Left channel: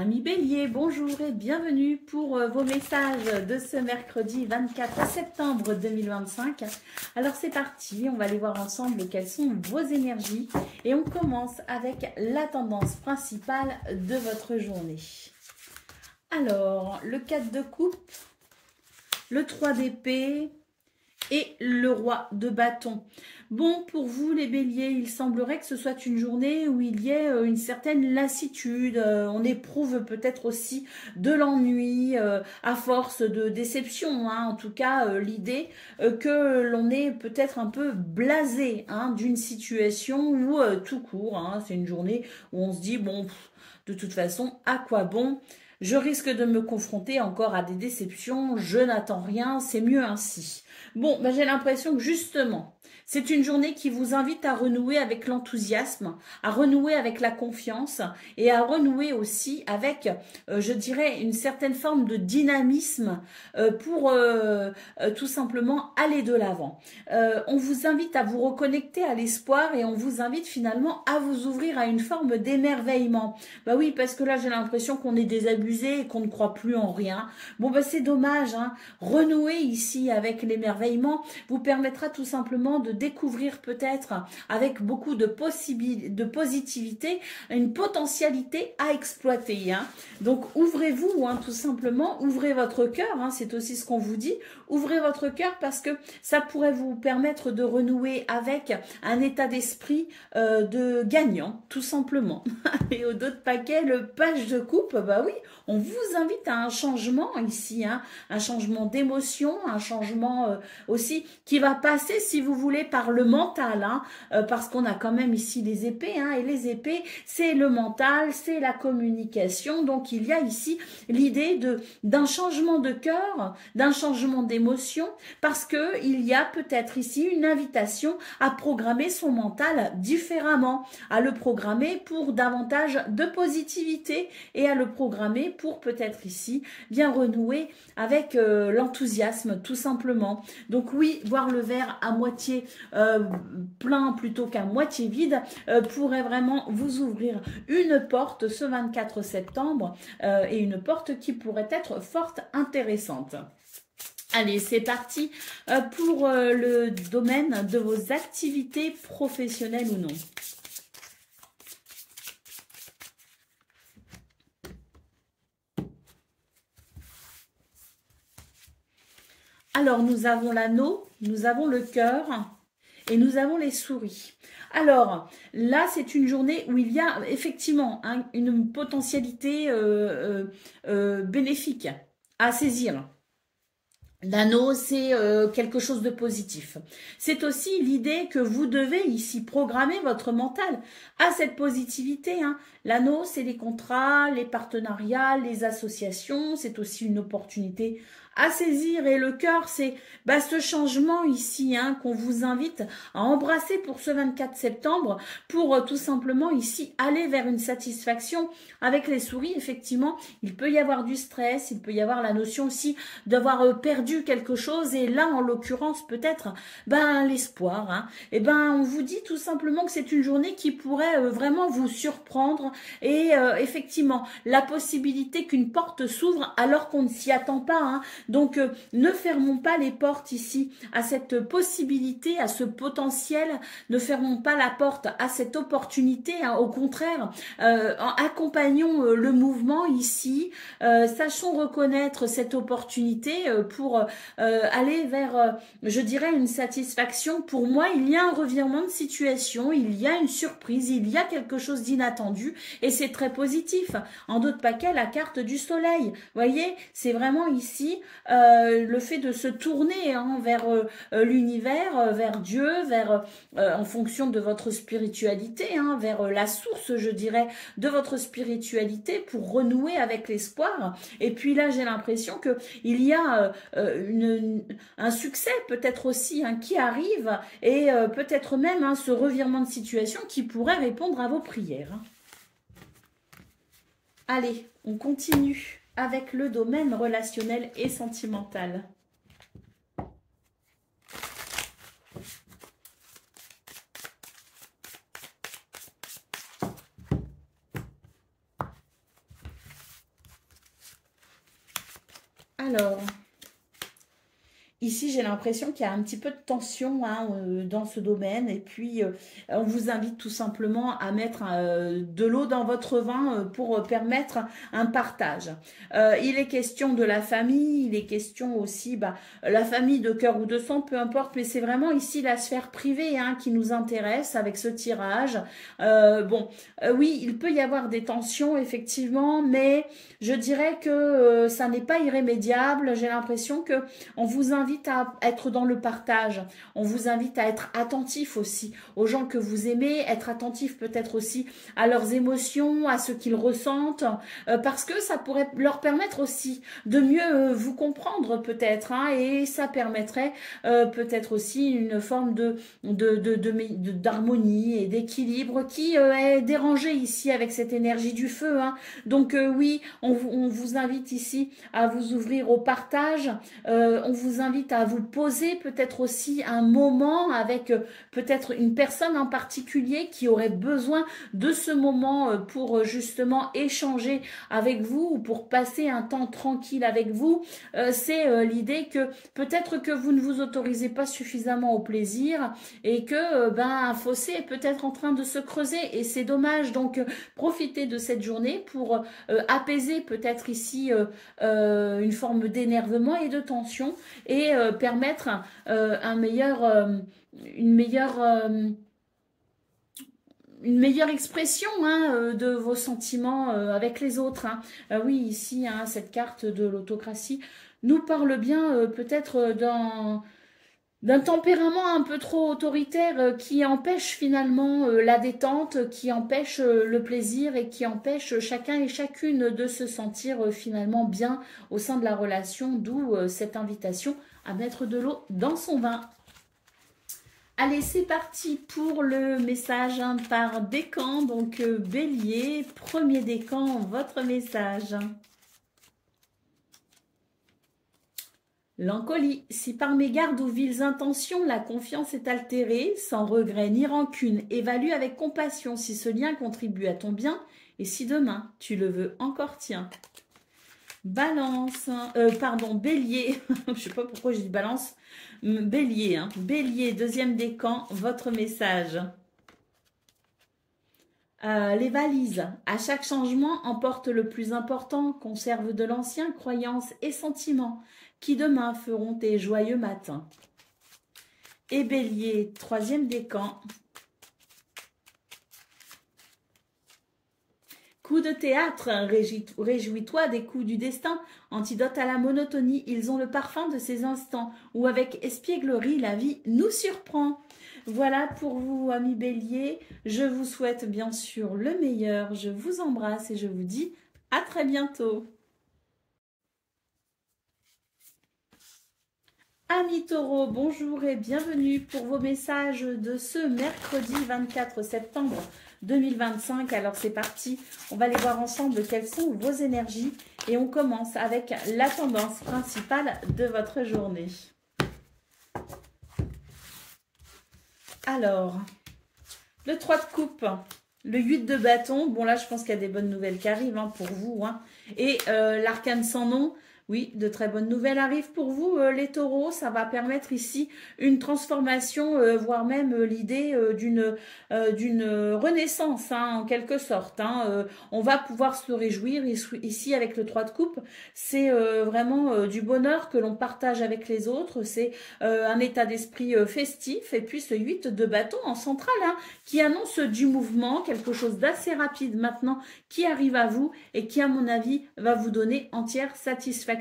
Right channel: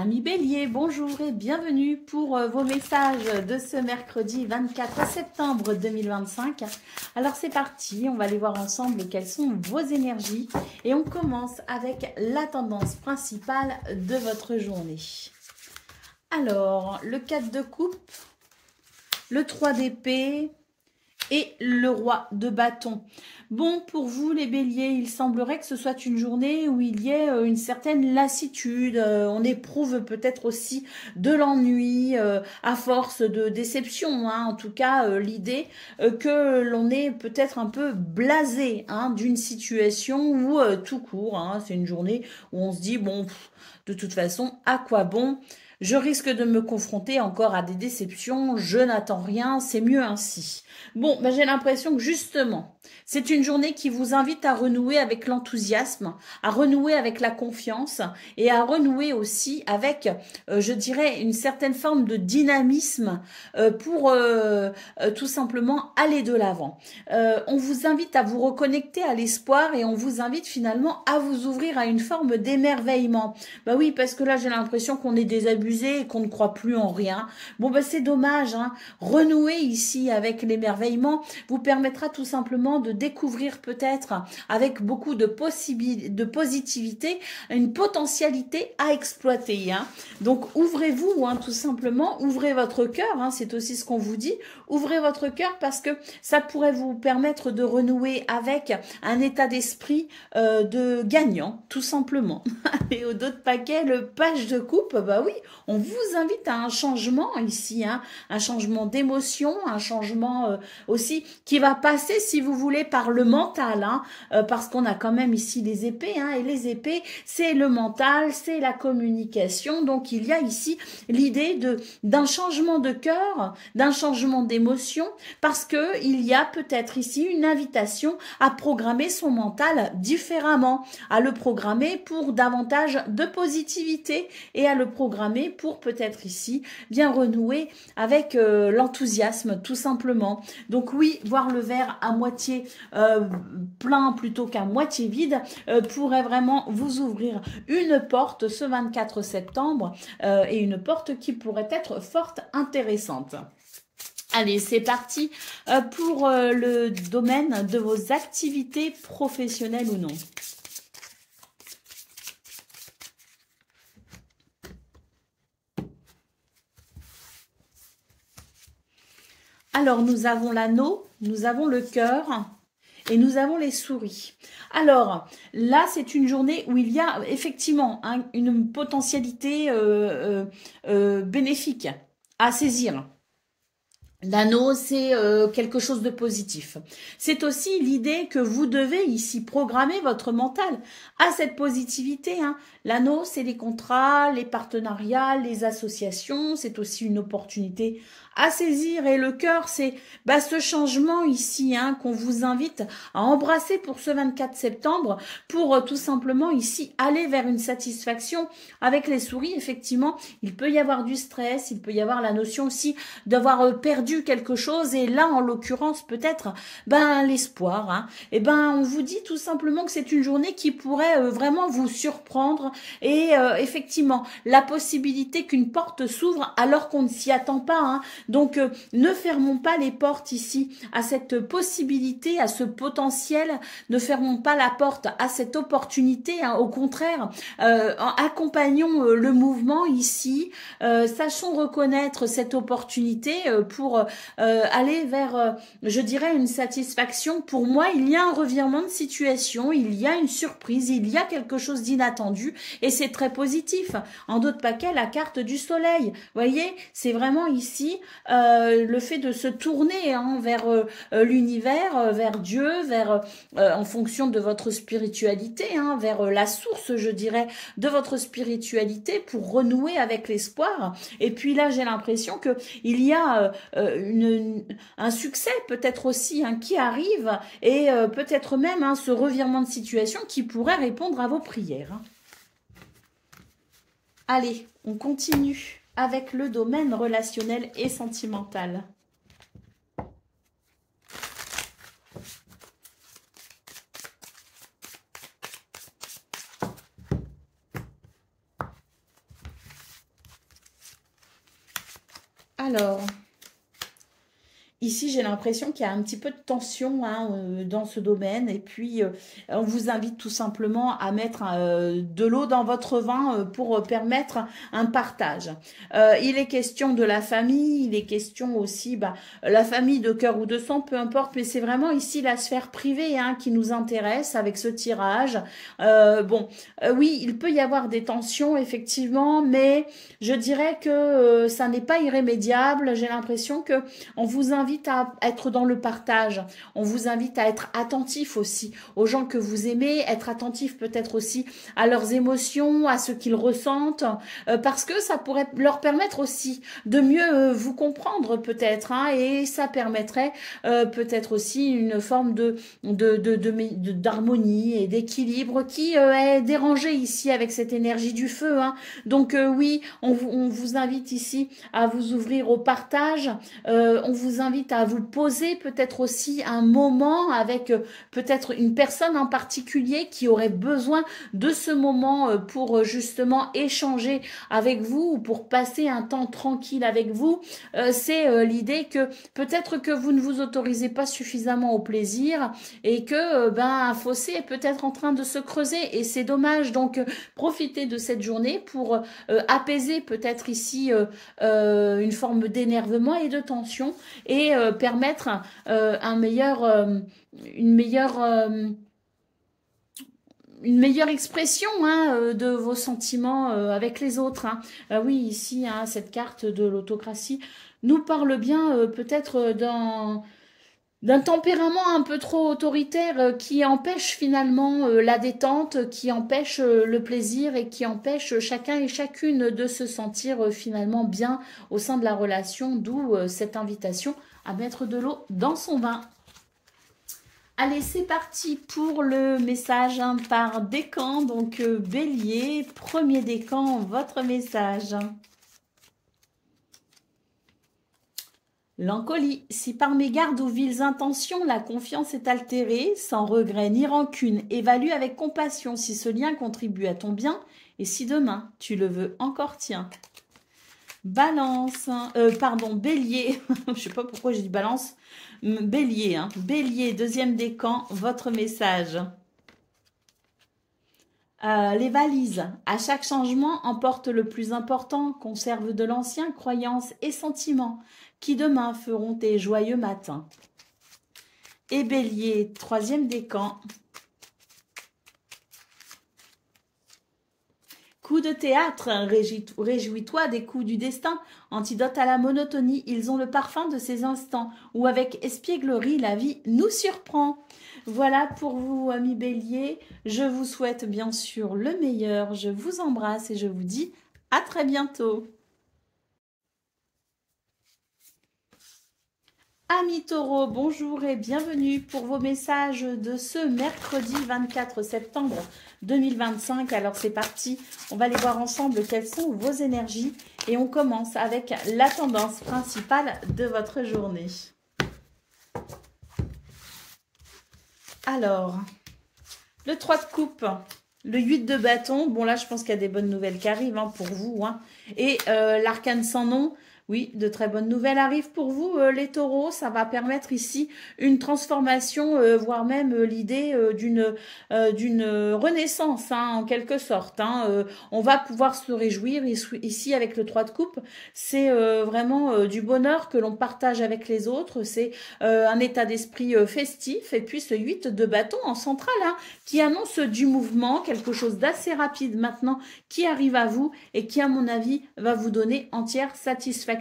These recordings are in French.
Amis Bélier, bonjour et bienvenue pour vos messages de ce mercredi 24 septembre 2025. Alors c'est parti, on va aller voir ensemble quelles sont vos énergies et on commence avec la tendance principale de votre journée. Alors, le 4 de coupe, le 3 d'épée et le roi de bâton. Bon, pour vous les béliers, il semblerait que ce soit une journée où il y ait une certaine lassitude. On éprouve peut-être aussi de l'ennui à force de déception. En tout cas, l'idée que l'on est peut-être un peu blasé d'une situation où tout court. C'est une journée où on se dit, bon, de toute façon, à quoi bon ? Je risque de me confronter encore à des déceptions, je n'attends rien, c'est mieux ainsi. Bon, ben j'ai l'impression que justement, c'est une journée qui vous invite à renouer avec l'enthousiasme, à renouer avec la confiance et à renouer aussi avec, je dirais, une certaine forme de dynamisme pour tout simplement aller de l'avant. On vous invite à vous reconnecter à l'espoir et on vous invite finalement à vous ouvrir à une forme d'émerveillement. Bah oui, parce que là, j'ai l'impression qu'on est désabusé et qu'on ne croit plus en rien. Bon, bah c'est dommage. Renouer ici avec l'émerveillement vous permettra tout simplement de découvrir peut-être avec beaucoup de positivité une potentialité à exploiter. Donc ouvrez-vous tout simplement, ouvrez votre cœur, c'est aussi ce qu'on vous dit, ouvrez votre cœur parce que ça pourrait vous permettre de renouer avec un état d'esprit de gagnant, tout simplement. Et au dos de paquet, le page de coupe, bah oui, on vous invite à un changement ici, un changement d'émotion, un changement aussi qui va passer, si vous voulez, par le mental, parce qu'on a quand même ici les épées, et les épées, c'est le mental, c'est la communication, donc il y a ici l'idée d'un changement de cœur, d'un changement d'émotion, parce que il y a peut-être ici une invitation à programmer son mental différemment, à le programmer pour davantage de positivité et à le programmer pour peut-être ici bien renouer avec l'enthousiasme tout simplement. Donc oui, voir le verre à moitié plein plutôt qu'à moitié vide pourrait vraiment vous ouvrir une porte ce 24 septembre et une porte qui pourrait être fort intéressante. Allez, c'est parti pour le domaine de vos activités professionnelles ou non. Alors, nous avons l'anneau, nous avons le cœur et nous avons les souris. Alors, là, c'est une journée où il y a effectivement une potentialité bénéfique à saisir. L'anneau, c'est quelque chose de positif. C'est aussi l'idée que vous devez ici programmer votre mental à cette positivité. L'anneau, c'est les contrats, les partenariats, les associations. C'est aussi une opportunité à saisir. Et le cœur, c'est ce changement ici qu'on vous invite à embrasser pour ce 24 septembre pour tout simplement ici aller vers une satisfaction. Avec les souris, effectivement, il peut y avoir du stress, il peut y avoir la notion aussi d'avoir perdu quelque chose et là en l'occurrence peut-être l'espoir. Et on vous dit tout simplement que c'est une journée qui pourrait vraiment vous surprendre et effectivement la possibilité qu'une porte s'ouvre alors qu'on ne s'y attend pas. Donc ne fermons pas les portes ici à cette possibilité, à ce potentiel, ne fermons pas la porte à cette opportunité, au contraire accompagnons le mouvement ici, sachons reconnaître cette opportunité pour aller vers, je dirais, une satisfaction. Pour moi, il y a un revirement de situation, il y a une surprise, il y a quelque chose d'inattendu et c'est très positif. En d'autres paquets, la carte du soleil. Vous voyez, c'est vraiment ici le fait de se tourner vers l'univers, vers Dieu, vers en fonction de votre spiritualité, vers la source, je dirais, de votre spiritualité pour renouer avec l'espoir. Et puis là, j'ai l'impression que il y a un succès peut-être aussi qui arrive et peut-être même ce revirement de situation qui pourrait répondre à vos prières. Allez, on continue avec le domaine relationnel et sentimental. Alors, ici, j'ai l'impression qu'il y a un petit peu de tension hein, dans ce domaine. Et puis, on vous invite tout simplement à mettre de l'eau dans votre vin pour permettre un partage. Il est question de la famille, il est question aussi, la famille de cœur ou de sang, peu importe. Mais c'est vraiment ici la sphère privée hein, qui nous intéresse avec ce tirage. Oui, il peut y avoir des tensions, effectivement, mais je dirais que ça n'est pas irrémédiable. J'ai l'impression que on vous invite à être dans le partage. On vous invite à être attentif aussi aux gens que vous aimez, être attentif peut-être aussi à leurs émotions, à ce qu'ils ressentent, parce que ça pourrait leur permettre aussi de mieux vous comprendre peut-être, hein, et ça permettrait peut-être aussi une forme d'harmonie et d'équilibre qui est dérangée ici avec cette énergie du feu. Hein. Donc oui, on vous invite ici à vous ouvrir au partage, on vous invite à vous poser peut-être aussi un moment avec peut-être une personne en particulier qui aurait besoin de ce moment pour justement échanger avec vous ou pour passer un temps tranquille avec vous. C'est l'idée que peut-être que vous ne vous autorisez pas suffisamment au plaisir et que un fossé est peut-être en train de se creuser et c'est dommage. Donc profitez de cette journée pour apaiser peut-être ici une forme d'énervement et de tension et permettre une meilleure expression hein, de vos sentiments avec les autres. Hein. Oui, ici, hein, cette carte de l'autocratie nous parle bien peut-être d'un tempérament un peu trop autoritaire qui empêche finalement la détente, qui empêche le plaisir et qui empêche chacun et chacune de se sentir finalement bien au sein de la relation, d'où cette invitation à mettre de l'eau dans son vin. Allez, c'est parti pour le message hein, par décan, donc Bélier, premier décan, votre message. L'encolie, si par mégarde ou viles intentions la confiance est altérée, sans regret ni rancune, évalue avec compassion si ce lien contribue à ton bien et si demain tu le veux encore tien. Balance, Bélier, je sais pas pourquoi j'ai dit balance, Bélier, hein. Bélier, deuxième décan, votre message. Les valises, à chaque changement, emporte le plus important, conserve de l'ancien, croyances et sentiments, qui demain feront tes joyeux matins. Et Bélier, troisième décan. Coup de théâtre, réjouis-toi des coups du destin, antidote à la monotonie, ils ont le parfum de ces instants, où avec espièglerie la vie nous surprend. Voilà pour vous, amis Bélier, je vous souhaite bien sûr le meilleur, je vous embrasse et je vous dis à très bientôt. Amis Taureaux, bonjour et bienvenue pour vos messages de ce mercredi 24 septembre 2025. Alors c'est parti, on va aller voir ensemble quelles sont vos énergies et on commence avec la tendance principale de votre journée. Alors, le 3 de coupe, le 8 de bâton, bon là je pense qu'il y a des bonnes nouvelles qui arrivent hein, pour vous, hein. Et l'arcane sans nom. Oui, de très bonnes nouvelles arrivent pour vous, les taureaux. Ça va permettre ici une transformation, voire même l'idée d'une renaissance, hein, en quelque sorte. Hein. On va pouvoir se réjouir ici avec le 3 de coupe. C'est vraiment du bonheur que l'on partage avec les autres. C'est un état d'esprit festif. Et puis ce 8 de bâton en centrale, hein, qui annonce du mouvement, quelque chose d'assez rapide maintenant qui arrive à vous et qui, à mon avis, va vous donner entière satisfaction.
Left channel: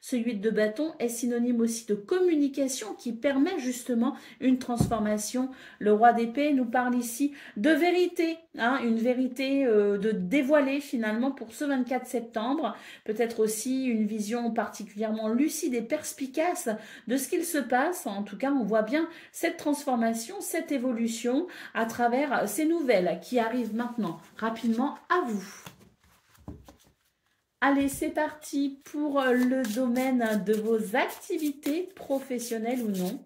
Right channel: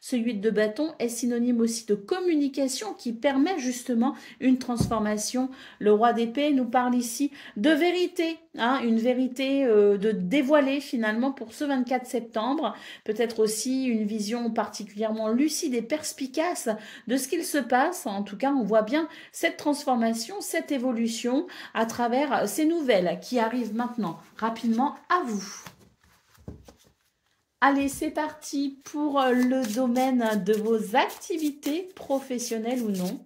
Ce 8 de bâton est synonyme aussi de communication qui permet justement une transformation. Le roi d'épée nous parle ici de vérité, hein, une vérité de dévoiler finalement pour ce 24 septembre. Peut-être aussi une vision particulièrement lucide et perspicace de ce qu'il se passe. En tout cas, on voit bien cette transformation, cette évolution à travers ces nouvelles qui arrivent maintenant rapidement à vous. Allez, c'est parti pour le domaine de vos activités professionnelles ou non.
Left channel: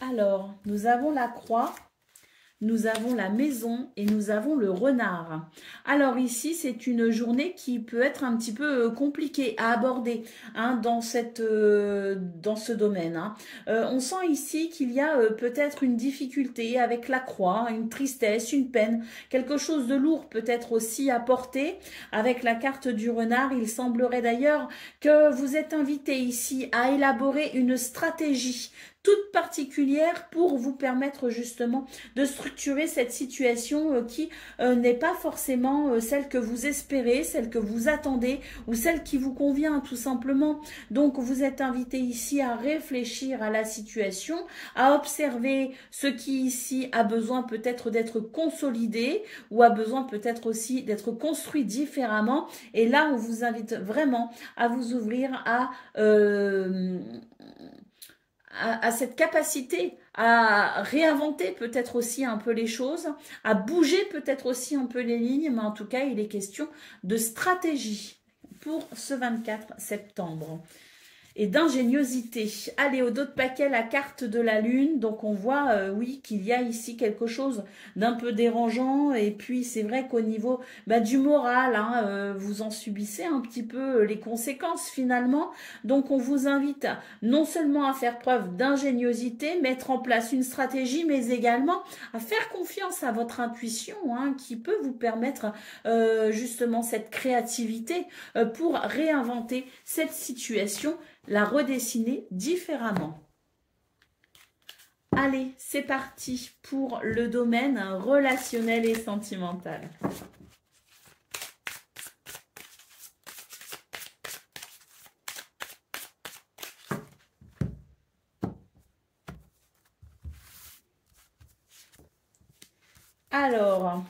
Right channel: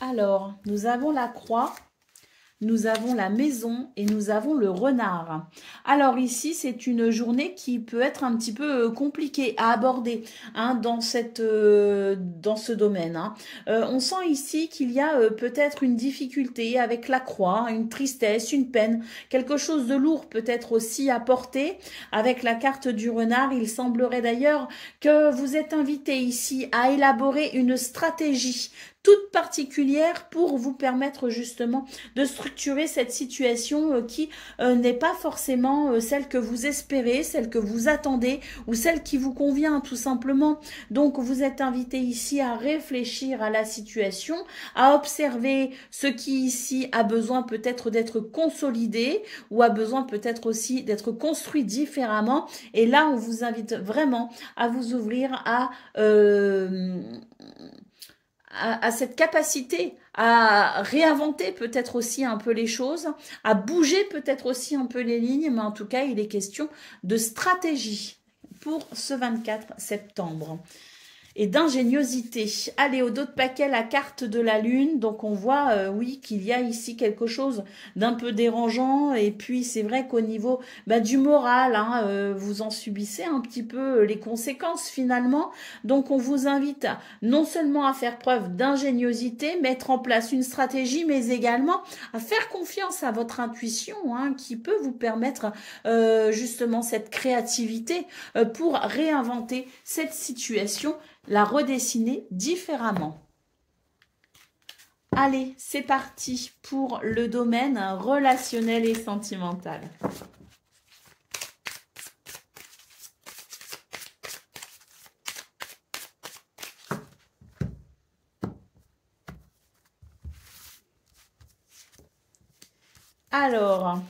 Alors, nous avons la croix, nous avons la maison et nous avons le renard. Alors ici, c'est une journée qui peut être un petit peu compliquée à aborder hein, dans ce domaine. Hein. On sent ici qu'il y a peut-être une difficulté avec la croix, une tristesse, une peine, quelque chose de lourd peut-être aussi à porter. Avec la carte du renard, il semblerait d'ailleurs que vous êtes invité ici à élaborer une stratégie toute particulière pour vous permettre justement de structurer cette situation qui n'est pas forcément celle que vous espérez, celle que vous attendez ou celle qui vous convient tout simplement. Donc vous êtes invité ici à réfléchir à la situation, à observer ce qui ici a besoin peut-être d'être consolidé ou a besoin peut-être aussi d'être construit différemment. Et là, on vous invite vraiment à vous ouvrir à cette capacité à réinventer peut-être aussi un peu les choses, à bouger peut-être aussi un peu les lignes, mais en tout cas, il est question de stratégie pour ce 24 septembre. Et d'ingéniosité. Allez, au dos de paquet, la carte de la lune. Donc, on voit, oui, qu'il y a ici quelque chose d'un peu dérangeant. Et puis, c'est vrai qu'au niveau du moral, hein, vous en subissez un petit peu les conséquences finalement. Donc, on vous invite non seulement à faire preuve d'ingéniosité, mettre en place une stratégie, mais également à faire confiance à votre intuition hein, qui peut vous permettre justement cette créativité pour réinventer cette situation, la redessiner différemment. Allez, c'est parti pour le domaine relationnel et sentimental. Alors,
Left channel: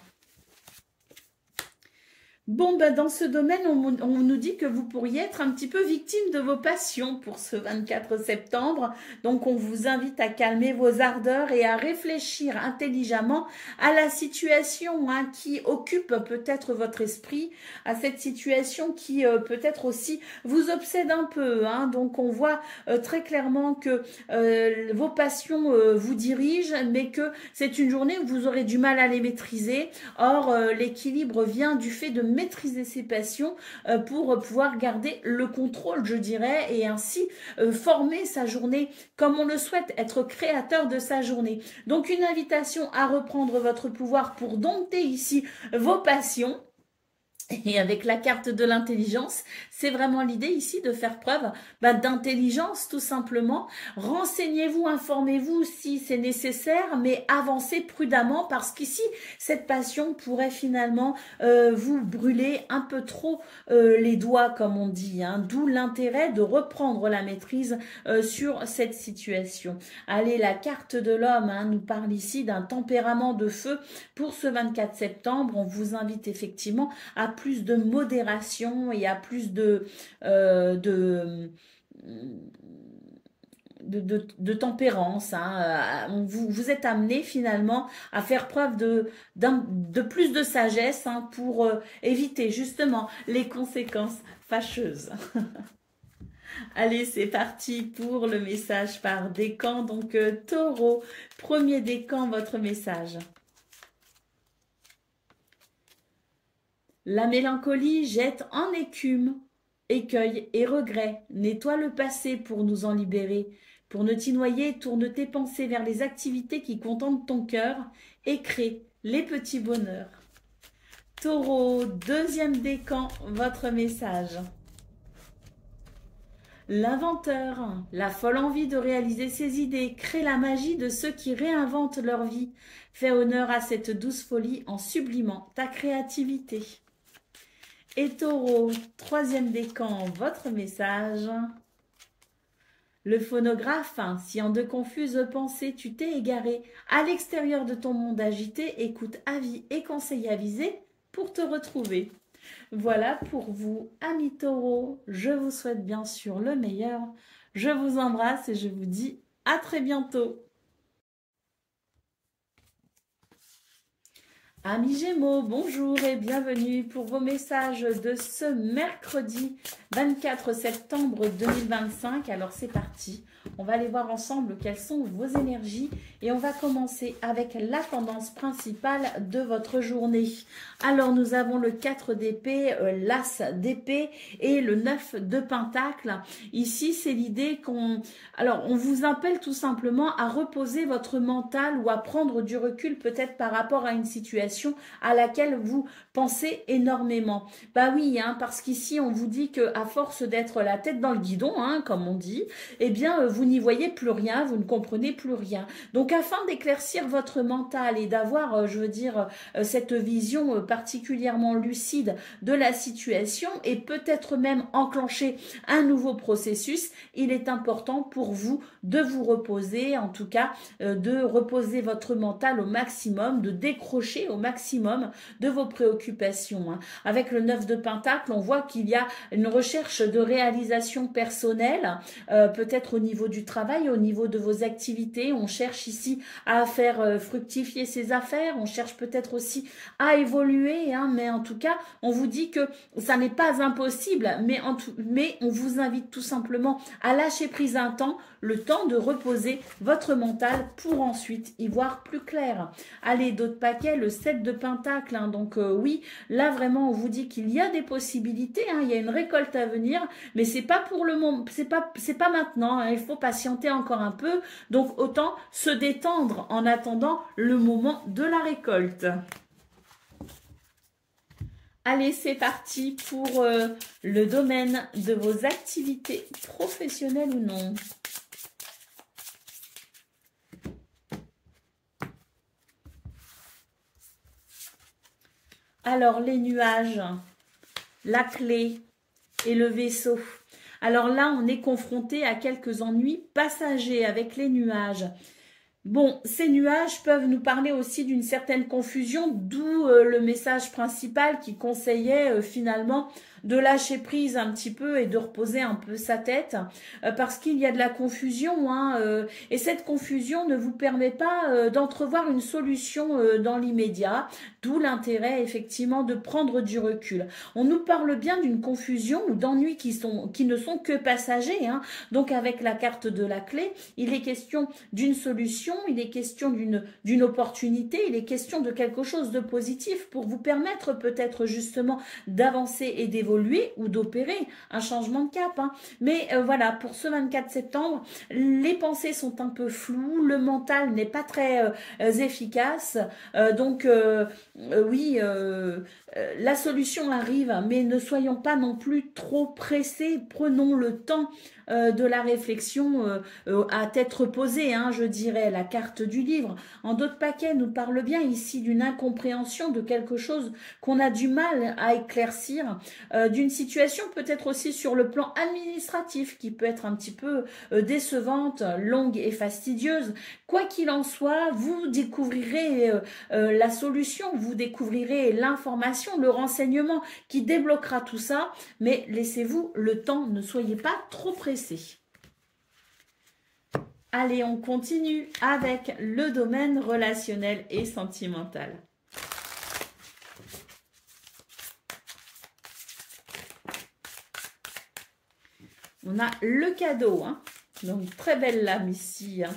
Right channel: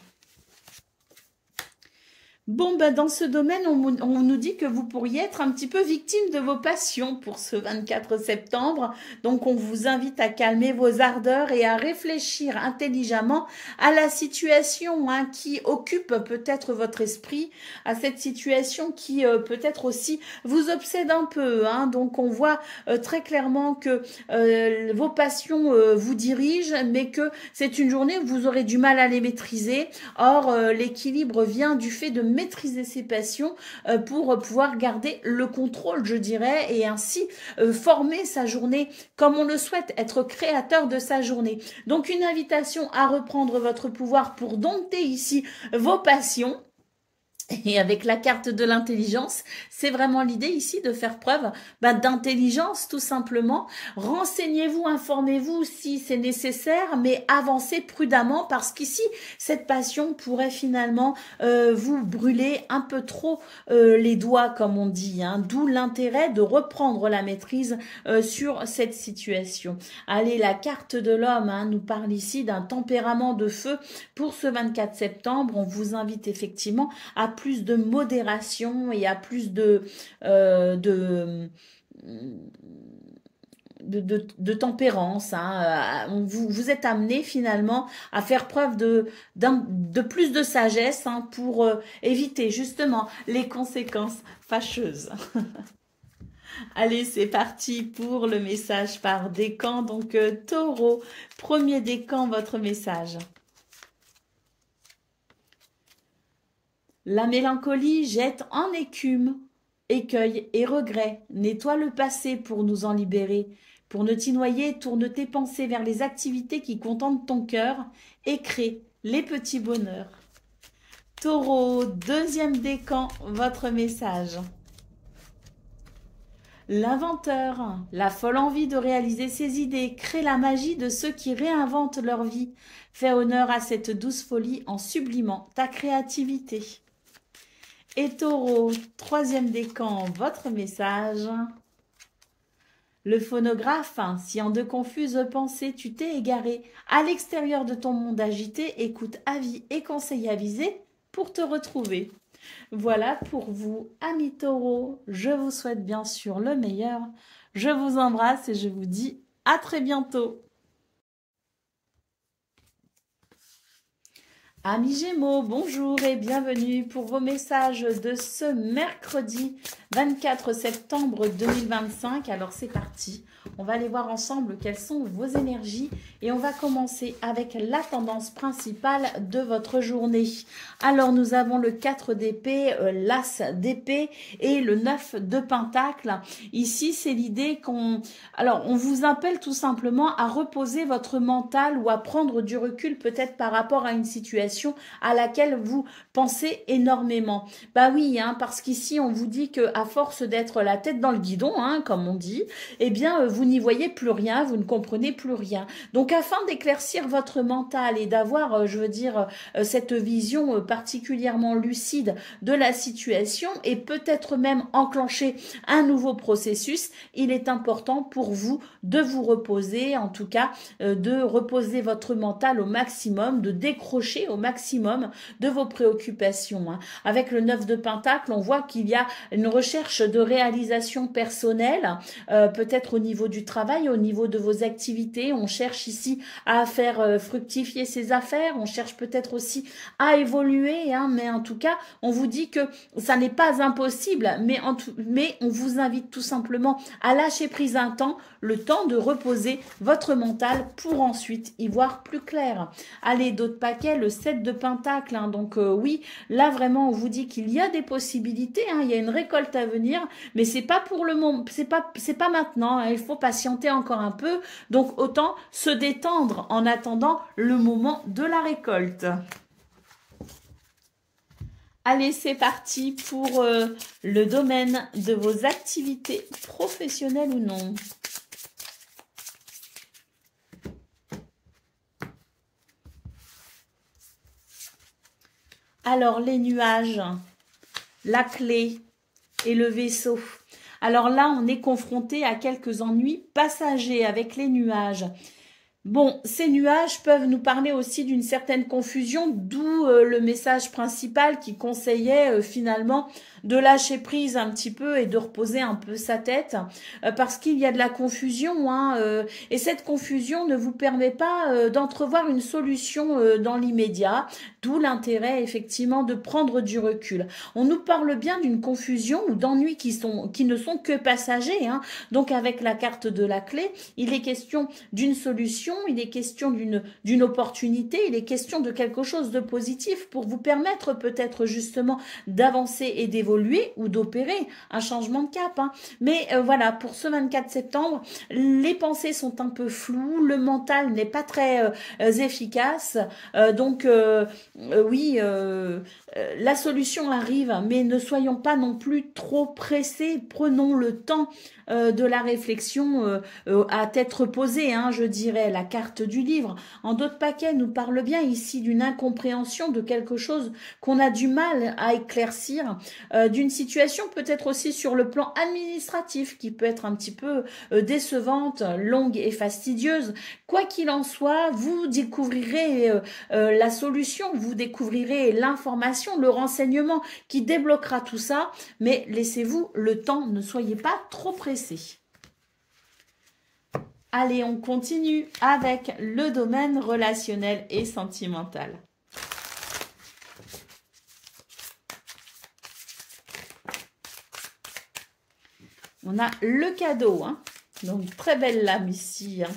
bon, dans ce domaine, on nous dit que vous pourriez être un petit peu victime de vos passions pour ce 24 septembre. Donc, on vous invite à calmer vos ardeurs et à réfléchir intelligemment à la situation hein, qui occupe peut-être votre esprit, à cette situation qui peut-être aussi vous obsède un peu. Hein. Donc, on voit très clairement que vos passions vous dirigent, mais que c'est une journée où vous aurez du mal à les maîtriser. Or, l'équilibre vient du fait de maîtriser ses passions pour pouvoir garder le contrôle, je dirais, et ainsi former sa journée comme on le souhaite, être créateur de sa journée. Donc, une invitation à reprendre votre pouvoir pour dompter ici vos passions. Et avec la carte de l'intelligence, c'est vraiment l'idée ici de faire preuve d'intelligence tout simplement. Renseignez-vous, informez-vous si c'est nécessaire, mais avancez prudemment parce qu'ici, cette passion pourrait finalement vous brûler un peu trop les doigts, comme on dit. Hein, d'où l'intérêt de reprendre la maîtrise sur cette situation. Allez, la carte de l'homme hein, nous parle ici d'un tempérament de feu pour ce 24 septembre. On vous invite effectivement à plus de modération et à plus de tempérance. Hein. Vous êtes amené finalement à faire preuve de plus de sagesse hein, pour éviter justement les conséquences fâcheuses. Allez, c'est parti pour le message par décan. Donc, Taureau, premier décan, votre message. La mélancolie jette en écume, écueil et regret. Nettoie le passé pour nous en libérer. Pour ne t'y noyer, tourne tes pensées vers les activités qui contentent ton cœur et crée les petits bonheurs. Taureau, deuxième décan, votre message. L'inventeur, la folle envie de réaliser ses idées, crée la magie de ceux qui réinventent leur vie. Fais honneur à cette douce folie en sublimant ta créativité. Et Taureau, troisième décan, votre message. Le phonographe, si en de confuses pensées tu t'es égaré, à l'extérieur de ton monde agité, écoute avis et conseils avisés pour te retrouver. Voilà pour vous, amis Taureau. Je vous souhaite bien sûr le meilleur. Je vous embrasse et je vous dis à très bientôt. Amis Gémeaux, bonjour et bienvenue pour vos messages de ce mercredi 24 septembre 2025. Alors c'est parti, on va aller voir ensemble quelles sont vos énergies et on va commencer avec la tendance principale de votre journée. Alors nous avons le 4 d'épée, l'as d'épée et le 9 de pentacle. Ici c'est l'idée qu'on vous appelle tout simplement à reposer votre mental ou à prendre du recul peut-être par rapport à une situation à laquelle vous pensez énormément. Bah oui, hein, parce qu'ici on vous dit que à force d'être la tête dans le guidon, hein, comme on dit, eh bien vous n'y voyez plus rien, vous ne comprenez plus rien. Donc afin d'éclaircir votre mental et d'avoir, cette vision particulièrement lucide de la situation et peut-être même enclencher un nouveau processus, il est important pour vous de vous reposer, en tout cas de reposer votre mental au maximum, de décrocher au maximum de vos préoccupations. Avec le 9 de pentacle, on voit qu'il y a une recherche de réalisation personnelle, peut-être au niveau du travail, au niveau de vos activités. On cherche ici à faire fructifier ses affaires, on cherche peut-être aussi à évoluer, hein, mais en tout cas, on vous dit que ça n'est pas impossible, mais on vous invite tout simplement à lâcher prise un temps, le temps de reposer votre mental pour ensuite y voir plus clair. Allez, d'autres paquets, le 7 de pentacle, hein, donc oui, là vraiment on vous dit qu'il y a des possibilités, hein, il y a une récolte à venir, mais c'est pas pour le moment, c'est pas maintenant, hein, il faut patienter encore un peu, donc autant se détendre en attendant le moment de la récolte. Allez, c'est parti pour le domaine de vos activités professionnelles ou non. Alors, les nuages, la clé et le vaisseau. Alors là, on est confronté à quelques ennuis passagers avec les nuages. Bon, ces nuages peuvent nous parler aussi d'une certaine confusion, d'où le message principal qui conseillait finalement de lâcher prise un petit peu et de reposer un peu sa tête, parce qu'il y a de la confusion, hein, et cette confusion ne vous permet pas d'entrevoir une solution dans l'immédiat, d'où l'intérêt effectivement de prendre du recul. On nous parle bien d'une confusion ou d'ennuis qui ne sont que passagers, hein. Donc avec la carte de la clé, il est question d'une solution, il est question d'une opportunité, il est question de quelque chose de positif pour vous permettre peut-être justement d'avancer et d'évoluer ou d'opérer un changement de cap, hein. Mais voilà, pour ce 24 septembre, les pensées sont un peu floues, le mental n'est pas très efficace, donc oui, la solution arrive, mais ne soyons pas non plus trop pressés, prenons le temps de la réflexion à tête reposée, hein, je dirais, la carte du livre. En d'autres paquets, nous parle bien ici d'une incompréhension de quelque chose qu'on a du mal à éclaircir, d'une situation peut-être aussi sur le plan administratif qui peut être un petit peu décevante, longue et fastidieuse. Quoi qu'il en soit, vous découvrirez la solution, vous découvrirez l'information, le renseignement qui débloquera tout ça, mais laissez-vous le temps, ne soyez pas trop pressés. Allez, on continue avec le domaine relationnel et sentimental. On a le cadeau, hein. Donc très belle lame ici, hein.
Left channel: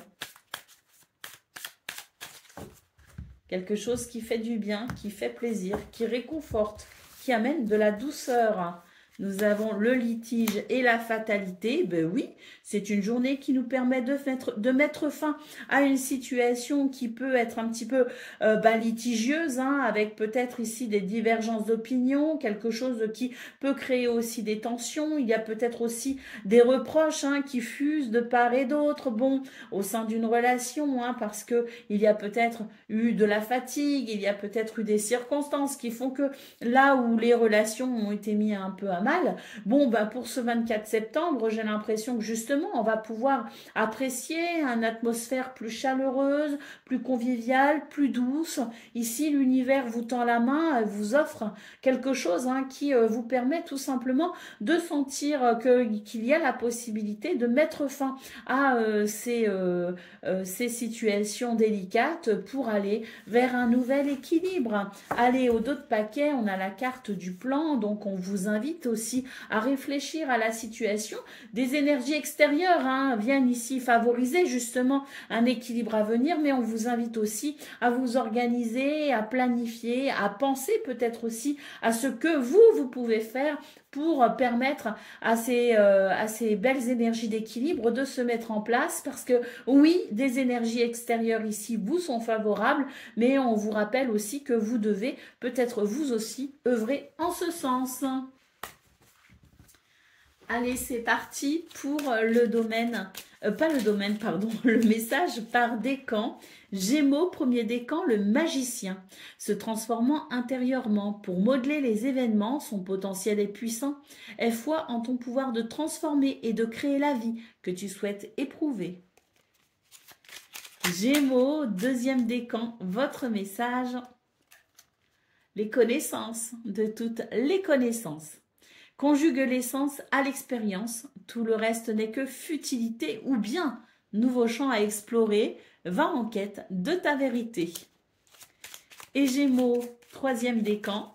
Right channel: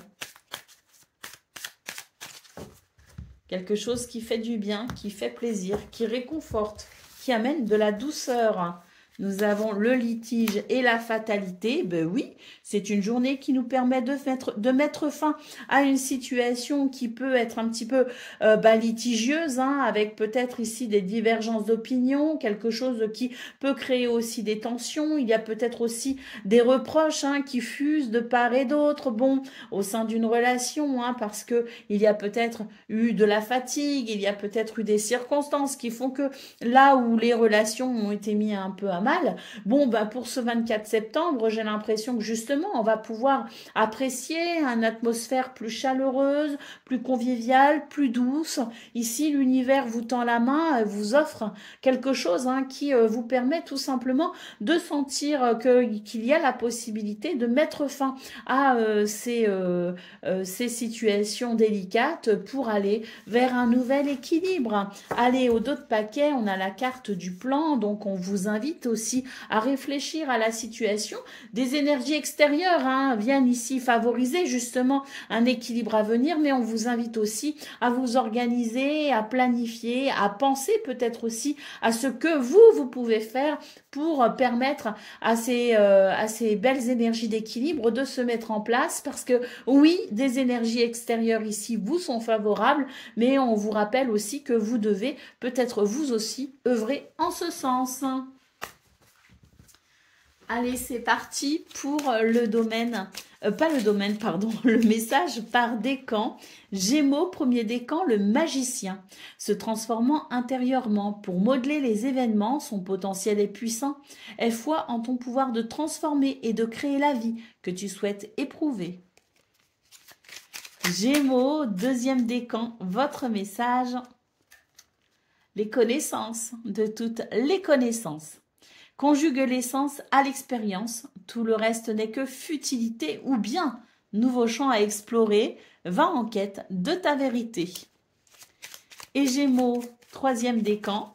Quelque chose qui fait du bien, qui fait plaisir, qui réconforte, qui amène de la douceur. Nous avons le litige et la fatalité. Ben oui, c'est une journée qui nous permet de mettre fin à une situation qui peut être un petit peu litigieuse, hein, avec peut-être ici des divergences d'opinion, quelque chose qui peut créer aussi des tensions. Il y a peut-être aussi des reproches, hein, qui fusent de part et d'autre, bon, au sein d'une relation, hein, parce que il y a peut-être eu de la fatigue, il y a peut-être eu des circonstances qui font que là où les relations ont été mises un peu à mal, bon, ben pour ce 24 septembre, j'ai l'impression que justement justement, on va pouvoir apprécier une atmosphère plus chaleureuse, plus conviviale, plus douce. Ici, l'univers vous tend la main, vous offre quelque chose qui vous permet tout simplement de sentir qu'il y a la possibilité de mettre fin à ces situations délicates pour aller vers un nouvel équilibre. Allez, au dos de paquet, on a la carte du plan, donc on vous invite aussi à réfléchir à la situation. Des énergies extérieures viennent ici favoriser justement un équilibre à venir, mais on vous invite aussi à vous organiser, à planifier, à penser peut-être aussi à ce que vous pouvez faire pour permettre à ces belles énergies d'équilibre de se mettre en place, parce que oui, des énergies extérieures ici vous sont favorables, mais on vous rappelle aussi que vous devez peut-être vous aussi œuvrer en ce sens. Allez, c'est parti pour le domaine, le message par décan. Gémeaux, premier décan, le magicien, se transformant intérieurement pour modeler les événements, son potentiel est puissant. Aie foi en ton pouvoir de transformer et de créer la vie que tu souhaites éprouver. Gémeaux, deuxième décan, votre message, les connaissances, de toutes les connaissances. Conjugue l'essence à l'expérience, tout le reste n'est que futilité ou bien nouveau champ à explorer, va en quête de ta vérité. Et Gémeaux, troisième décan.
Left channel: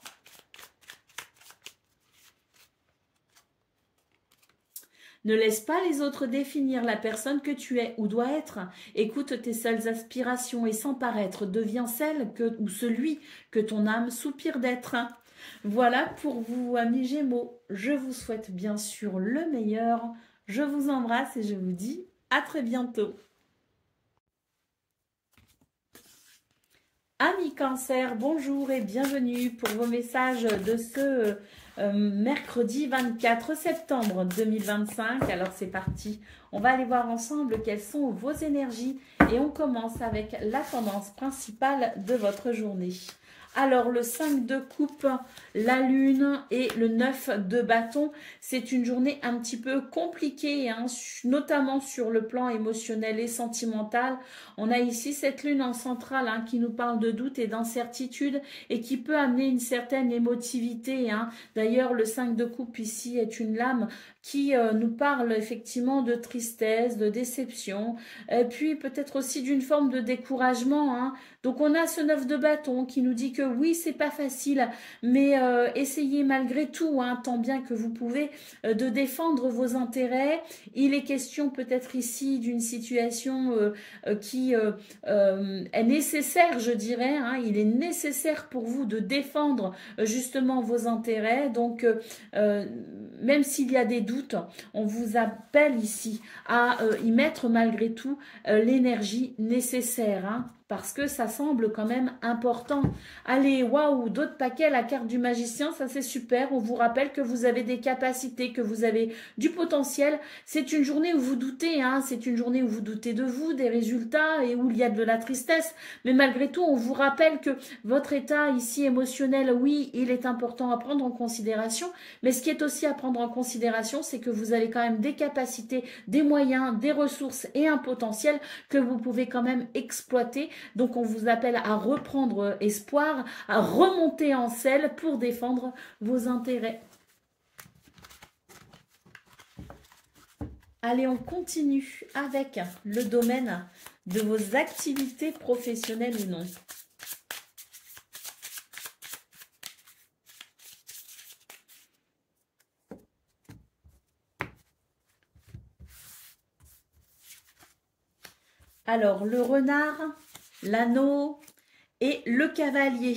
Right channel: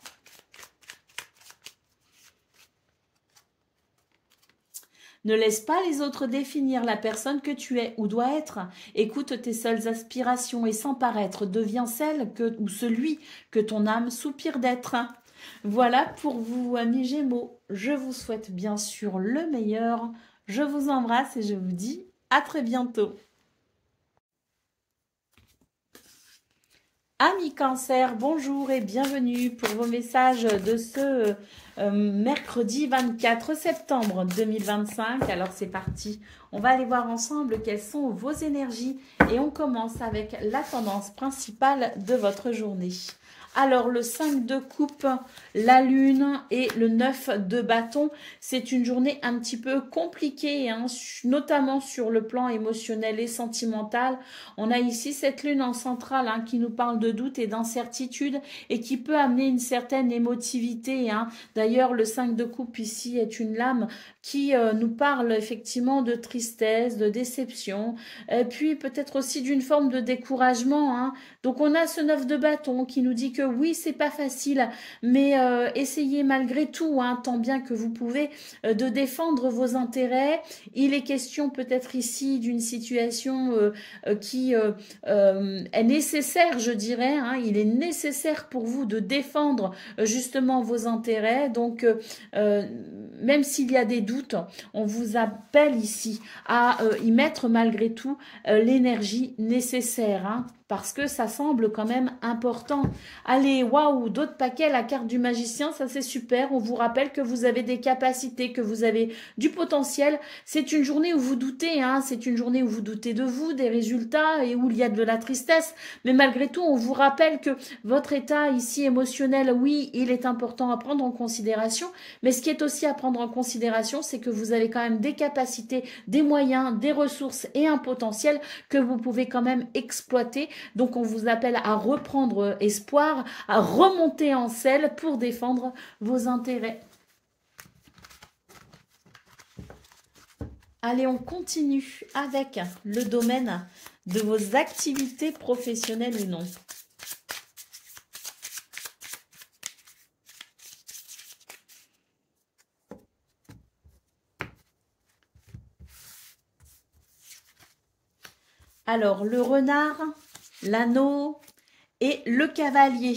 Ne laisse pas les autres définir la personne que tu es ou dois être. Écoute tes seules aspirations et sans paraître, deviens celle ou celui que ton âme soupire d'être. Voilà pour vous, amis Gémeaux. Je vous souhaite bien sûr le meilleur. Je vous embrasse et je vous dis à très bientôt. Amis Cancer, bonjour et bienvenue pour vos messages de ce mercredi 24 septembre 2025. Alors c'est parti, on va aller voir ensemble quelles sont vos énergies et on commence avec la tendance principale de votre journée. Alors, le 5 de coupe, la lune et le 9 de bâton, c'est une journée un petit peu compliquée, notamment sur le plan émotionnel et sentimental. On a ici cette lune en centrale qui nous parle de doute et d'incertitude et qui peut amener une certaine émotivité. D'ailleurs, le 5 de coupe ici est une lame qui nous parle effectivement de tristesse, de déception, et puis peut-être aussi d'une forme de découragement. Donc on a ce 9 de bâton qui nous dit que oui, c'est pas facile, mais essayez malgré tout, tant bien que vous pouvez, de défendre vos intérêts. Il est question peut-être ici d'une situation qui est nécessaire, je dirais. Il est nécessaire pour vous de défendre justement vos intérêts. Donc même s'il y a des doutes, on vous appelle ici à y mettre malgré tout l'énergie nécessaire, parce que ça semble quand même important. Allez, waouh, d'autres paquets, la carte du magicien, ça c'est super. On vous rappelle que vous avez des capacités, que vous avez du potentiel. C'est une journée où vous doutez, c'est une journée où vous doutez de vous, des résultats et où il y a de la tristesse. Mais malgré tout, on vous rappelle que votre état ici émotionnel, oui, il est important à prendre en considération. Mais ce qui est aussi à prendre en considération, c'est que vous avez quand même des capacités, des moyens, des ressources et un potentiel que vous pouvez quand même exploiter. Donc on vous appelle à reprendre espoir, à remonter en selle pour défendre vos intérêts. Allez, on continue avec le domaine de vos activités professionnelles ou non. Alors, le renard, l'anneau et le cavalier.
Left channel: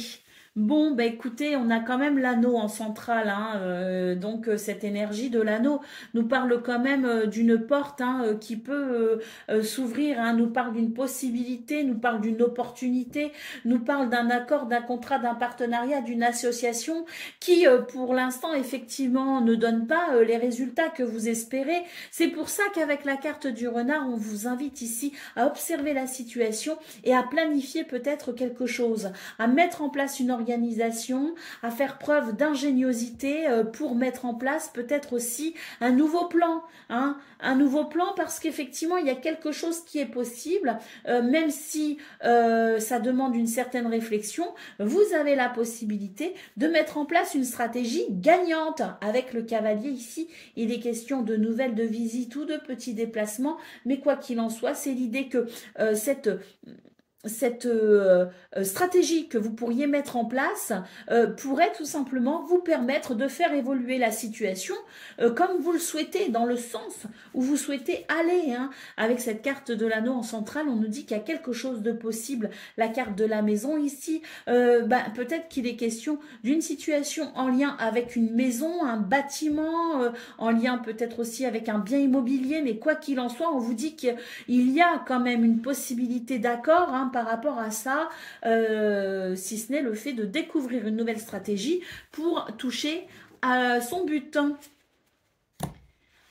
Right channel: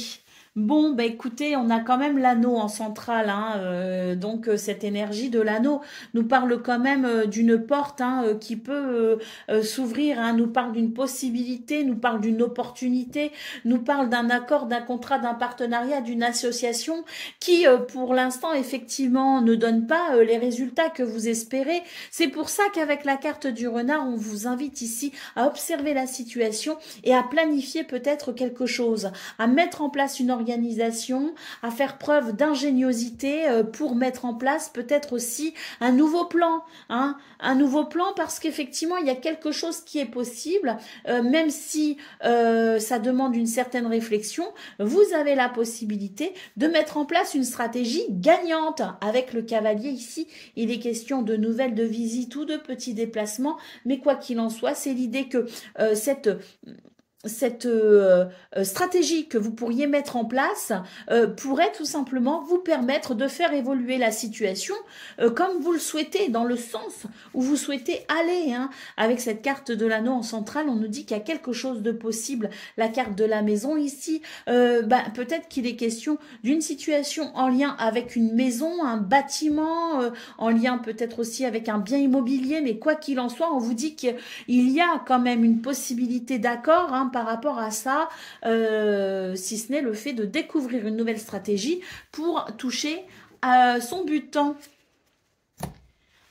Bon, écoutez, on a quand même l'anneau en centrale, donc cette énergie de l'anneau nous parle quand même d'une porte qui peut s'ouvrir, nous parle d'une possibilité, nous parle d'une opportunité, nous parle d'un accord, d'un contrat, d'un partenariat, d'une association qui, pour l'instant, effectivement, ne donne pas les résultats que vous espérez. C'est pour ça qu'avec la carte du renard, on vous invite ici à observer la situation et à planifier peut-être quelque chose, à mettre en place une organisation, à faire preuve d'ingéniosité pour mettre en place peut-être aussi un nouveau plan, hein, un nouveau plan parce qu'effectivement il y a quelque chose qui est possible, même si ça demande une certaine réflexion, vous avez la possibilité de mettre en place une stratégie gagnante. Avec le cavalier ici, il est question de nouvelles, de visites ou de petits déplacements, mais quoi qu'il en soit, c'est l'idée que cette stratégie que vous pourriez mettre en place pourrait tout simplement vous permettre de faire évoluer la situation comme vous le souhaitez, dans le sens où vous souhaitez aller. Hein. Avec cette carte de l'anneau en centrale, on nous dit qu'il y a quelque chose de possible. La carte de la maison ici, peut-être qu'il est question d'une situation en lien avec une maison, un bâtiment, en lien peut-être aussi avec un bien immobilier, mais quoi qu'il en soit, on vous dit qu'il y a quand même une possibilité d'accord, hein, par rapport à ça, si ce n'est le fait de découvrir une nouvelle stratégie pour toucher à son but.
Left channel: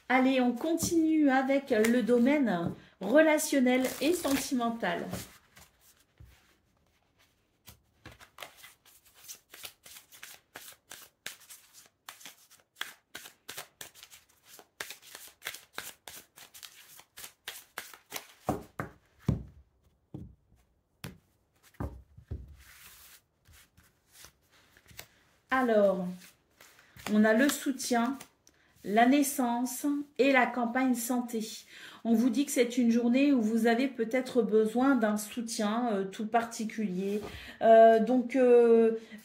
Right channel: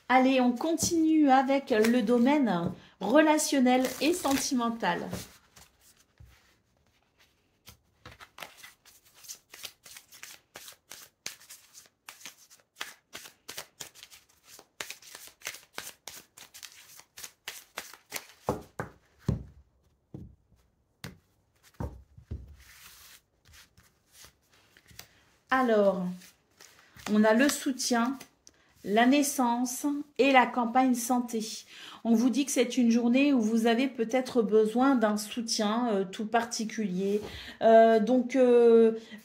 Allez, on continue avec le domaine relationnel et sentimental. Alors, on a le soutien, la naissance et la campagne santé. On vous dit que c'est une journée où vous avez peut-être besoin d'un soutien tout particulier. Donc,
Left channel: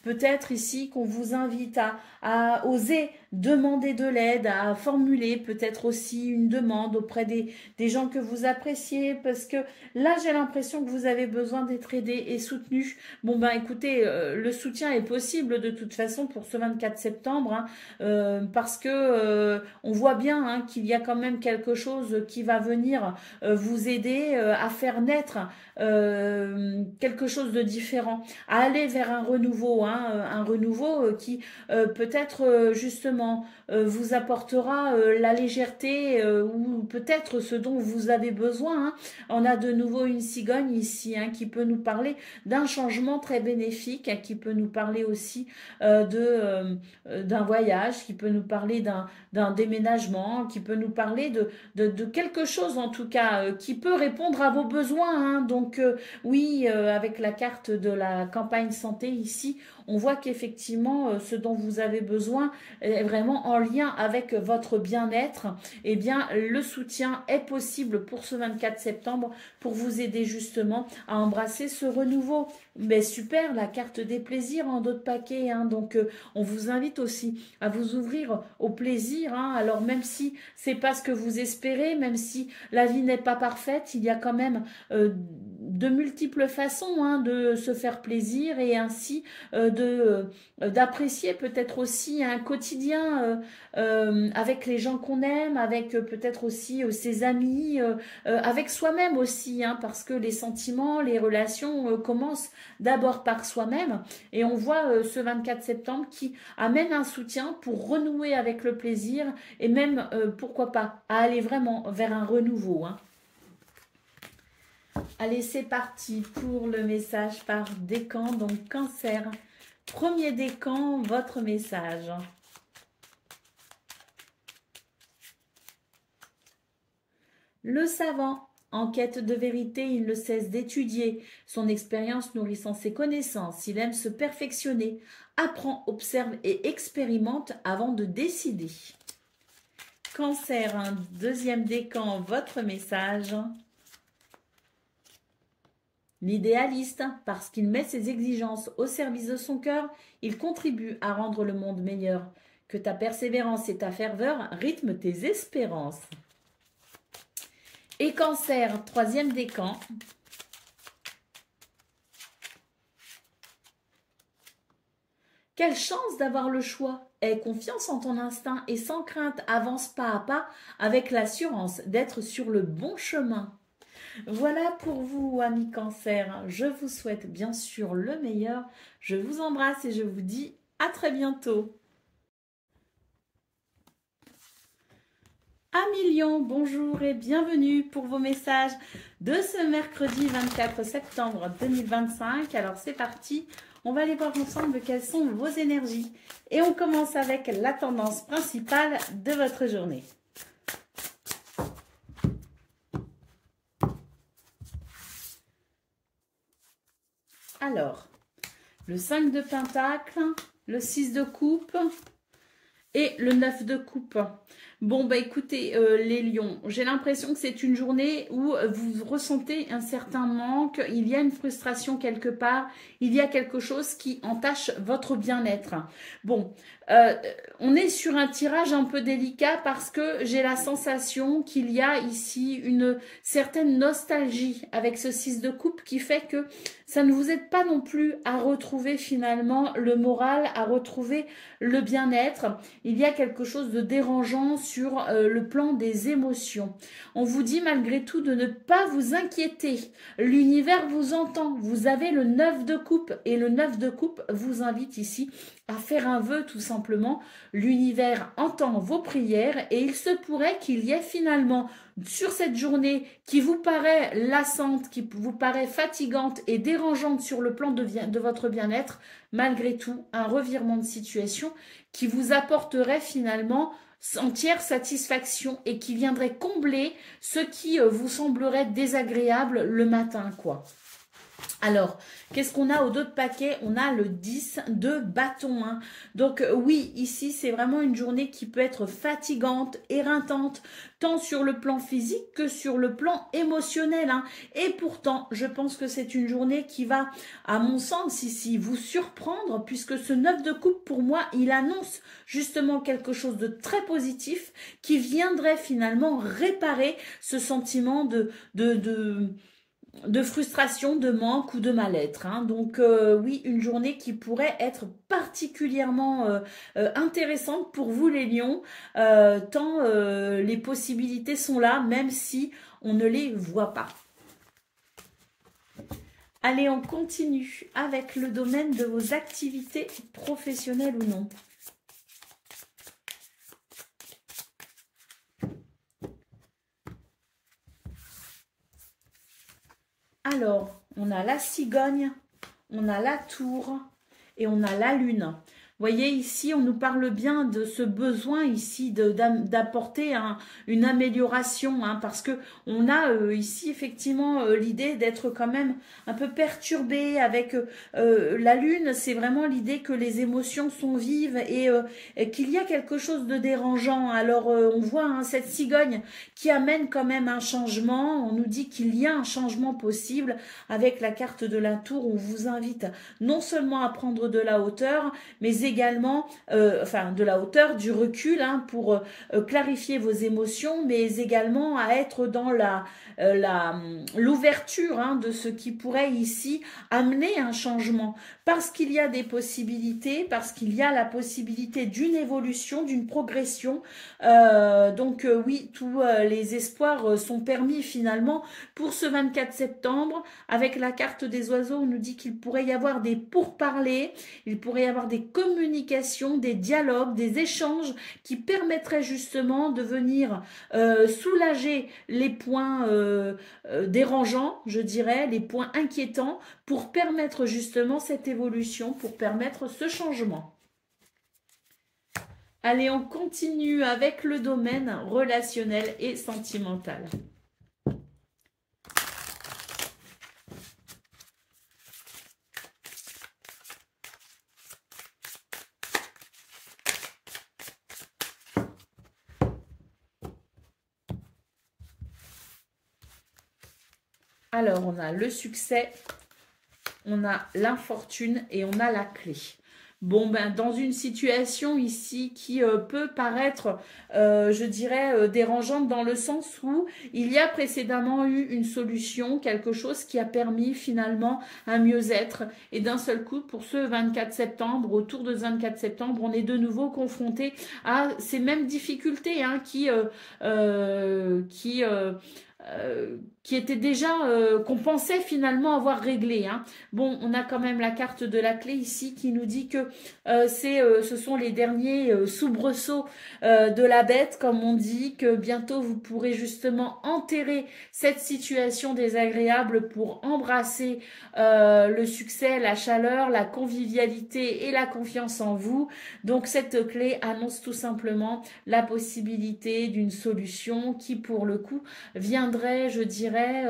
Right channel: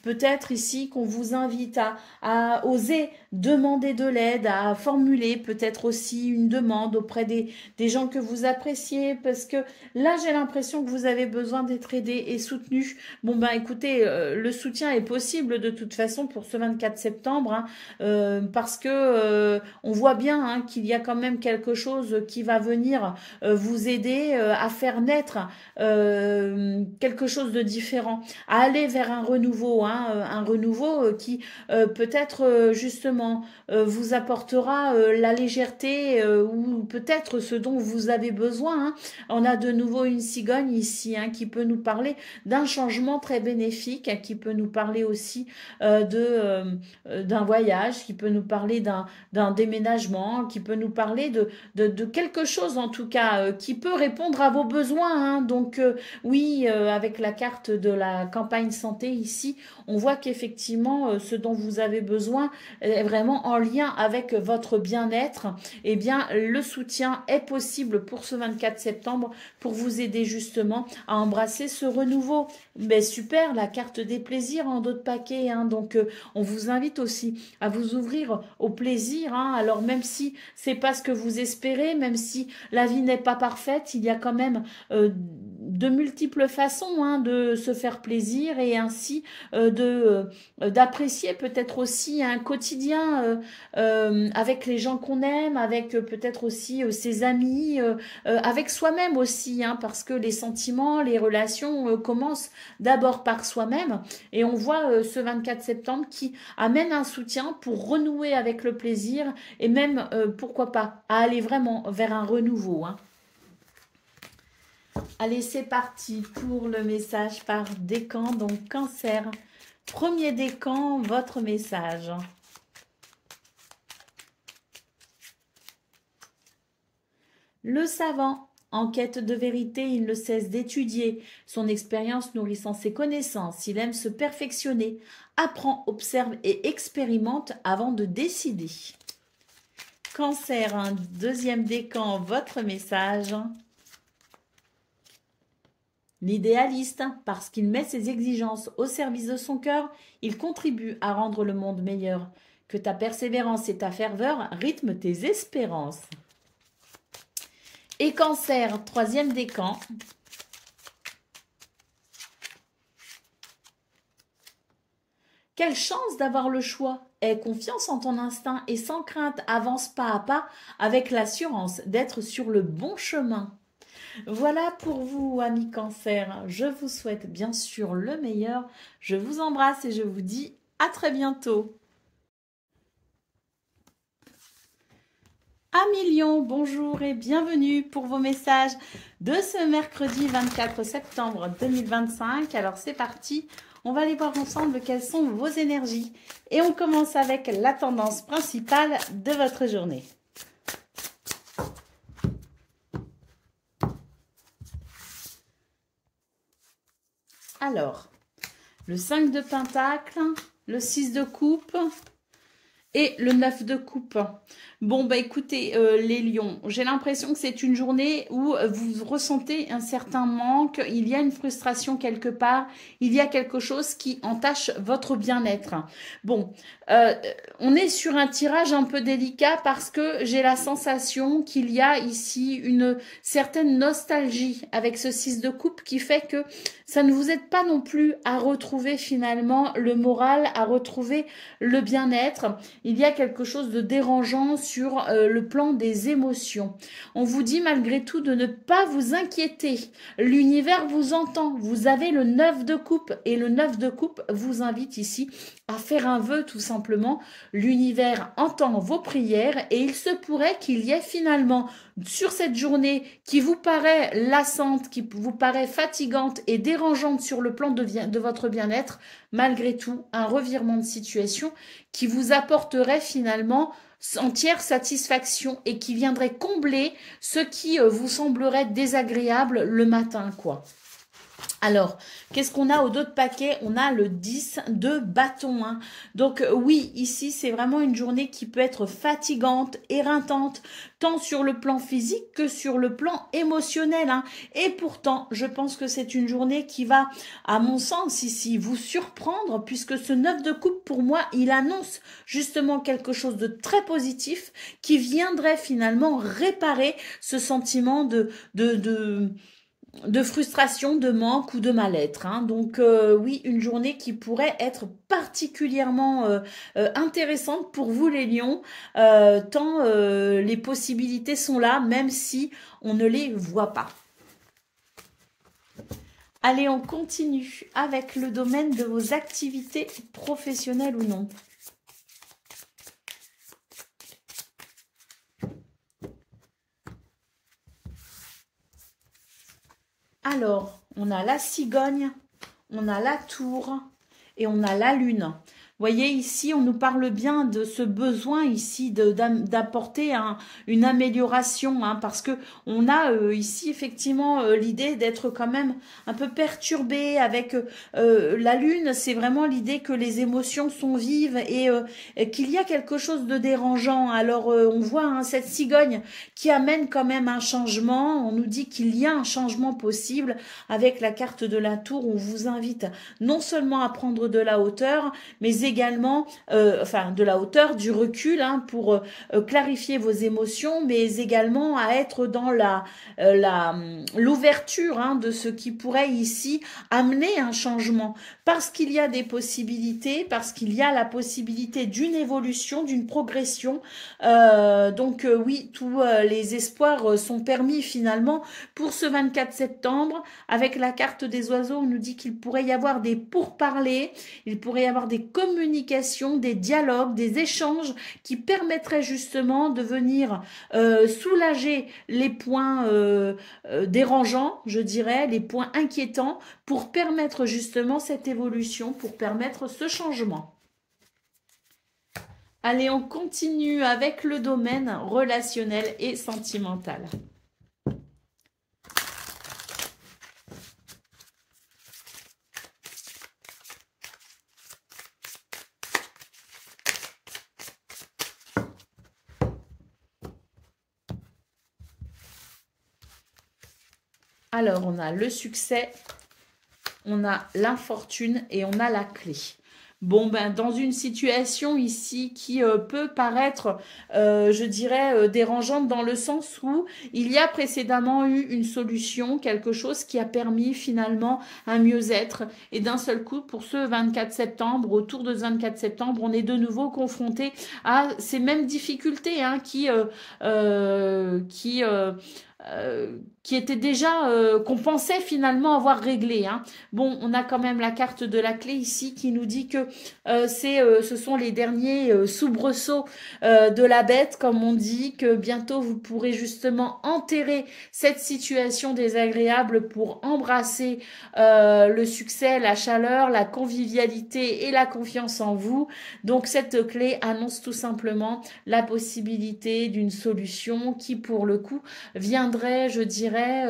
peut-être ici qu'on vous invite à oser demander de l'aide, à formuler peut-être aussi une demande auprès des gens que vous appréciez, parce que là, j'ai l'impression que vous avez besoin d'être aidé et soutenu. Bon, ben écoutez, le soutien est possible de toute façon pour ce 24 septembre, hein, parce que on voit bien hein, qu'il y a quand même quelque chose qui va venir vous aider à faire naître quelque chose de différent, à aller vers un renouveau, hein, un renouveau qui peut-être justement vous apportera la légèreté ou peut-être ce dont vous avez besoin. Hein. On a de nouveau une cigogne ici hein, qui peut nous parler d'un changement très bénéfique, qui peut nous parler aussi d'un voyage, qui peut nous parler d'un déménagement, qui peut nous parler de quelque chose en tout cas qui peut répondre à vos besoins. Hein. Donc oui, avec la carte de la campagne santé ici, on voit qu'effectivement, ce dont vous avez besoin est vraiment en lien avec votre bien-être. Eh bien, le soutien est possible pour ce 24 septembre pour vous aider justement à embrasser ce renouveau. Mais super, la carte des plaisirs en dos de paquet. Hein, donc, on vous invite aussi à vous ouvrir au plaisir. Hein, alors, même si c'est pas ce que vous espérez, même si la vie n'est pas parfaite, il y a quand même de multiples façons hein, de se faire plaisir et ainsi d'apprécier peut-être aussi un quotidien avec les gens qu'on aime, avec peut-être aussi ses amis, avec soi-même aussi, hein, parce que les sentiments, les relations commencent d'abord par soi-même et on voit ce 24 septembre qui amène un soutien pour renouer avec le plaisir et même, pourquoi pas, à aller vraiment vers un renouveau. Hein. Allez, c'est parti pour le message par décan, donc Cancer. Premier décan, votre message. Le savant, en quête de vérité, il ne cesse d'étudier, son expérience nourrissant ses connaissances. Il aime se perfectionner, apprend, observe et expérimente avant de décider. Cancer, un deuxième décan, votre message. L'idéaliste, parce qu'il met ses exigences au service de son cœur, il contribue à rendre le monde meilleur. Que ta persévérance et ta ferveur rythment tes espérances. Et Cancer, troisième décan. Quelle chance d'avoir le choix. Aie confiance en ton instinct et sans crainte, avance pas à pas avec l'assurance d'être sur le bon chemin. Voilà pour vous, amis Cancer. Je vous souhaite bien sûr le meilleur. Je vous embrasse et je vous dis à très bientôt. Amis Lions, bonjour et bienvenue pour vos messages de ce mercredi 24 septembre 2025. Alors c'est parti, On va aller voir ensemble quelles sont vos énergies. Et on commence avec la tendance principale de votre journée. Alors, le 5 de Pentacle, le 6 de Coupe et le 9 de Coupe. Bon, bah écoutez, les lions, j'ai l'impression que c'est une journée où vous ressentez un certain manque, il y a une frustration quelque part, il y a quelque chose qui entache votre bien-être. Bon, on est sur un tirage un peu délicat parce que j'ai la sensation qu'il y a ici une certaine nostalgie avec ce 6 de coupe qui fait que ça ne vous aide pas non plus à retrouver finalement le moral, à retrouver le bien-être. Il y a quelque chose de dérangeant sur le plan des émotions. On vous dit malgré tout de ne pas vous inquiéter. L'univers vous entend. Vous avez le 9 de coupe et le 9 de coupe vous invite ici à faire un vœu tout simplement. L'univers entend vos prières et il se pourrait qu'il y ait finalement sur cette journée qui vous paraît lassante, qui vous paraît fatigante et dérangeante sur le plan de votre bien-être, malgré tout un revirement de situation qui vous apporterait finalement entière satisfaction et qui viendrait combler ce qui vous semblerait désagréable le matin, quoi. Alors, qu'est-ce qu'on a au dos de paquet? On a le 10 de bâton. Hein. Donc oui, ici, c'est vraiment une journée qui peut être fatigante, éreintante, tant sur le plan physique que sur le plan émotionnel. Hein. Et pourtant, je pense que c'est une journée qui va, à mon sens, ici, vous surprendre, puisque ce 9 de coupe, pour moi, il annonce justement quelque chose de très positif qui viendrait finalement réparer ce sentiment de frustration, de manque ou de mal-être. Hein. Donc oui, une journée qui pourrait être particulièrement intéressante pour vous les lions, tant les possibilités sont là, même si on ne les voit pas. Allez, on continue avec le domaine de vos activités professionnelles ou non. Alors, on a la cigogne, on a la tour et on a la lune. Vous voyez, ici, on nous parle bien de ce besoin ici d'apporter une amélioration, hein, parce que on a ici effectivement l'idée d'être quand même un peu perturbé avec la lune. C'est vraiment l'idée que les émotions sont vives et qu'il y a quelque chose de dérangeant. Alors, on voit hein, cette cigogne qui amène quand même un changement. On nous dit qu'il y a un changement possible avec la carte de la tour. On vous invite non seulement à prendre de la hauteur, mais également enfin de la hauteur, du recul hein, pour clarifier vos émotions, mais également à être dans l'ouverture hein, de ce qui pourrait ici amener un changement, parce qu'il y a des possibilités, parce qu'il y a la possibilité d'une évolution, d'une progression. Donc oui, tous les espoirs sont permis finalement pour ce 24 septembre. Avec la carte des oiseaux, on nous dit qu'il pourrait y avoir des pourparlers, il pourrait y avoir des communications, des dialogues, des échanges qui permettraient justement de venir soulager les points dérangeants, je dirais, les points inquiétants, pour permettre justement cette évolution, pour permettre ce changement. Allez, on continue avec le domaine relationnel et sentimental. Alors, on a le succès, on a l'infortune et on a la clé. Bon, ben, dans une situation ici qui peut paraître, je dirais, dérangeante dans le sens où il y a précédemment eu une solution, quelque chose qui a permis finalement un mieux-être. Et d'un seul coup, pour ce 24 septembre, autour de ce 24 septembre, on est de nouveau confronté à ces mêmes difficultés hein, qui qui était déjà, qu'on pensait finalement avoir réglé. Hein. Bon, on a quand même la carte de la clé ici qui nous dit que ce sont les derniers soubresauts de la bête, comme on dit, que bientôt vous pourrez justement enterrer cette situation désagréable pour embrasser le succès, la chaleur, la convivialité et la confiance en vous. Donc cette clé annonce tout simplement la possibilité d'une solution qui pour le coup viendrait, je dirais,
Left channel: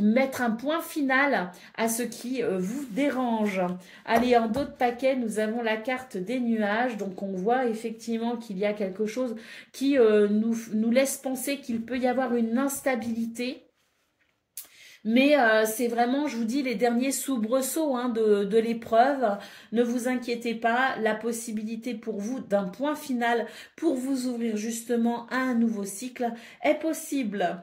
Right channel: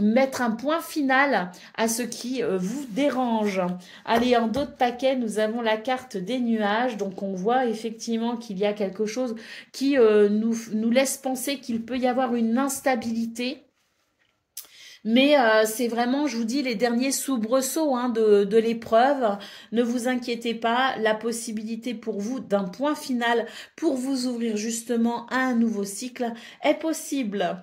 mettre un point final à ce qui vous dérange. Allez, en d'autres paquets, nous avons la carte des nuages. Donc on voit effectivement qu'il y a quelque chose qui nous laisse penser qu'il peut y avoir une instabilité. Mais c'est vraiment, je vous dis, les derniers soubresauts hein, de l'épreuve. Ne vous inquiétez pas, la possibilité pour vous d'un point final pour vous ouvrir justement à un nouveau cycle est possible.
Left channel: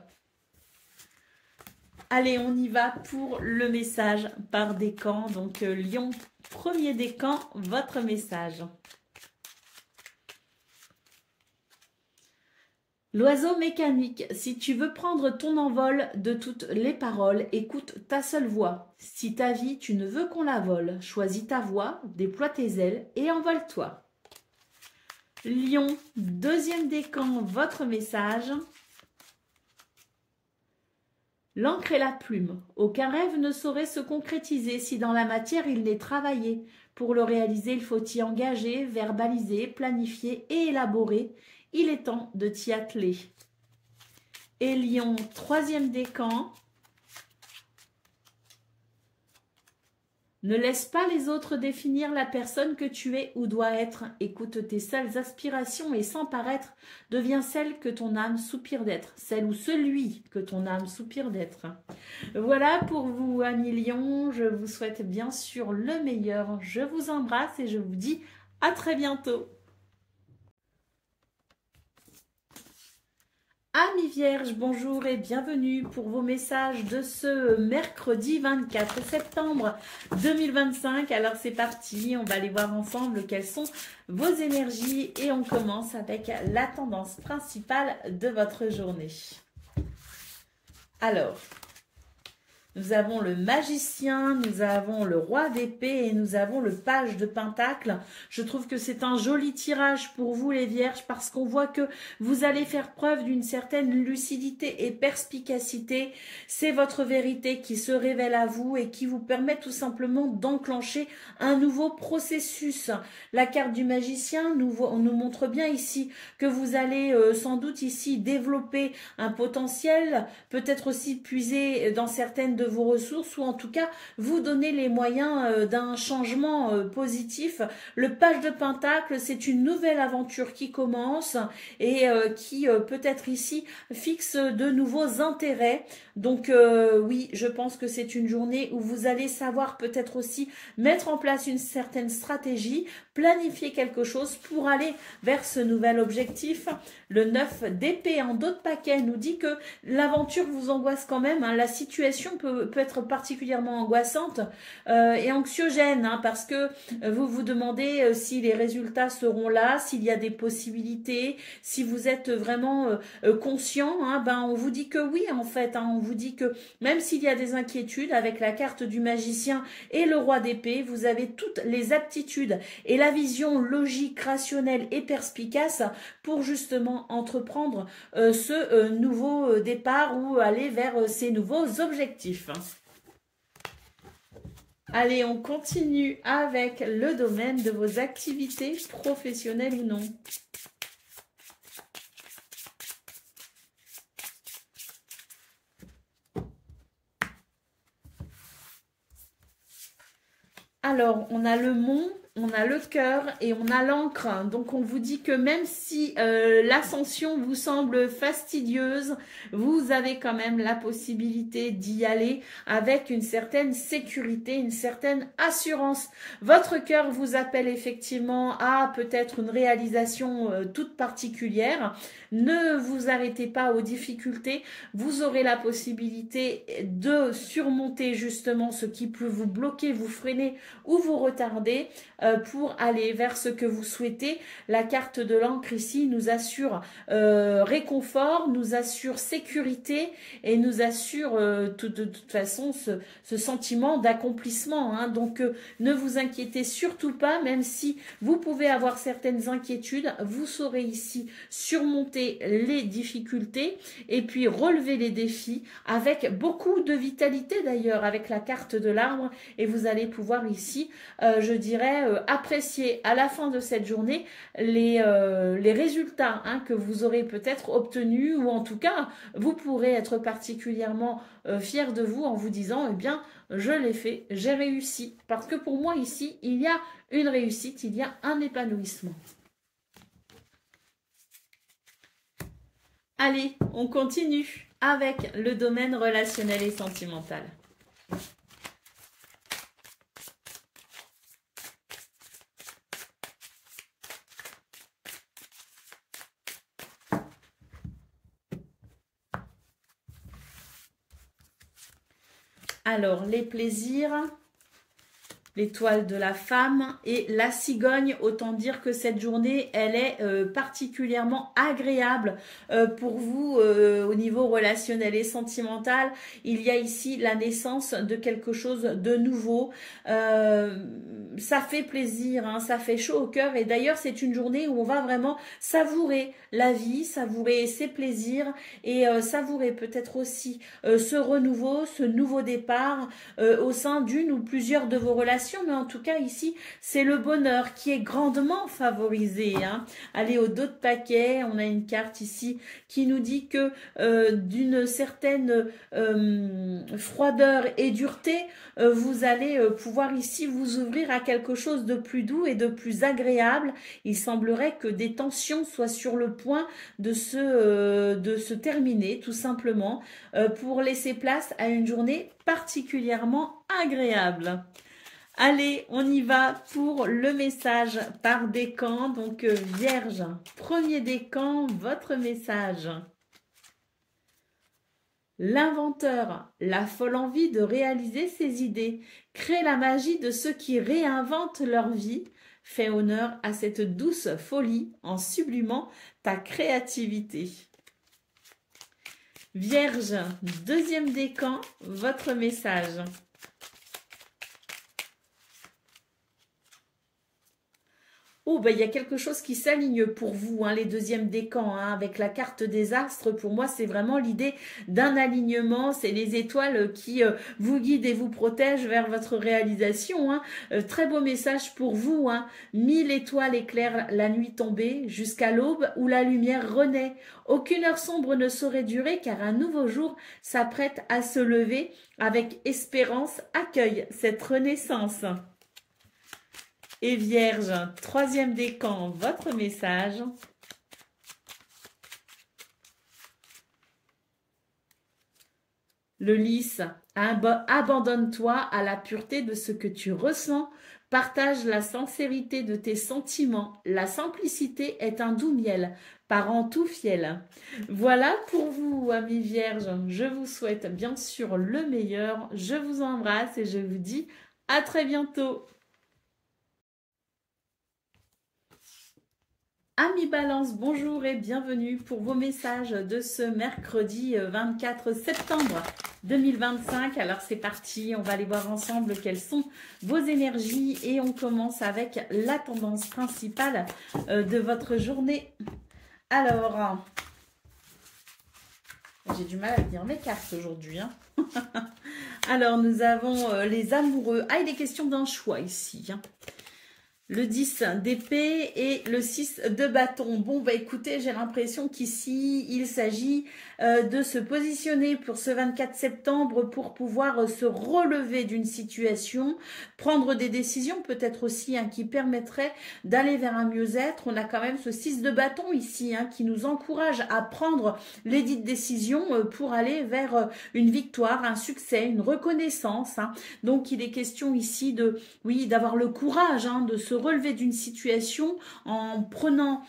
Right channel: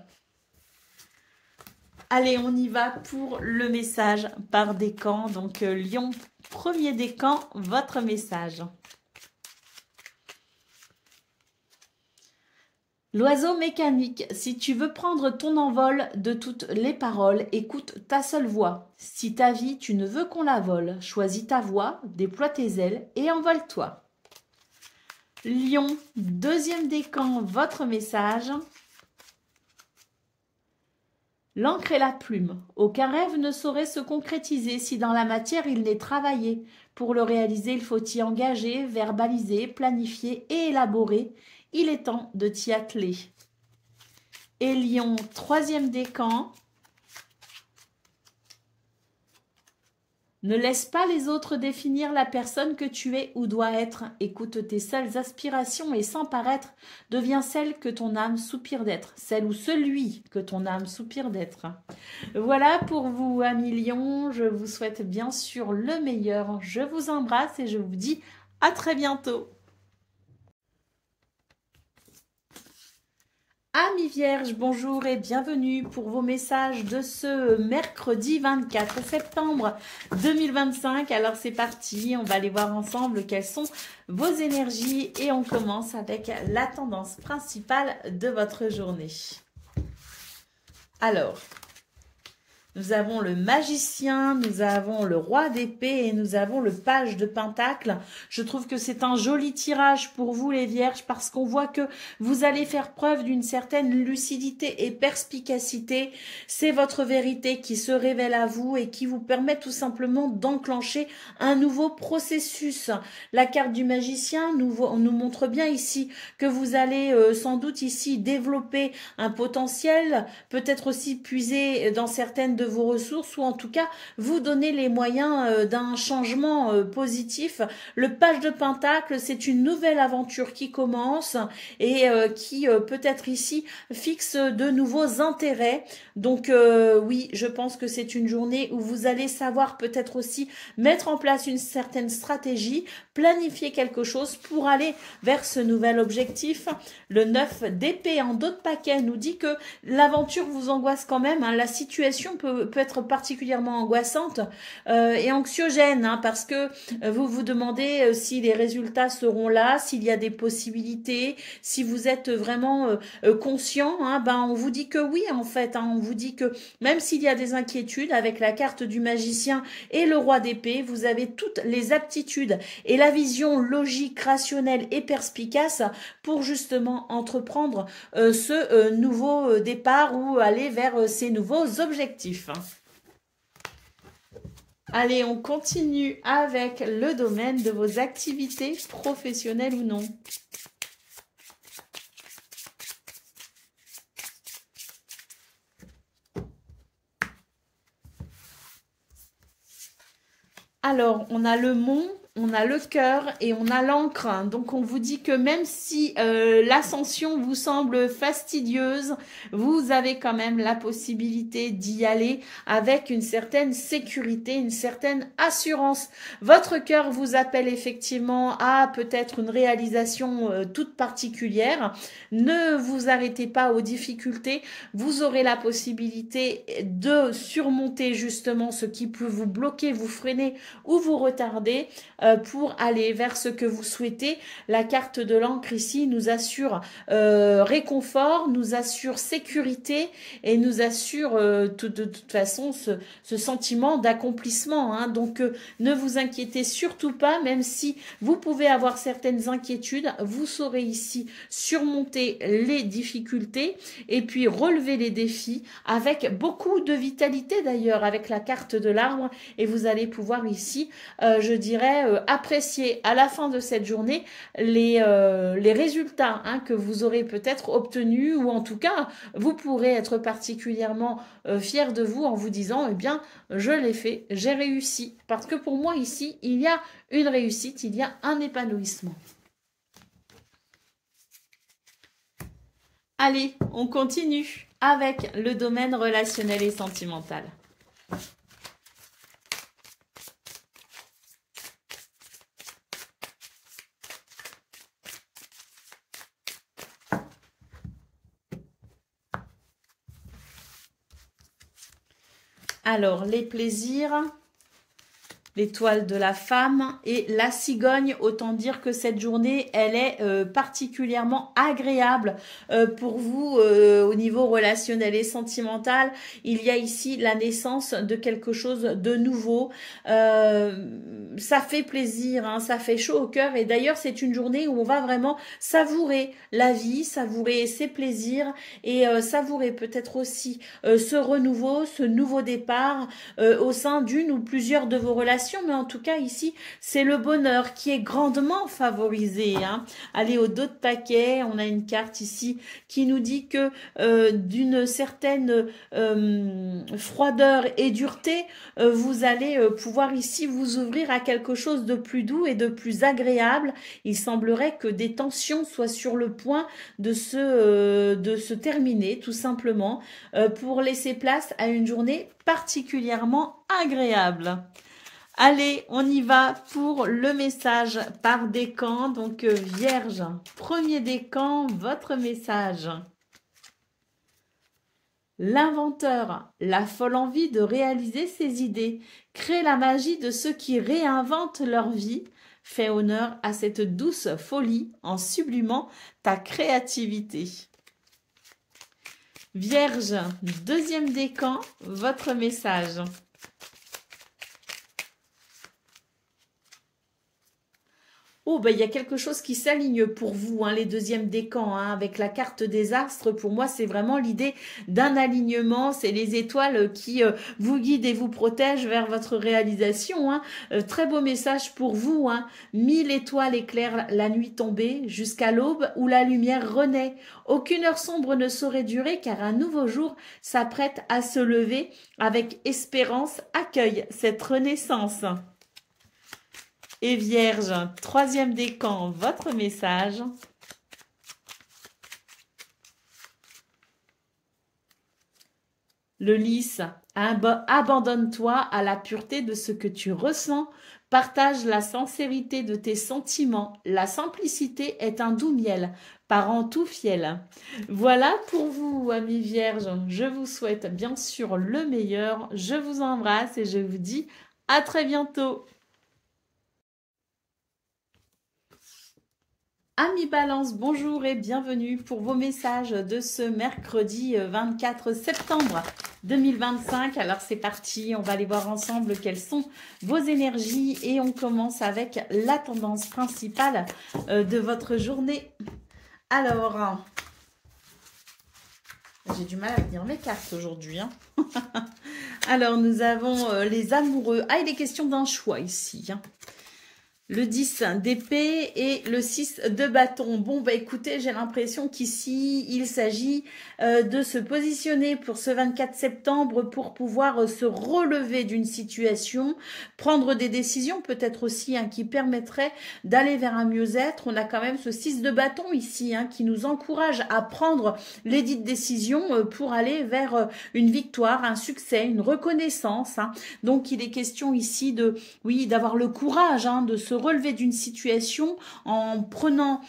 Allez, on y va pour le message par décan. Donc, Lion, premier décan, votre message. L'oiseau mécanique, si tu veux prendre ton envol de toutes les paroles, écoute ta seule voix. Si ta vie, tu ne veux qu'on la vole, choisis ta voix, déploie tes ailes et envole-toi. Lion, deuxième décan, votre message. L'encre et la plume. Aucun rêve ne saurait se concrétiser si dans la matière il n'est travaillé. Pour le réaliser, il faut y engager, verbaliser, planifier et élaborer. Il est temps de t'y atteler. Et Lion, troisième décan. Ne laisse pas les autres définir la personne que tu es ou dois être. Écoute tes seules aspirations et sans paraître, deviens celle que ton âme soupire d'être. Celle ou celui que ton âme soupire d'être. Voilà pour vous, amis Lion. Je vous souhaite bien sûr le meilleur. Je vous embrasse et je vous dis à très bientôt. Amis Vierges, bonjour et bienvenue pour vos messages de ce mercredi 24 septembre 2025. Alors c'est parti, on va aller voir ensemble quelles sont vos énergies et on commence avec la tendance principale de votre journée. Alors, nous avons le magicien, nous avons le roi d'épée et nous avons le page de pentacle. Je trouve que c'est un joli tirage pour vous les vierges parce qu'on voit que vous allez faire preuve d'une certaine lucidité et perspicacité. C'est votre vérité qui se révèle à vous et qui vous permet tout simplement d'enclencher un nouveau processus. La carte du magicien on nous montre bien ici que vous allez sans doute ici développer un potentiel, peut-être aussi puiser dans certaines de vos ressources ou en tout cas vous donner les moyens d'un changement positif. Le page de pentacle, c'est une nouvelle aventure qui commence et qui peut-être ici fixe de nouveaux intérêts. Donc oui, je pense que c'est une journée où vous allez savoir peut-être aussi mettre en place une certaine stratégie, planifier quelque chose pour aller vers ce nouvel objectif. Le 9 d'épée en d'autres paquets nous dit que l'aventure vous angoisse quand même. Hein. La situation peut être particulièrement angoissante et anxiogène hein, parce que vous vous demandez si les résultats seront là, s'il y a des possibilités, si vous êtes vraiment conscient. Hein, ben on vous dit que oui en fait. Hein, on vous dit que même s'il y a des inquiétudes avec la carte du magicien et le roi d'épée, vous avez toutes les aptitudes et la vision logique, rationnelle et perspicace pour justement entreprendre ce nouveau départ ou aller vers ces nouveaux objectifs. Allez, on continue avec le domaine de vos activités professionnelles ou non. Alors, on a le mont, on a le cœur et on a l'encre. Donc, on vous dit que même si l'ascension vous semble fastidieuse, vous avez quand même la possibilité d'y aller avec une certaine sécurité, une certaine assurance. Votre cœur vous appelle effectivement à peut-être une réalisation toute particulière. Ne vous arrêtez pas aux difficultés. Vous aurez la possibilité de surmonter justement ce qui peut vous bloquer, vous freiner ou vous retarder pour aller vers ce que vous souhaitez. La carte de l'encre ici nous assure réconfort, nous assure sécurité et nous assure de toute façon ce sentiment d'accomplissement. Hein. Donc ne vous inquiétez surtout pas, même si vous pouvez avoir certaines inquiétudes, vous saurez ici surmonter les difficultés et puis relever les défis avec beaucoup de vitalité d'ailleurs, avec la carte de l'arbre, et vous allez pouvoir ici, je dirais, apprécier à la fin de cette journée les résultats hein, que vous aurez peut-être obtenus, ou en tout cas, vous pourrez être particulièrement fier de vous en vous disant, eh bien, je l'ai fait, j'ai réussi. Parce que pour moi, ici, il y a une réussite, il y a un épanouissement. Allez, on continue avec le domaine relationnel et sentimental. Alors, les plaisirs, l'étoile de la femme et la cigogne, autant dire que cette journée, elle est particulièrement agréable pour vous au niveau relationnel et sentimental. Il y a ici la naissance de quelque chose de nouveau. Ça fait plaisir, hein, ça fait chaud au cœur, et d'ailleurs c'est une journée où on va vraiment savourer la vie, savourer ses plaisirs et savourer peut-être aussi ce renouveau, ce nouveau départ au sein d'une ou plusieurs de vos relations. Mais en tout cas ici c'est le bonheur qui est grandement favorisé. Hein. Allez, au dos de paquet, on a une carte ici qui nous dit que d'une certaine froideur et dureté, vous allez pouvoir ici vous ouvrir à quelque chose de plus doux et de plus agréable. Il semblerait que des tensions soient sur le point de se terminer tout simplement pour laisser place à une journée particulièrement agréable. Allez, on y va pour le message par décan. Donc, Vierge, premier décan, votre message. L'inventeur, la folle envie de réaliser ses idées, crée la magie de ceux qui réinventent leur vie. Fais honneur à cette douce folie en sublimant ta créativité. Vierge, deuxième décan, votre message. Oh, ben, il y a quelque chose qui s'aligne pour vous, hein, les deuxièmes décans, hein, avec la carte des astres. Pour moi, c'est vraiment l'idée d'un alignement. C'est les étoiles qui vous guident et vous protègent vers votre réalisation. Hein. Très beau message pour vous. Hein. 1000 étoiles éclairent la nuit tombée jusqu'à l'aube où la lumière renaît. Aucune heure sombre ne saurait durer car un nouveau jour s'apprête à se lever. Avec espérance, accueille cette renaissance. Et Vierge, troisième décan, votre message. Le lys, abandonne-toi à la pureté de ce que tu ressens. Partage la sincérité de tes sentiments. La simplicité est un doux miel, parent tout fiel. Voilà pour vous, amis Vierges. Je vous souhaite bien sûr le meilleur. Je vous embrasse et je vous dis à très bientôt. Amis Balance, bonjour et bienvenue pour vos messages de ce mercredi 24 septembre 2025. Alors c'est parti, on va aller voir ensemble quelles sont vos énergies et on commence avec la tendance principale de votre journée. Alors, j'ai du mal à lire mes cartes aujourd'hui. Hein. Alors nous avons les amoureux. Ah, il est question d'un choix ici. Hein. Le 10 d'épée et le 6 de bâton. Bon, bah écoutez, j'ai l'impression qu'ici, il s'agit de se positionner pour ce 24 septembre pour pouvoir se relever d'une situation, prendre des décisions peut-être aussi hein, qui permettraient d'aller vers un mieux-être. On a quand même ce 6 de bâton ici hein, qui nous encourage à prendre les dites décisions pour aller vers une victoire, un succès, une reconnaissance. Hein. Donc, il est question ici de, oui, d'avoir le courage hein, de se se relever d'une situation en prenant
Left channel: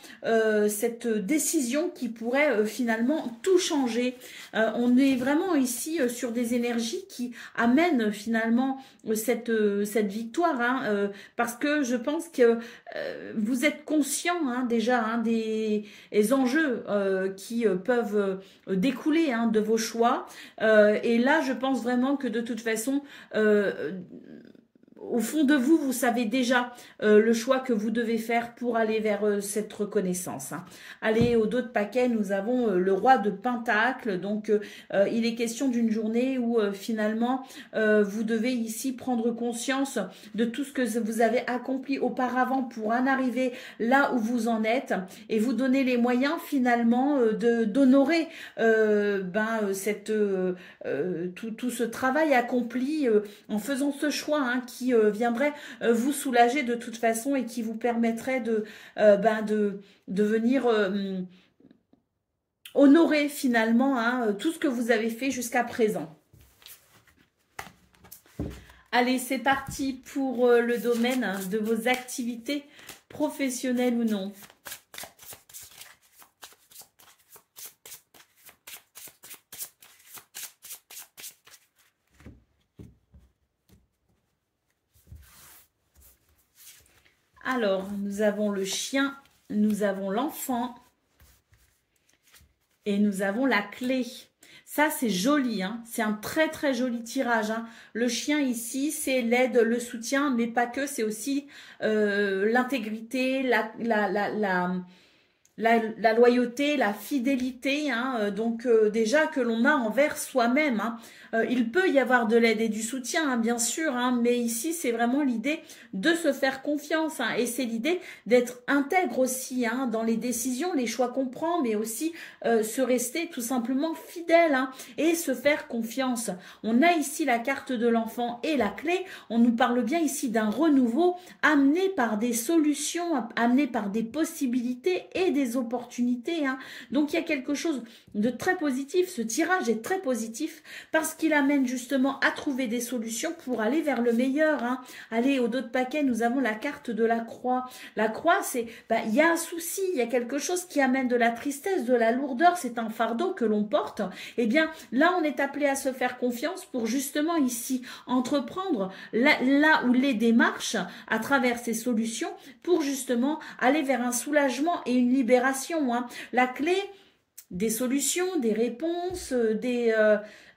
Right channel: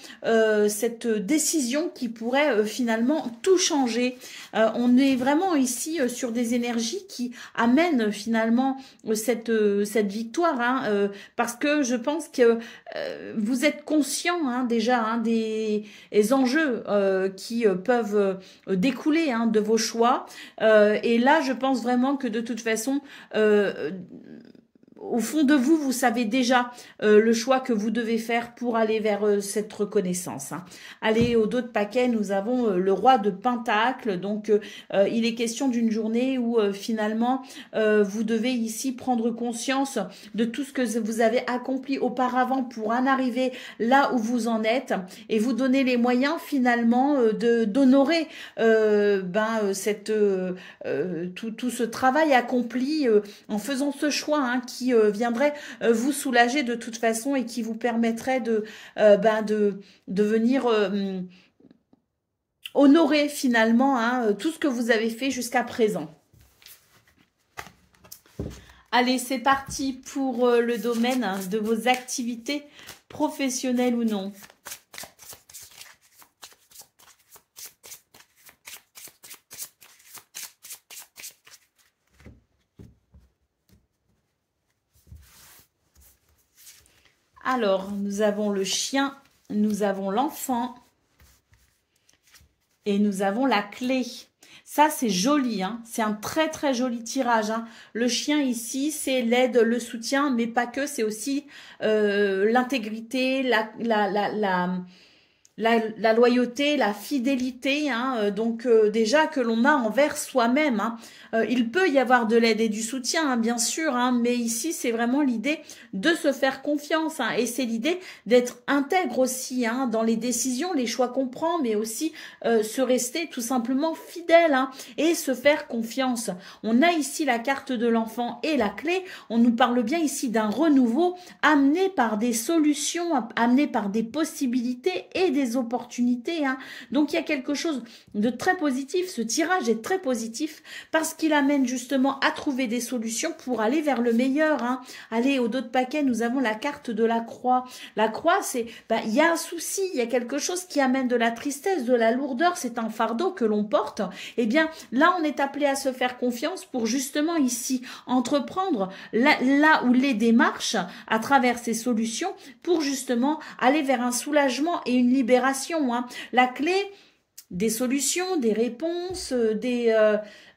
cette décision qui pourrait finalement tout changer. On est vraiment ici sur des énergies qui amènent finalement cette victoire, hein, parce que je pense que vous êtes conscient hein, déjà hein, des enjeux qui peuvent découler hein, de vos choix. Et là, je pense vraiment que de toute façon, au fond de vous, vous savez déjà le choix que vous devez faire pour aller vers cette reconnaissance. Hein. Allez, au dos de paquet, nous avons le roi de Pentacle. Donc, il est question d'une journée où finalement, vous devez ici prendre conscience de tout ce que vous avez accompli auparavant pour en arriver là où vous en êtes et vous donner les moyens finalement d'honorer tout ce travail accompli en faisant ce choix hein, qui viendrait vous soulager de toute façon et qui vous permettrait de venir honorer finalement hein, tout ce que vous avez fait jusqu'à présent. Allez, c'est parti pour le domaine hein, de vos activités professionnelles ou non. Alors, nous avons le chien, nous avons l'enfant et nous avons la clé. Ça, c'est joli, hein. C'est un très, très joli tirage. Hein. Le chien ici, c'est l'aide, le soutien, mais pas que. C'est aussi l'intégrité, la loyauté, la fidélité. Hein. Donc, déjà que l'on a envers soi-même. Hein. Il peut y avoir de l'aide et du soutien, hein, bien sûr, hein, mais ici, c'est vraiment l'idée de se faire confiance. Hein, et c'est l'idée d'être intègre aussi hein, dans les décisions, les choix qu'on prend, mais aussi se rester tout simplement fidèle hein, et se faire confiance. On a ici la carte de l'enfant et la clé. On nous parle bien ici d'un renouveau amené par des solutions, amené par des possibilités et des opportunités. Hein. Donc, il y a quelque chose de très positif. Ce tirage est très positif parce qu'il amène justement à trouver des solutions pour aller vers le meilleur. Hein. Allez, au dos de paquet, nous avons la carte de la croix. La croix, c'est, il y a un souci, il y a quelque chose qui amène de la tristesse, de la lourdeur, c'est un fardeau que l'on porte. Eh bien, là, on est appelé à se faire confiance pour justement ici entreprendre là où les démarches à travers ces solutions pour justement aller vers un soulagement et une libération. Hein. La clé des solutions, des réponses,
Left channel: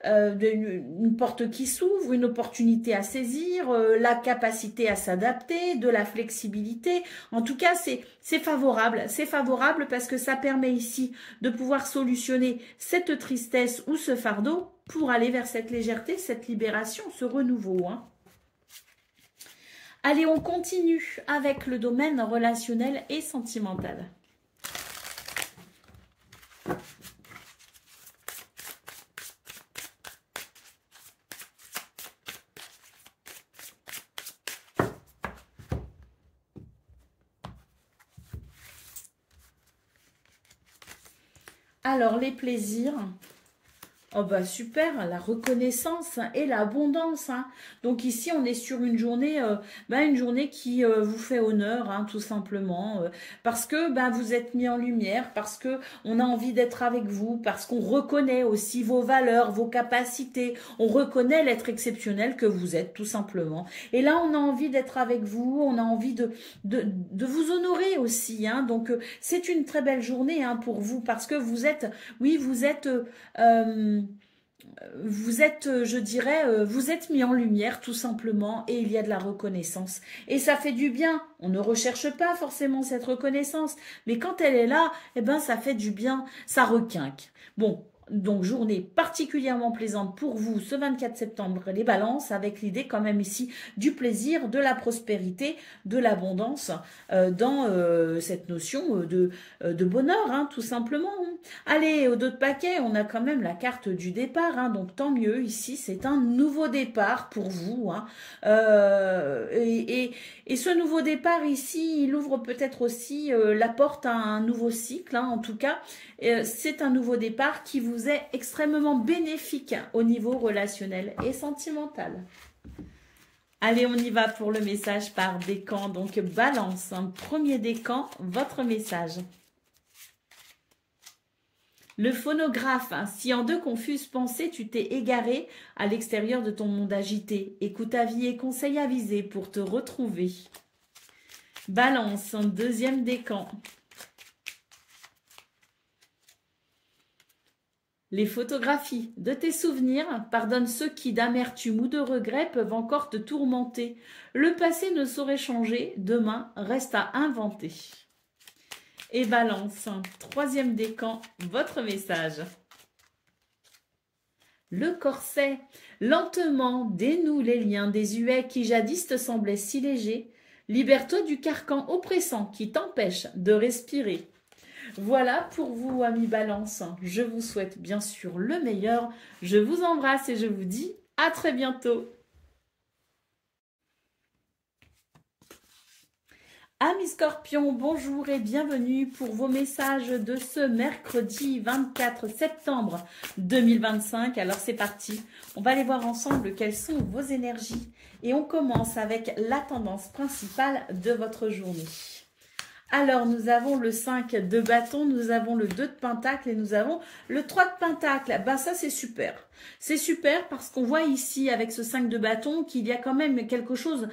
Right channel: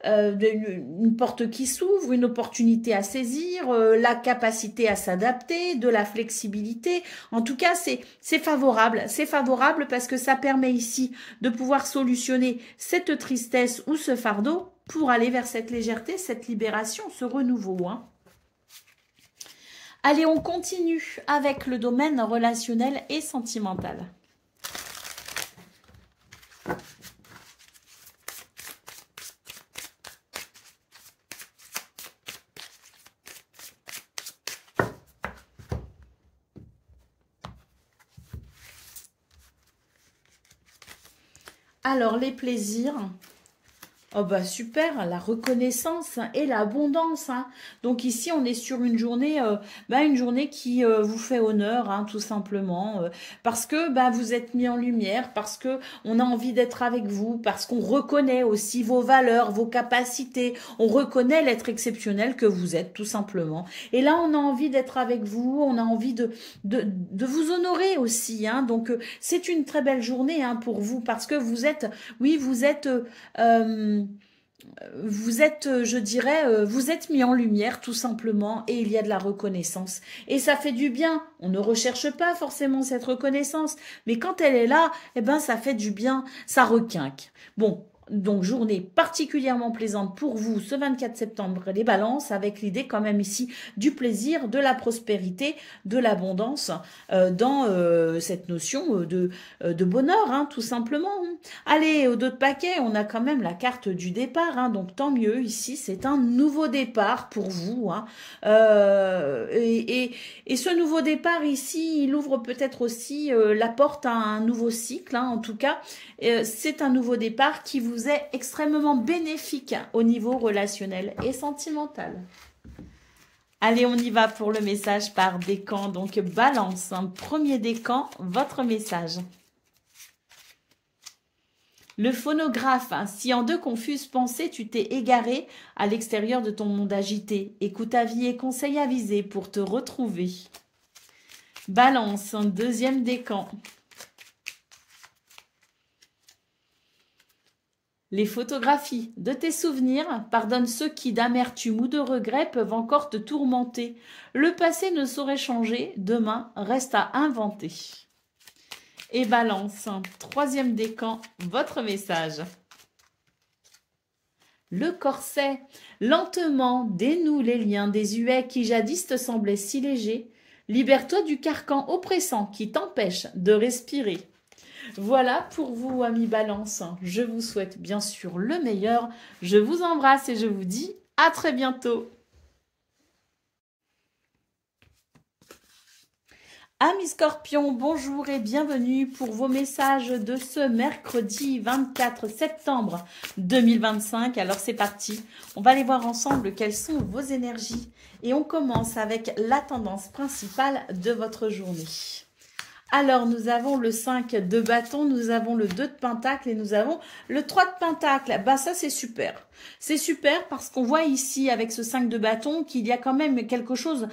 une porte qui s'ouvre, une opportunité à saisir, la capacité à s'adapter, de la flexibilité. En tout cas, c'est favorable. C'est favorable parce que ça permet ici de pouvoir solutionner cette tristesse ou ce fardeau pour aller vers cette légèreté, cette libération, ce renouveau. Hein. Allez, on continue avec le domaine relationnel et sentimental. Alors, les plaisirs. Oh bah super, la reconnaissance et l'abondance. Hein. Donc ici, on est sur une journée qui vous fait honneur, hein, tout simplement, parce que vous êtes mis en lumière, parce que on a envie d'être avec vous, parce qu'on reconnaît aussi vos valeurs, vos capacités, on reconnaît l'être exceptionnel que vous êtes, tout simplement. Et là, on a envie d'être avec vous, on a envie de vous honorer aussi. Hein. Donc c'est une très belle journée hein, pour vous, parce que vous êtes, je dirais, vous êtes mis en lumière tout simplement et il y a de la reconnaissance. Et ça fait du bien. On ne recherche pas forcément cette reconnaissance, mais quand elle est là, eh ben, ça fait du bien, ça requinque. Bon. Donc, journée particulièrement plaisante pour vous ce 24 septembre, les balances, avec l'idée quand même ici du plaisir, de la prospérité, de l'abondance dans cette notion de bonheur, hein, tout simplement. Allez, au dos de paquet, on a quand même la carte du départ, hein, donc tant mieux, ici c'est un nouveau départ pour vous. Hein, et ce nouveau départ ici, il ouvre peut-être aussi la porte à un nouveau cycle, hein, en tout cas, c'est un nouveau départ qui vous est extrêmement bénéfique au niveau relationnel et sentimental. Allez, on y va pour le message par décan. Donc, balance, hein. Premier décan, votre message. Le phonographe, hein. Si en deux confuses pensées, tu t'es égaré à l'extérieur de ton monde agité, écoute avis et conseils avisés pour te retrouver. Balance, un deuxième décan. Les photographies de tes souvenirs, pardonne ceux qui d'amertume ou de regret peuvent encore te tourmenter. Le passé ne saurait changer, demain reste à inventer. Et balance, troisième décan, votre message. Le corset, lentement dénoue les liens désuets qui jadis te semblaient si légers. Libère-toi du carcan oppressant qui t'empêche de respirer. Voilà pour vous, amis Balance. Je vous souhaite bien sûr le meilleur. Je vous embrasse et je vous dis à très bientôt. Amis Scorpions, bonjour et bienvenue pour vos messages de ce mercredi 24 septembre 2025. Alors c'est parti, on va aller voir ensemble quelles sont vos énergies et on commence avec la tendance principale de votre journée. Alors, nous avons le 5 de bâton, nous avons le 2 de pentacle et nous avons le 3 de pentacle. Ben ça, c'est super. C'est super parce qu'on voit ici, avec ce 5 de bâton, qu'il y a quand même quelque chose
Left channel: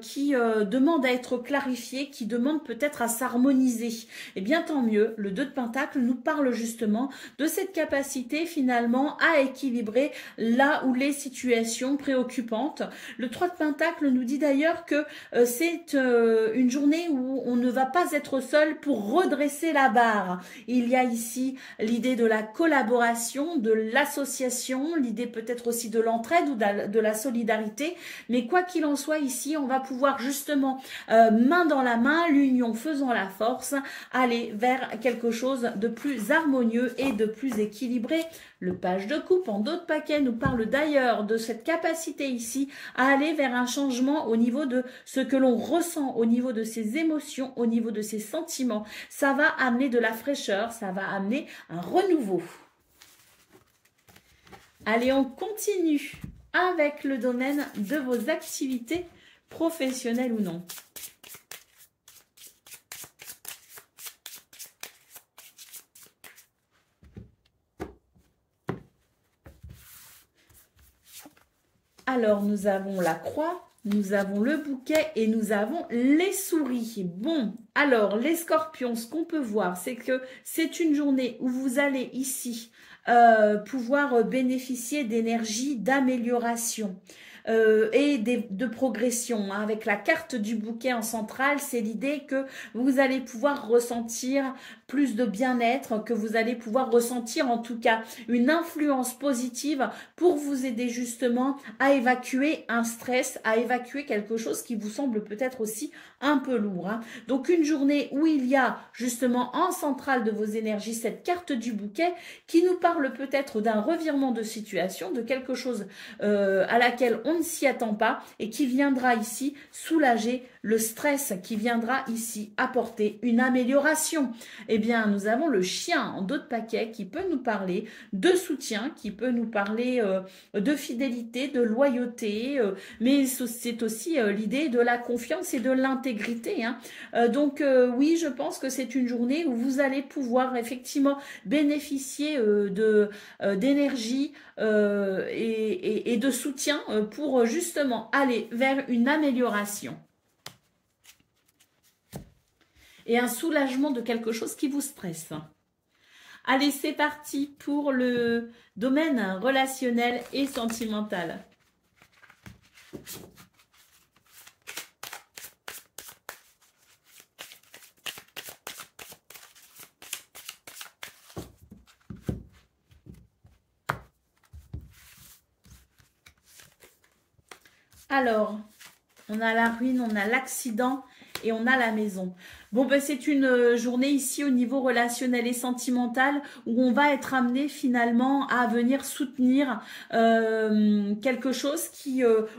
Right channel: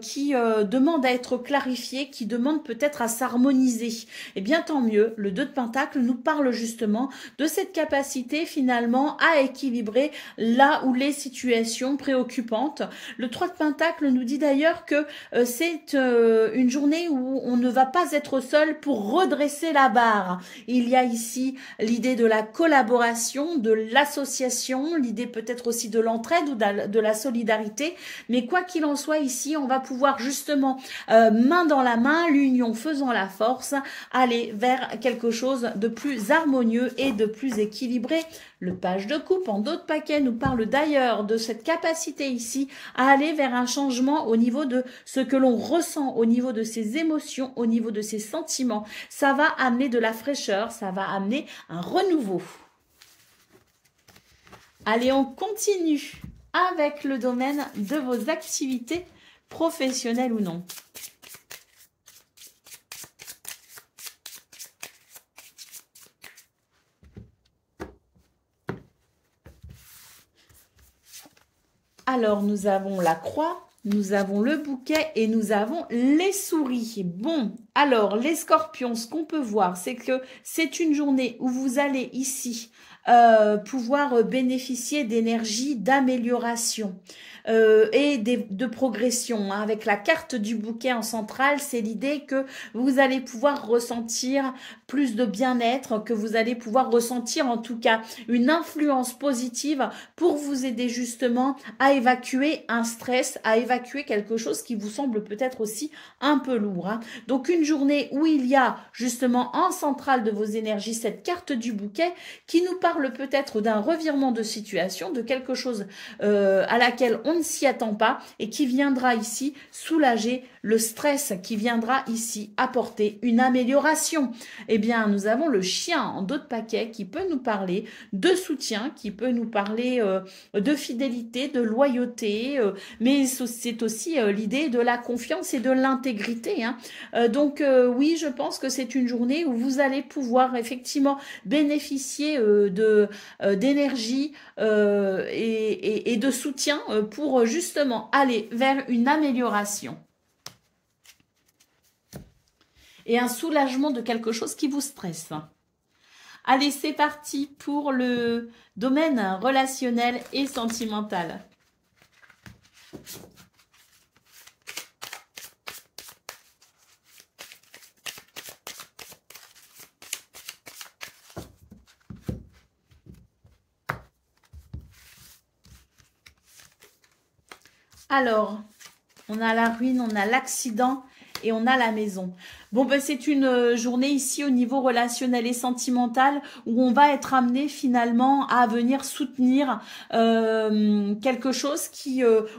qui demande à être clarifié, qui demande peut-être à s'harmoniser. Eh bien, tant mieux. Le 2 de pentacle nous parle justement de cette capacité, finalement, à équilibrer là où les situations préoccupantes. Le 3 de pentacle nous dit d'ailleurs que c'est une journée où on ne va pas être seul pour redresser la barre. Il y a ici l'idée de la collaboration, de l'association, l'idée peut-être aussi de l'entraide ou de la solidarité, mais quoi qu'il en soit ici, on va pouvoir justement main dans la main, l'union faisant la force, aller vers quelque chose de plus harmonieux et de plus équilibré. Le page de coupe en dos de paquet nous parle d'ailleurs de cette capacité ici à aller vers un changement au niveau de ce que l'on ressent, au niveau de ses émotions, au niveau de ses sentiments. Ça va amener de la fraîcheur, ça va amener un renouveau. Allez, on continue avec le domaine de vos activités professionnelles ou non. Alors, nous avons la croix, nous avons le bouquet et nous avons les souris. Bon, alors, les scorpions, ce qu'on peut voir, c'est que c'est une journée où vous allez ici pouvoir bénéficier d'énergie, d'amélioration. Et de progression. Avec la carte du bouquet en centrale, c'est l'idée que vous allez pouvoir ressentir plus de bien-être, que vous allez pouvoir ressentir en tout cas une influence positive pour vous aider justement à évacuer un stress, à évacuer quelque chose qui vous semble peut-être aussi un peu lourd. Hein. Donc une journée où il y a justement en centrale de vos énergies cette carte du bouquet qui nous parle peut-être d'un revirement de situation, de quelque chose à laquelle on ne s'y attend pas et qui viendra ici soulager le stress, qui viendra ici apporter une amélioration. Eh bien, nous avons le chien en dos de paquet qui peut nous parler de soutien, qui peut nous parler de fidélité, de loyauté, mais c'est aussi l'idée de la confiance et de l'intégrité. Hein. Donc, oui, je pense que c'est une journée où vous allez pouvoir effectivement bénéficier d'énergie et de soutien pour justement aller vers une amélioration et un soulagement de quelque chose qui vous stresse. Allez, c'est parti pour le domaine relationnel et sentimental. Alors, on a la ruine, on a l'accident et on a la maison. Bon, ben, c'est une journée ici au niveau relationnel et sentimental où on va être amené finalement à venir soutenir quelque chose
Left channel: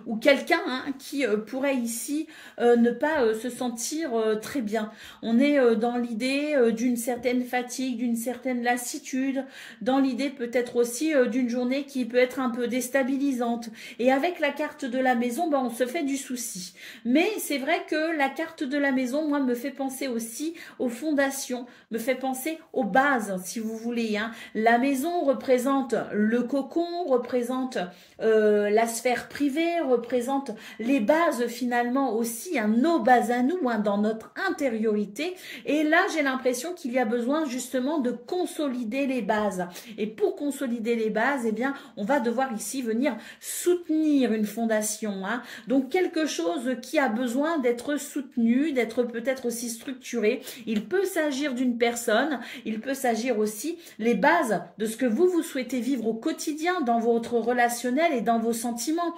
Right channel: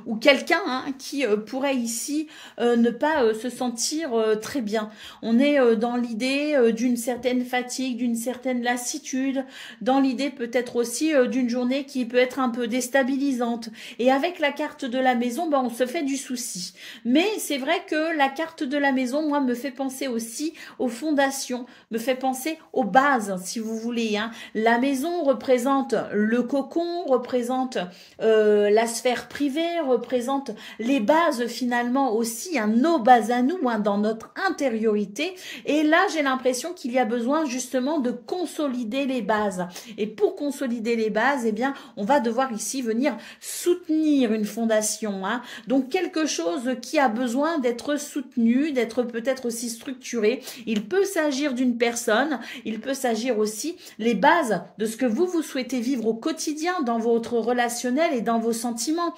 ou quelqu'un qui pourrait ici ne pas se sentir très bien. On est dans l'idée d'une certaine fatigue, d'une certaine lassitude, dans l'idée peut-être aussi d'une journée qui peut être un peu déstabilisante. Et avec la carte de la maison, ben, on se fait du souci. Mais c'est vrai que la carte de la maison, moi, me fait penser aussi aux fondations, me fait penser aux bases, si vous voulez. La maison représente le cocon, représente la sphère privée, représente les bases finalement aussi, nos bases à nous, dans notre intériorité. Et là, j'ai l'impression qu'il y a besoin justement de consolider les bases. Et pour consolider les bases, eh bien, on va devoir ici venir soutenir une fondation. Donc, quelque chose qui a besoin d'être soutenu, d'être peut-être aussi structuré. Il peut s'agir d'une personne, il peut s'agir aussi les bases de ce que vous souhaitez vivre au quotidien dans votre relationnel et dans vos sentiments.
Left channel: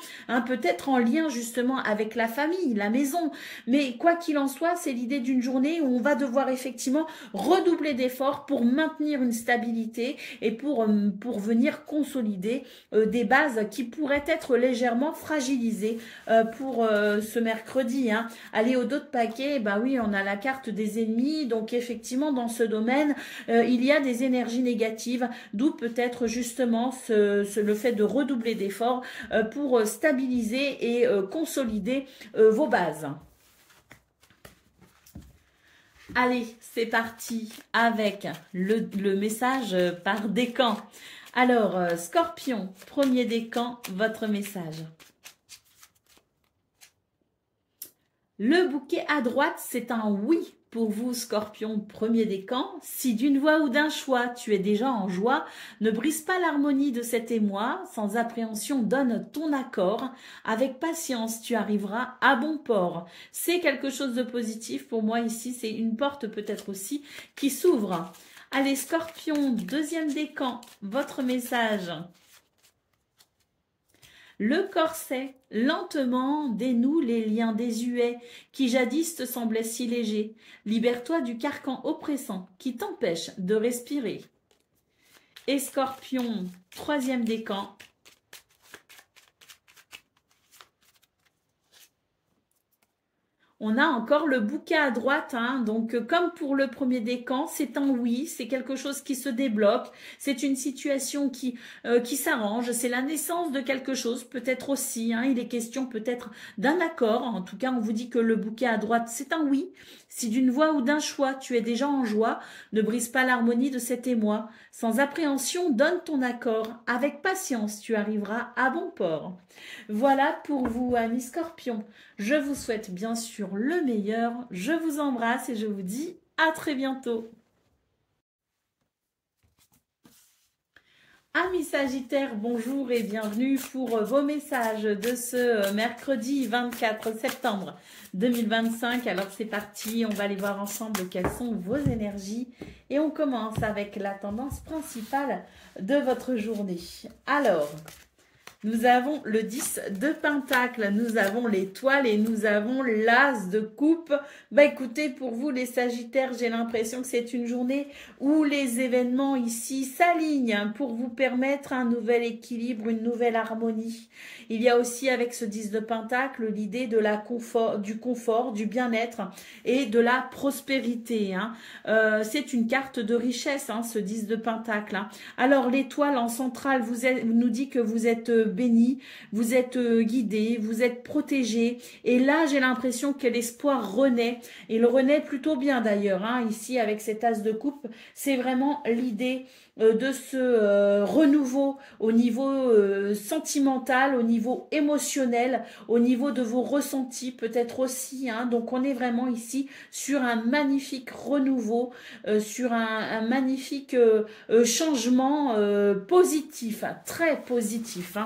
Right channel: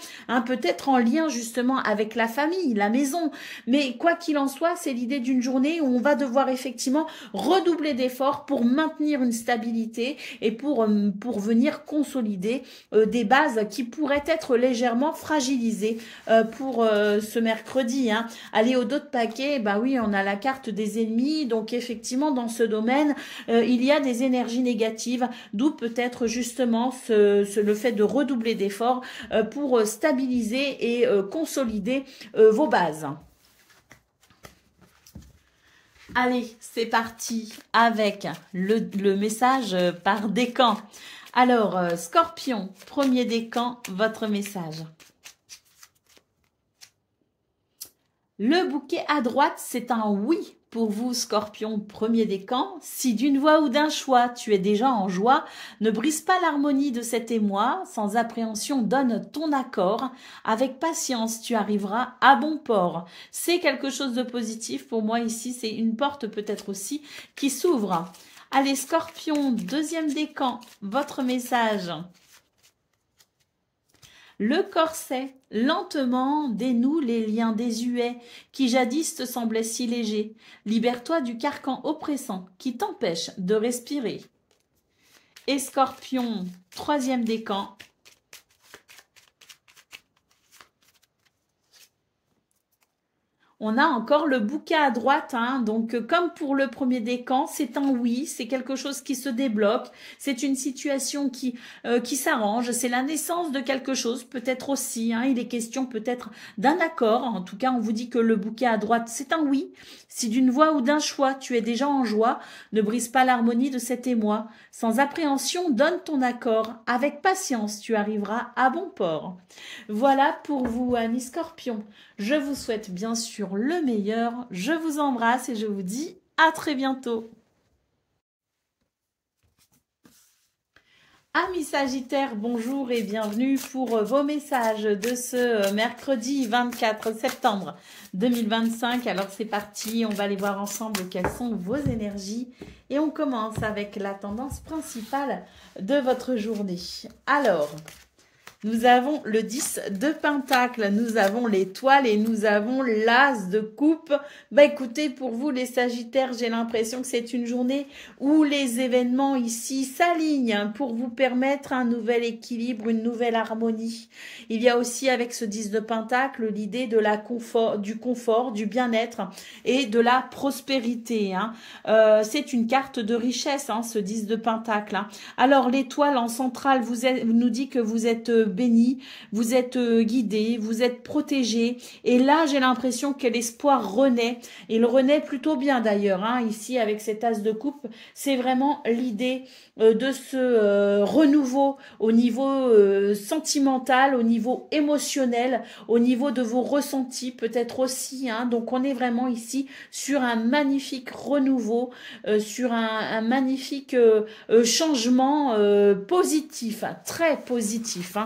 Peut-être en lien justement avec la famille, la maison. Mais quoi qu'il en soit, c'est l'idée d'une journée où on va devoir effectivement redoubler d'efforts pour maintenir une stabilité et pour venir consolider des bases qui pourraient être légèrement fragilisées pour ce mercredi. Allez, au dos de paquet, bah oui, on a la carte des ennemis, donc effectivement dans ce domaine, il y a des énergies négatives, d'où peut-être justement le fait de redoubler d'efforts pour stabiliser et consolider vos bases. Allez, c'est parti avec le message par décan. Alors, Scorpion, premier décan, votre message. Le bouquet à droite, c'est un oui pour vous, Scorpion, premier décan. Si d'une voix ou d'un choix, tu es déjà en joie, ne brise pas l'harmonie de cet émoi. Sans appréhension, donne ton accord. Avec patience, tu arriveras à bon port. C'est quelque chose de positif. Pour moi, ici, c'est une porte peut-être aussi qui s'ouvre. Allez, Scorpion, deuxième décan, votre message. Le corset, lentement, dénoue les liens désuets qui jadis te semblaient si légers. Libère-toi du carcan oppressant qui t'empêche de respirer. Et Scorpion, troisième décan. On a encore le bouquet à droite, donc comme pour le premier décan, c'est un oui, c'est quelque chose qui se débloque, c'est une situation qui s'arrange, c'est la naissance de quelque chose, peut-être aussi, il est question peut-être d'un accord, en tout cas on vous dit que le bouquet à droite c'est un oui, si d'une voix ou d'un choix tu es déjà en joie, ne brise pas l'harmonie de cet émoi, sans appréhension donne ton accord, avec patience tu arriveras à bon port. Voilà pour vous amis Scorpions. Je vous souhaite bien sûr le meilleur, je vous embrasse et je vous dis à très bientôt. Amis Sagittaires, bonjour et bienvenue pour vos messages de ce mercredi 24 septembre 2025. Alors c'est parti, on va aller voir ensemble quelles sont vos énergies et on commence avec la tendance principale de votre journée. Alors, nous avons le 10 de Pentacle, nous avons l'étoile et nous avons l'As de coupe. Bah écoutez, pour vous les Sagittaires, j'ai l'impression que c'est une journée où les événements ici s'alignent pour vous permettre un nouvel équilibre, une nouvelle harmonie. Il y a aussi avec ce 10 de Pentacle l'idée de du confort, du bien-être et de la prospérité. C'est une carte de richesse, ce 10 de Pentacle. Alors l'étoile en centrale nous dit que vous êtes béni, vous êtes guidé, vous êtes protégé. Et là, j'ai l'impression que l'espoir renaît. Il renaît plutôt bien d'ailleurs. Ici, avec cet as de coupe, c'est vraiment l'idée de ce renouveau au niveau sentimental, au niveau émotionnel, au niveau de vos ressentis peut-être aussi. Donc, on est vraiment ici sur un magnifique renouveau, sur un magnifique changement positif, très positif.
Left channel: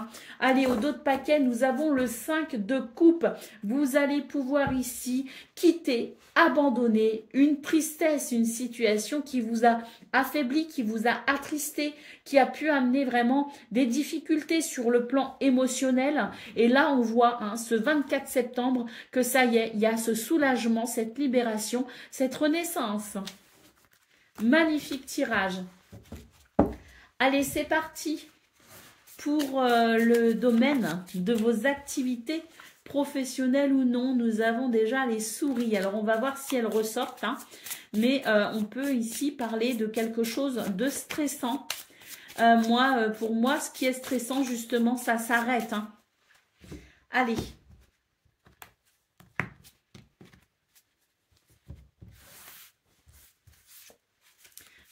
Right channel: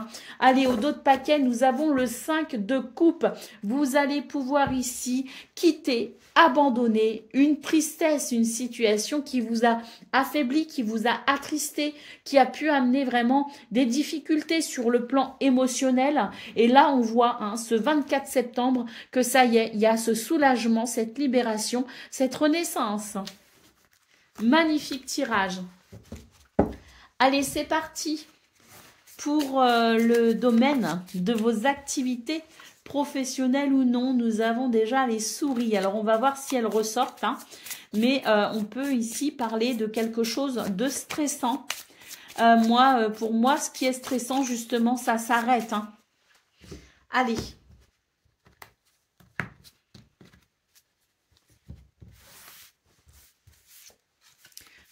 Allez, au dos de paquet, nous avons le 5 de coupe. Vous allez pouvoir ici quitter, abandonner une tristesse, une situation qui vous a affaibli, qui vous a attristé, qui a pu amener vraiment des difficultés sur le plan émotionnel. Et là, on voit hein, ce 24 septembre que ça y est, il y a ce soulagement, cette libération, cette renaissance. Magnifique tirage. Allez, c'est parti pour le domaine de vos activités professionnelles ou non. Nous avons déjà les souris. Alors, on va voir si elles ressortent. Hein. Mais on peut ici parler de quelque chose de stressant. Pour moi, ce qui est stressant, justement, ça s'arrête. Hein. Allez.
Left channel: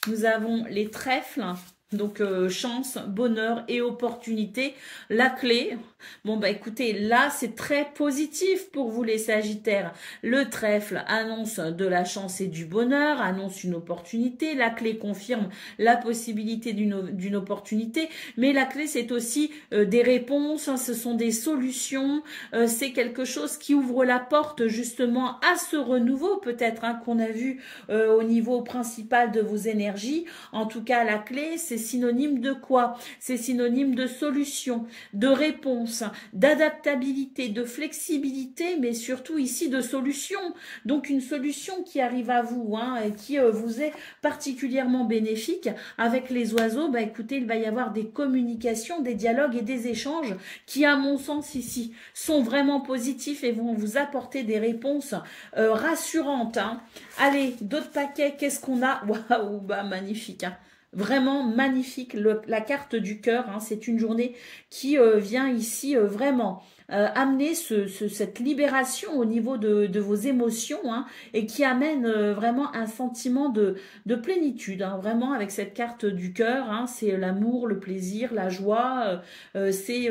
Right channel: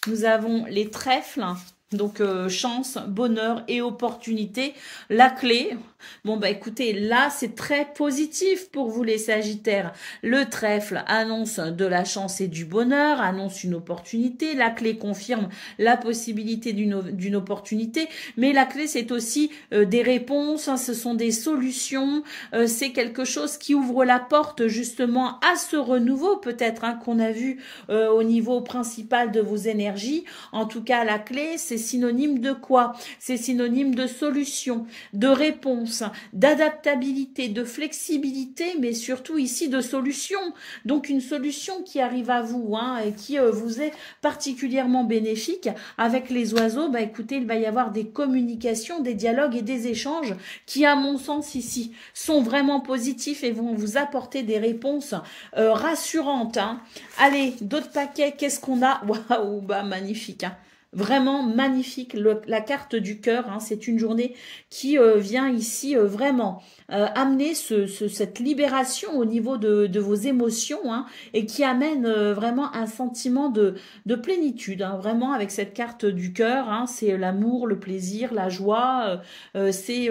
Nous avons les trèfles, donc chance, bonheur et opportunité. La clé, bon bah écoutez, là c'est très positif pour vous les Sagittaires. Le trèfle annonce de la chance et du bonheur, annonce une opportunité. La clé confirme la possibilité d'une opportunité. Mais la clé c'est aussi des réponses, hein, ce sont des solutions. C'est quelque chose qui ouvre la porte justement à ce renouveau peut-être hein, qu'on a vu au niveau principal de vos énergies. En tout cas la clé c'est synonyme de quoi? C'est synonyme de solution, de réponse, d'adaptabilité, de flexibilité, mais surtout ici de solution. Donc une solution qui arrive à vous hein, et qui vous est particulièrement bénéfique. Avec les oiseaux, bah, écoutez, il va y avoir des communications, des dialogues et des échanges qui, à mon sens ici, sont vraiment positifs et vont vous apporter des réponses rassurantes. Hein. Allez, d'autres paquets, qu'est-ce qu'on a? Waouh, bah magnifique. Hein. Vraiment magnifique, la carte du cœur, hein, c'est une journée qui vient ici vraiment amener cette libération au niveau de vos émotions hein, et qui amène vraiment un sentiment de plénitude, hein, vraiment avec cette carte du cœur, hein, c'est l'amour, le plaisir, la joie, c'est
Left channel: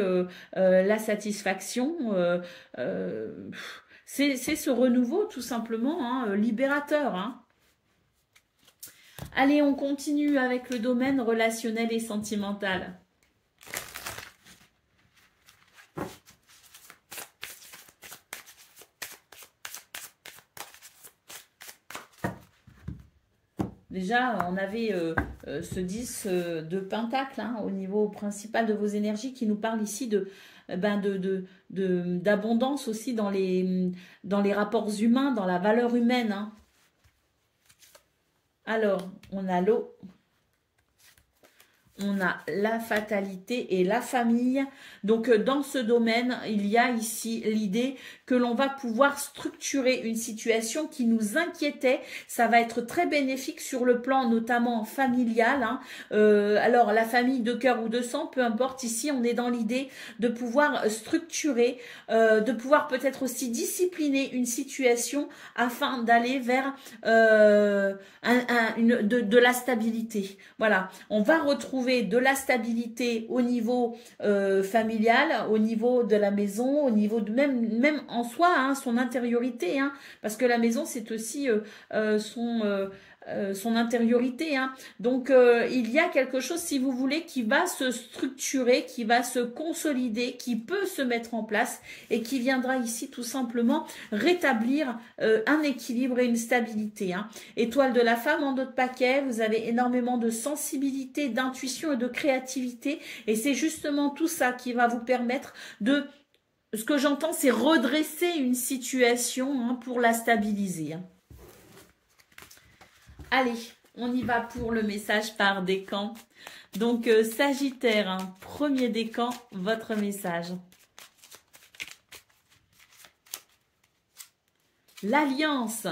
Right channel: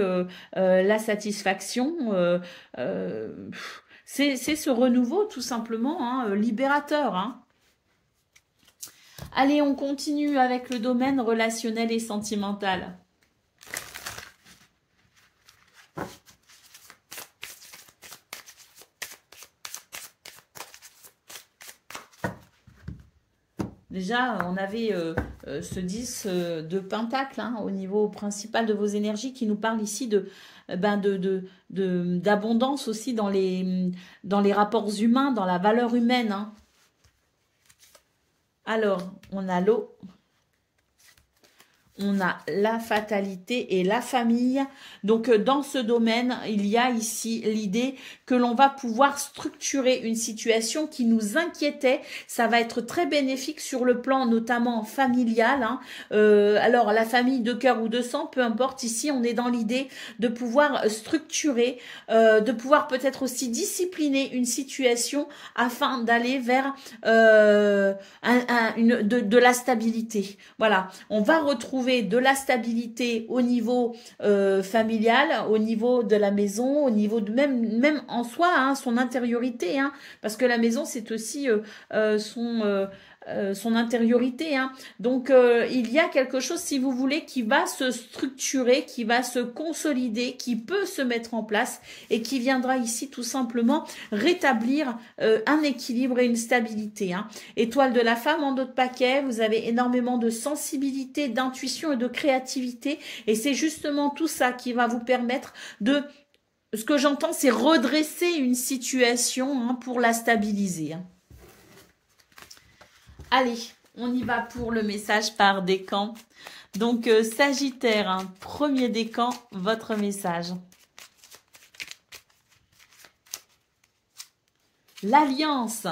la satisfaction, c'est ce renouveau tout simplement hein, libérateur, hein. Allez, on continue avec le domaine relationnel et sentimental. Déjà, on avait ce 10 de pentacle hein, au niveau principal de vos énergies qui nous parle ici d'abondance aussi dans les rapports humains, dans la valeur humaine. Hein. Alors, on a l'eau, on a la fatalité et la famille. Donc, dans ce domaine, il y a ici l'idée que l'on va pouvoir structurer une situation qui nous inquiétait. Ça va être très bénéfique sur le plan notamment familial. Hein. Alors, la famille de cœur ou de sang, peu importe. Ici, on est dans l'idée de pouvoir structurer, de pouvoir peut-être aussi discipliner une situation afin d'aller vers de la stabilité. Voilà, on va retrouver de la stabilité au niveau familial, au niveau de la maison, au niveau de même en soi, hein, son intériorité, hein, parce que la maison c'est aussi son intériorité. Hein. Donc, il y a quelque chose, si vous voulez, qui va se structurer, qui va se consolider, qui peut se mettre en place et qui viendra ici tout simplement rétablir un équilibre et une stabilité. Hein. Étoile de la femme en d'autres paquets, vous avez énormément de sensibilité, d'intuition et de créativité et c'est justement tout ça qui va vous permettre de... Ce que j'entends, c'est redresser une situation hein, pour la stabiliser. Hein. Allez, on y va pour le message par décan. Donc, Sagittaire, hein, premier décan, votre message. L'alliance,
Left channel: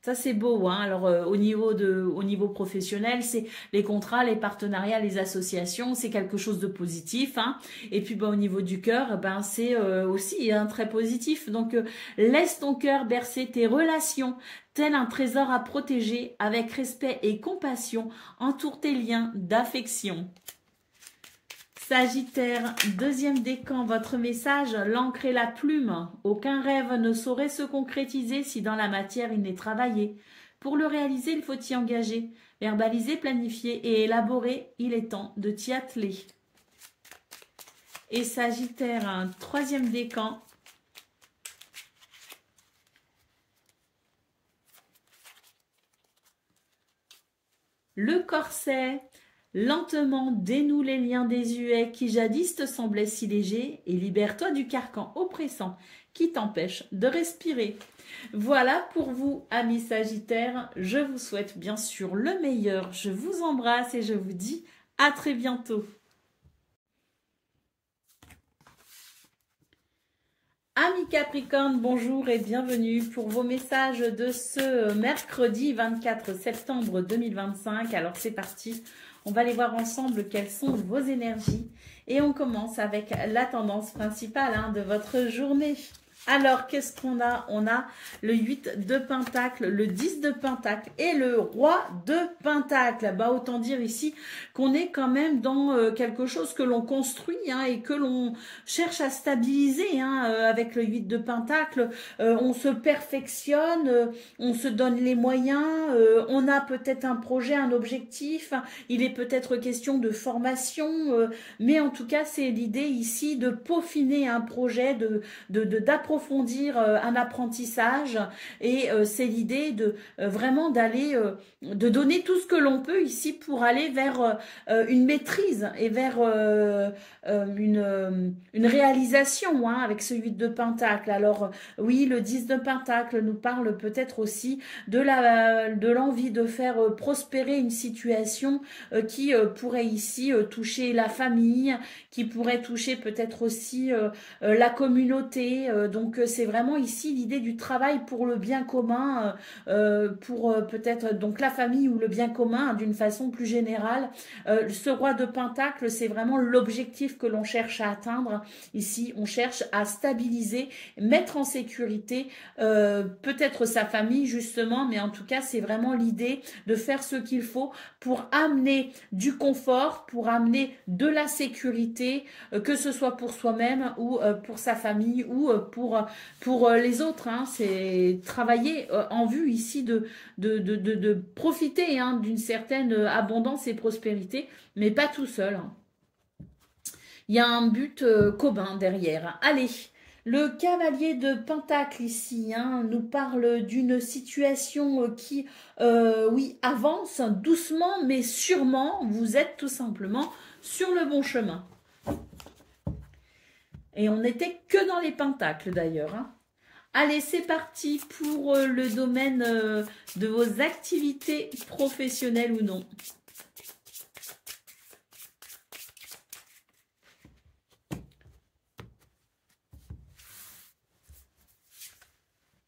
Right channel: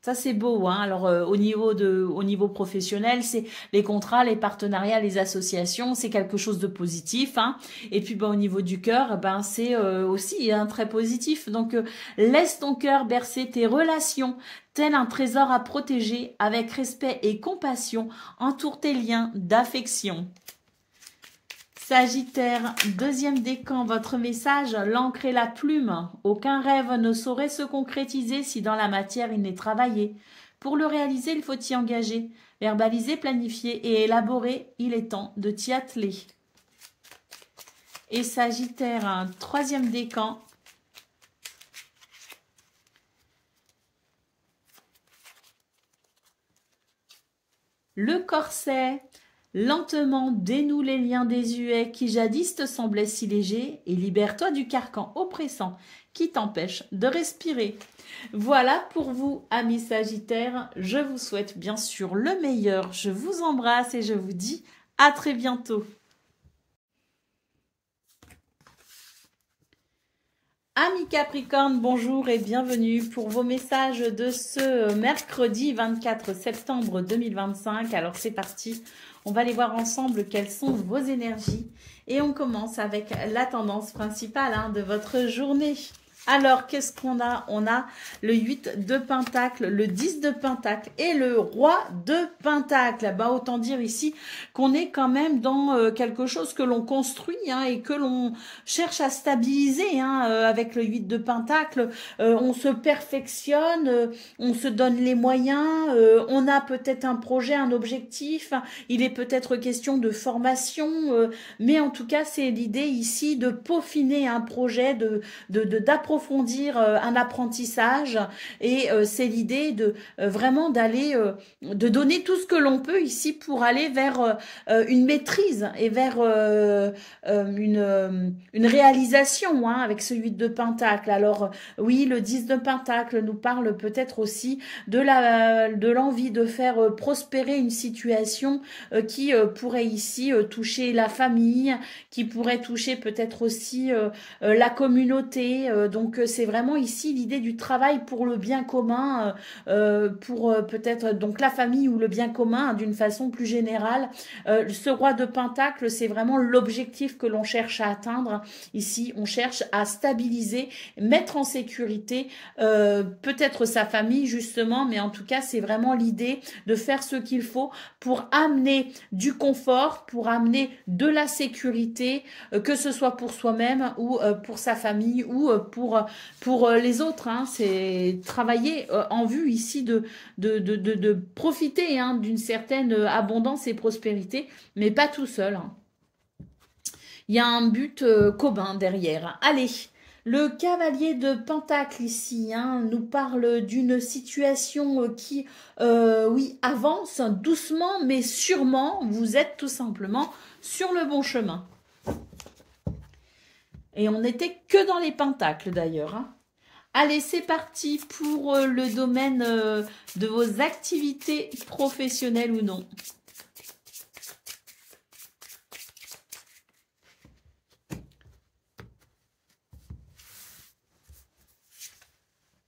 ça c'est beau. Hein. Alors, au niveau professionnel, c'est les contrats, les partenariats, les associations, c'est quelque chose de positif. Hein. Et puis, au niveau du cœur, c'est aussi hein, très positif. Donc, laisse ton cœur bercer tes relations. Tel un trésor à protéger, avec respect et compassion, entoure tes liens d'affection. Sagittaire, deuxième décan, votre message, l'encre et la plume. Aucun rêve ne saurait se concrétiser si dans la matière il n'est travaillé. Pour le réaliser, il faut y engager. Verbaliser, planifier et élaborer, il est temps de t'y atteler. Et Sagittaire, un troisième décan. Le corset, Lentement, dénoue les liens désuets qui jadis te semblaient si légers et libère-toi du carcan oppressant qui t'empêche de respirer. Voilà pour vous, amis Sagittaires. Je vous souhaite bien sûr le meilleur. Je vous embrasse et je vous dis à très bientôt. Amis Capricorne, bonjour et bienvenue pour vos messages de ce mercredi 24 septembre 2025. Alors c'est parti, on va aller voir ensemble quelles sont vos énergies. Et on commence avec la tendance principale de votre journée. Alors, qu'est-ce qu'on a? On a le 8 de Pentacle, le 10 de Pentacle et le Roi de Pentacle. Bah, autant dire ici qu'on est quand même dans quelque chose que l'on construit et que l'on cherche à stabiliser avec le 8 de Pentacle. On se perfectionne, on se donne les moyens, on a peut-être un projet, un objectif. Il est peut-être question de formation, mais en tout cas, c'est l'idée ici de peaufiner un projet, d'approfondir un apprentissage et c'est l'idée de vraiment d'aller, de donner tout ce que l'on peut ici pour aller vers une maîtrise et vers une réalisation avec ce 8 de Pentacle. Alors oui, le 10 de Pentacle nous parle peut-être aussi de l'envie de faire prospérer une situation qui pourrait ici toucher la famille, qui pourrait toucher peut-être aussi la communauté. Donc c'est vraiment ici l'idée du travail pour le bien commun, pour peut-être donc la famille ou le bien commun d'une façon plus générale. Ce Roi de Pentacle, c'est vraiment l'objectif que l'on cherche à atteindre. Ici, on cherche à stabiliser, mettre en sécurité peut-être sa famille justement, mais en tout cas, c'est vraiment l'idée de faire ce qu'il faut pour amener du confort, pour amener de la sécurité, que ce soit pour soi-même ou pour sa famille ou pour les autres. C'est travailler en vue ici de profiter d'une certaine abondance et prospérité, mais pas tout seul. Il y a un but commun derrière. Allez, le cavalier de Pentacle ici nous parle d'une situation qui, oui, avance doucement mais sûrement. Vous êtes tout simplement sur le bon chemin. Et on n'était que dans les pentacles d'ailleurs. Allez, c'est parti pour le domaine de vos activités professionnelles ou non.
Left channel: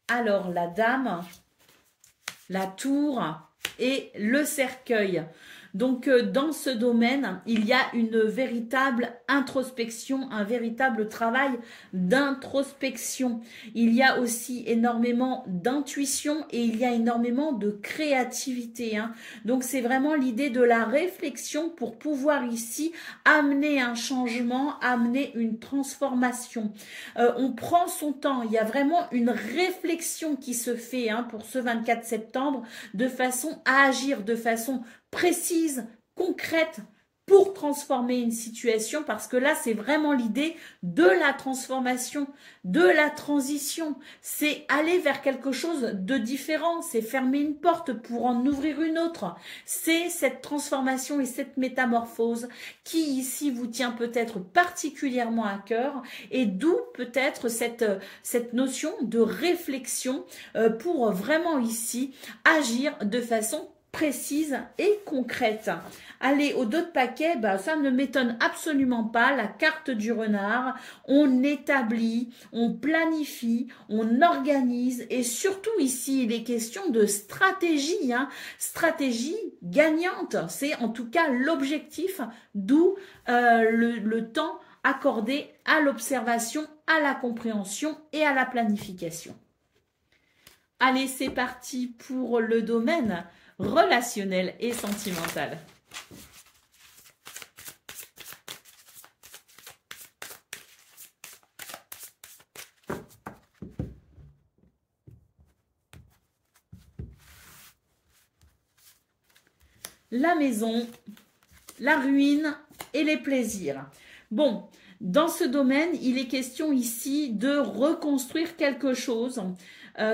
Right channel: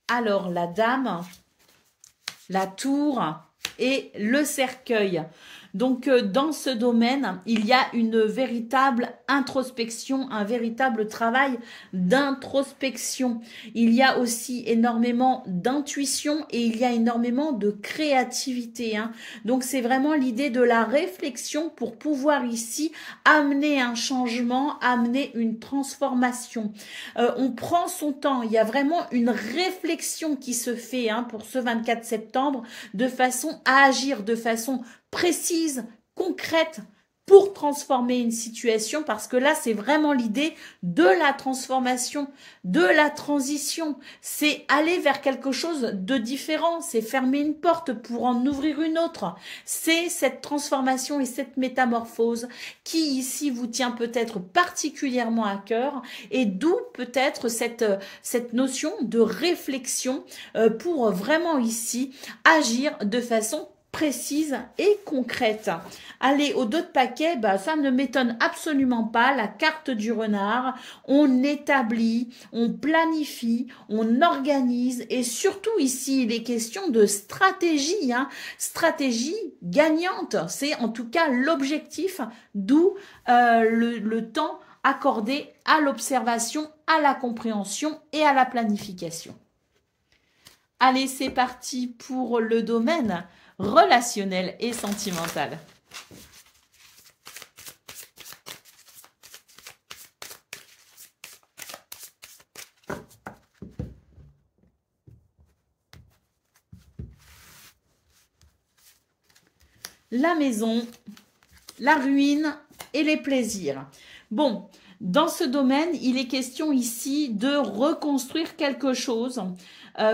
Alors, la dame, la tour et le cercueil. Donc, dans ce domaine, il y a une véritable introspection, un véritable travail d'introspection. Il y a aussi énormément d'intuition et il y a énormément de créativité. Donc, c'est vraiment l'idée de la réflexion pour pouvoir ici amener un changement, amener une transformation. On prend son temps. Il y a vraiment une réflexion qui se fait pour ce 24 septembre de façon à agir, de façon précise, concrète pour transformer une situation, parce que là, c'est vraiment l'idée de la transformation, de la transition. C'est aller vers quelque chose de différent, c'est fermer une porte pour en ouvrir une autre. C'est cette transformation et cette métamorphose qui, ici, vous tient peut-être particulièrement à cœur, et d'où peut-être cette notion de réflexion pour vraiment, ici, agir de façon précise et concrète. Allez, au dos de paquet, ça ne m'étonne absolument pas. La carte du renard, on établit, on planifie, on organise et surtout ici, il est question de stratégie, stratégie gagnante. C'est en tout cas l'objectif, d'où le temps accordé à l'observation, à la compréhension et à la planification. Allez, c'est parti pour le domaine relationnel et sentimental. La maison, la ruine et les plaisirs. Bon, dans ce domaine, il est question ici de reconstruire quelque chose.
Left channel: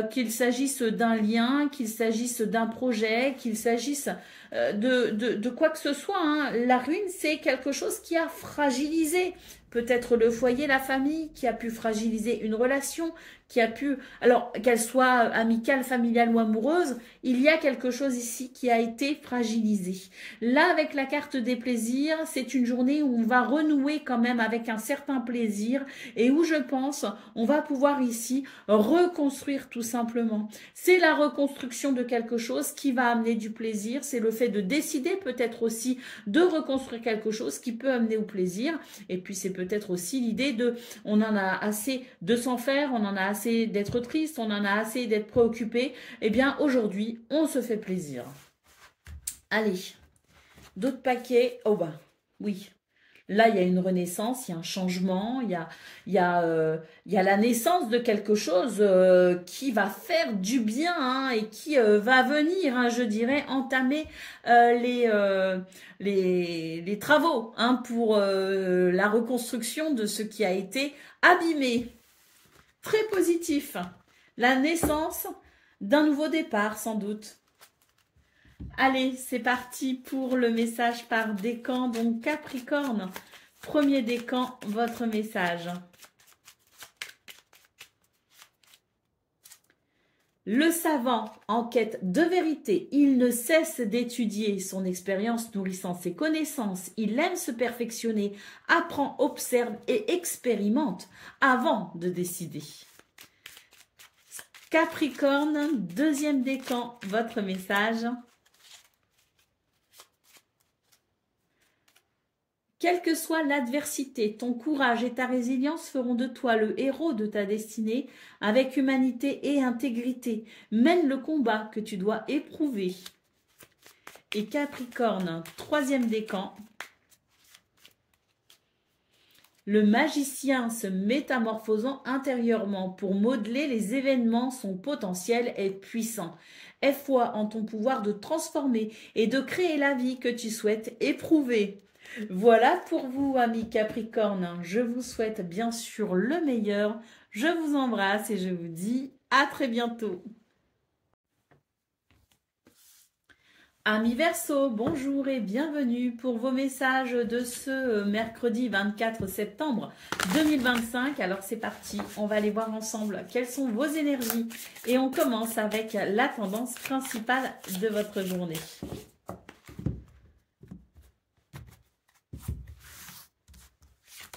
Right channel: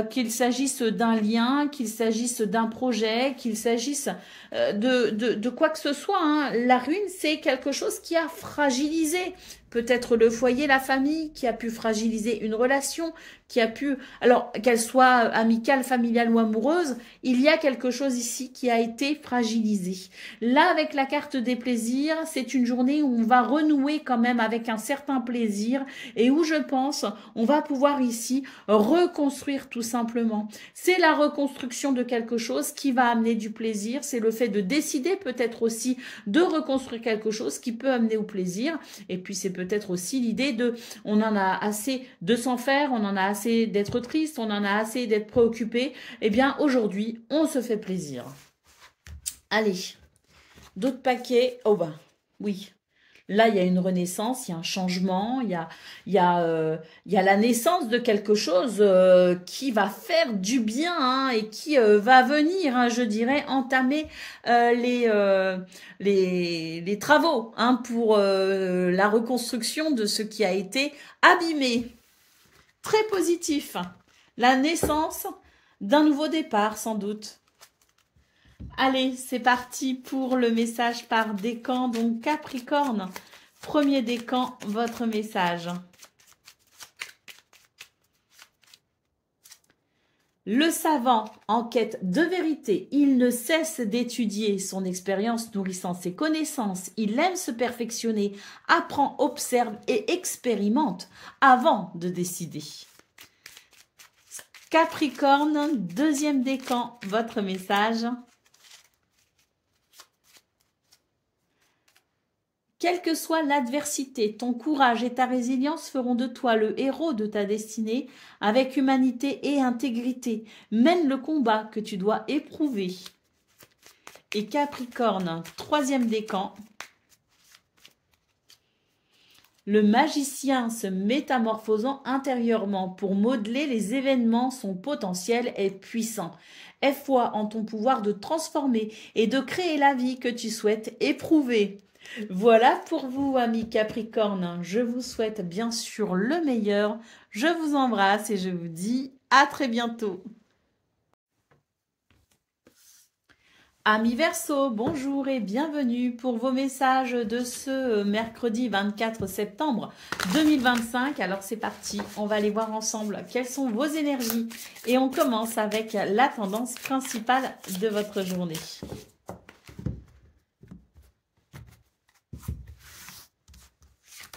Qu'il s'agisse d'un lien, qu'il s'agisse d'un projet, qu'il s'agisse de quoi que ce soit, hein. La ruine, c'est quelque chose qui a fragilisé peut-être le foyer, la famille, qui a pu fragiliser une relation, qui a pu, alors qu'elle soit amicale, familiale ou amoureuse, il y a quelque chose ici qui a été fragilisé. Là, avec la carte des plaisirs, c'est une journée où on va renouer quand même avec un certain plaisir et où je pense on va pouvoir ici reconstruire tout simplement. C'est la reconstruction de quelque chose qui va amener du plaisir, c'est le fait de décider peut-être aussi de reconstruire quelque chose qui peut amener au plaisir et puis c'est peut-être aussi l'idée de on en a assez de s'en faire, on en a assez d'être triste, on en a assez d'être préoccupé. Eh bien, aujourd'hui, on se fait plaisir. Allez, d'autres paquets. Oh ben, oui. Là, il y a une renaissance, il y a un changement, il y a la naissance de quelque chose qui va faire du bien hein, et qui va venir, hein, je dirais, entamer les travaux hein, pour la reconstruction de ce qui a été abîmé. Très positif. La naissance d'un nouveau départ, sans doute. Allez, c'est parti pour le message par décan. Donc, Capricorne, premier décan, votre message. Le savant en quête de vérité, il ne cesse d'étudier son expérience nourrissant ses connaissances. Il aime se perfectionner, apprend, observe et expérimente avant de décider. Capricorne, deuxième décan, votre message. Quelle que soit l'adversité, ton courage et ta résilience feront de toi le héros de ta destinée avec humanité et intégrité. Mène le combat que tu dois éprouver. Et Capricorne, troisième décan. Le magicien se métamorphosant intérieurement pour modeler les événements, son potentiel est puissant. Aie foi en ton pouvoir de transformer et de créer la vie que tu souhaites éprouver. Voilà pour vous, amis Capricorne. Je vous souhaite bien sûr le meilleur. Je vous embrasse et je vous dis à très bientôt. Amis Verseau, bonjour et bienvenue pour vos messages de ce mercredi 24 septembre 2025. Alors c'est parti, on va aller voir ensemble quelles sont vos énergies. Et on commence avec la tendance principale de votre journée.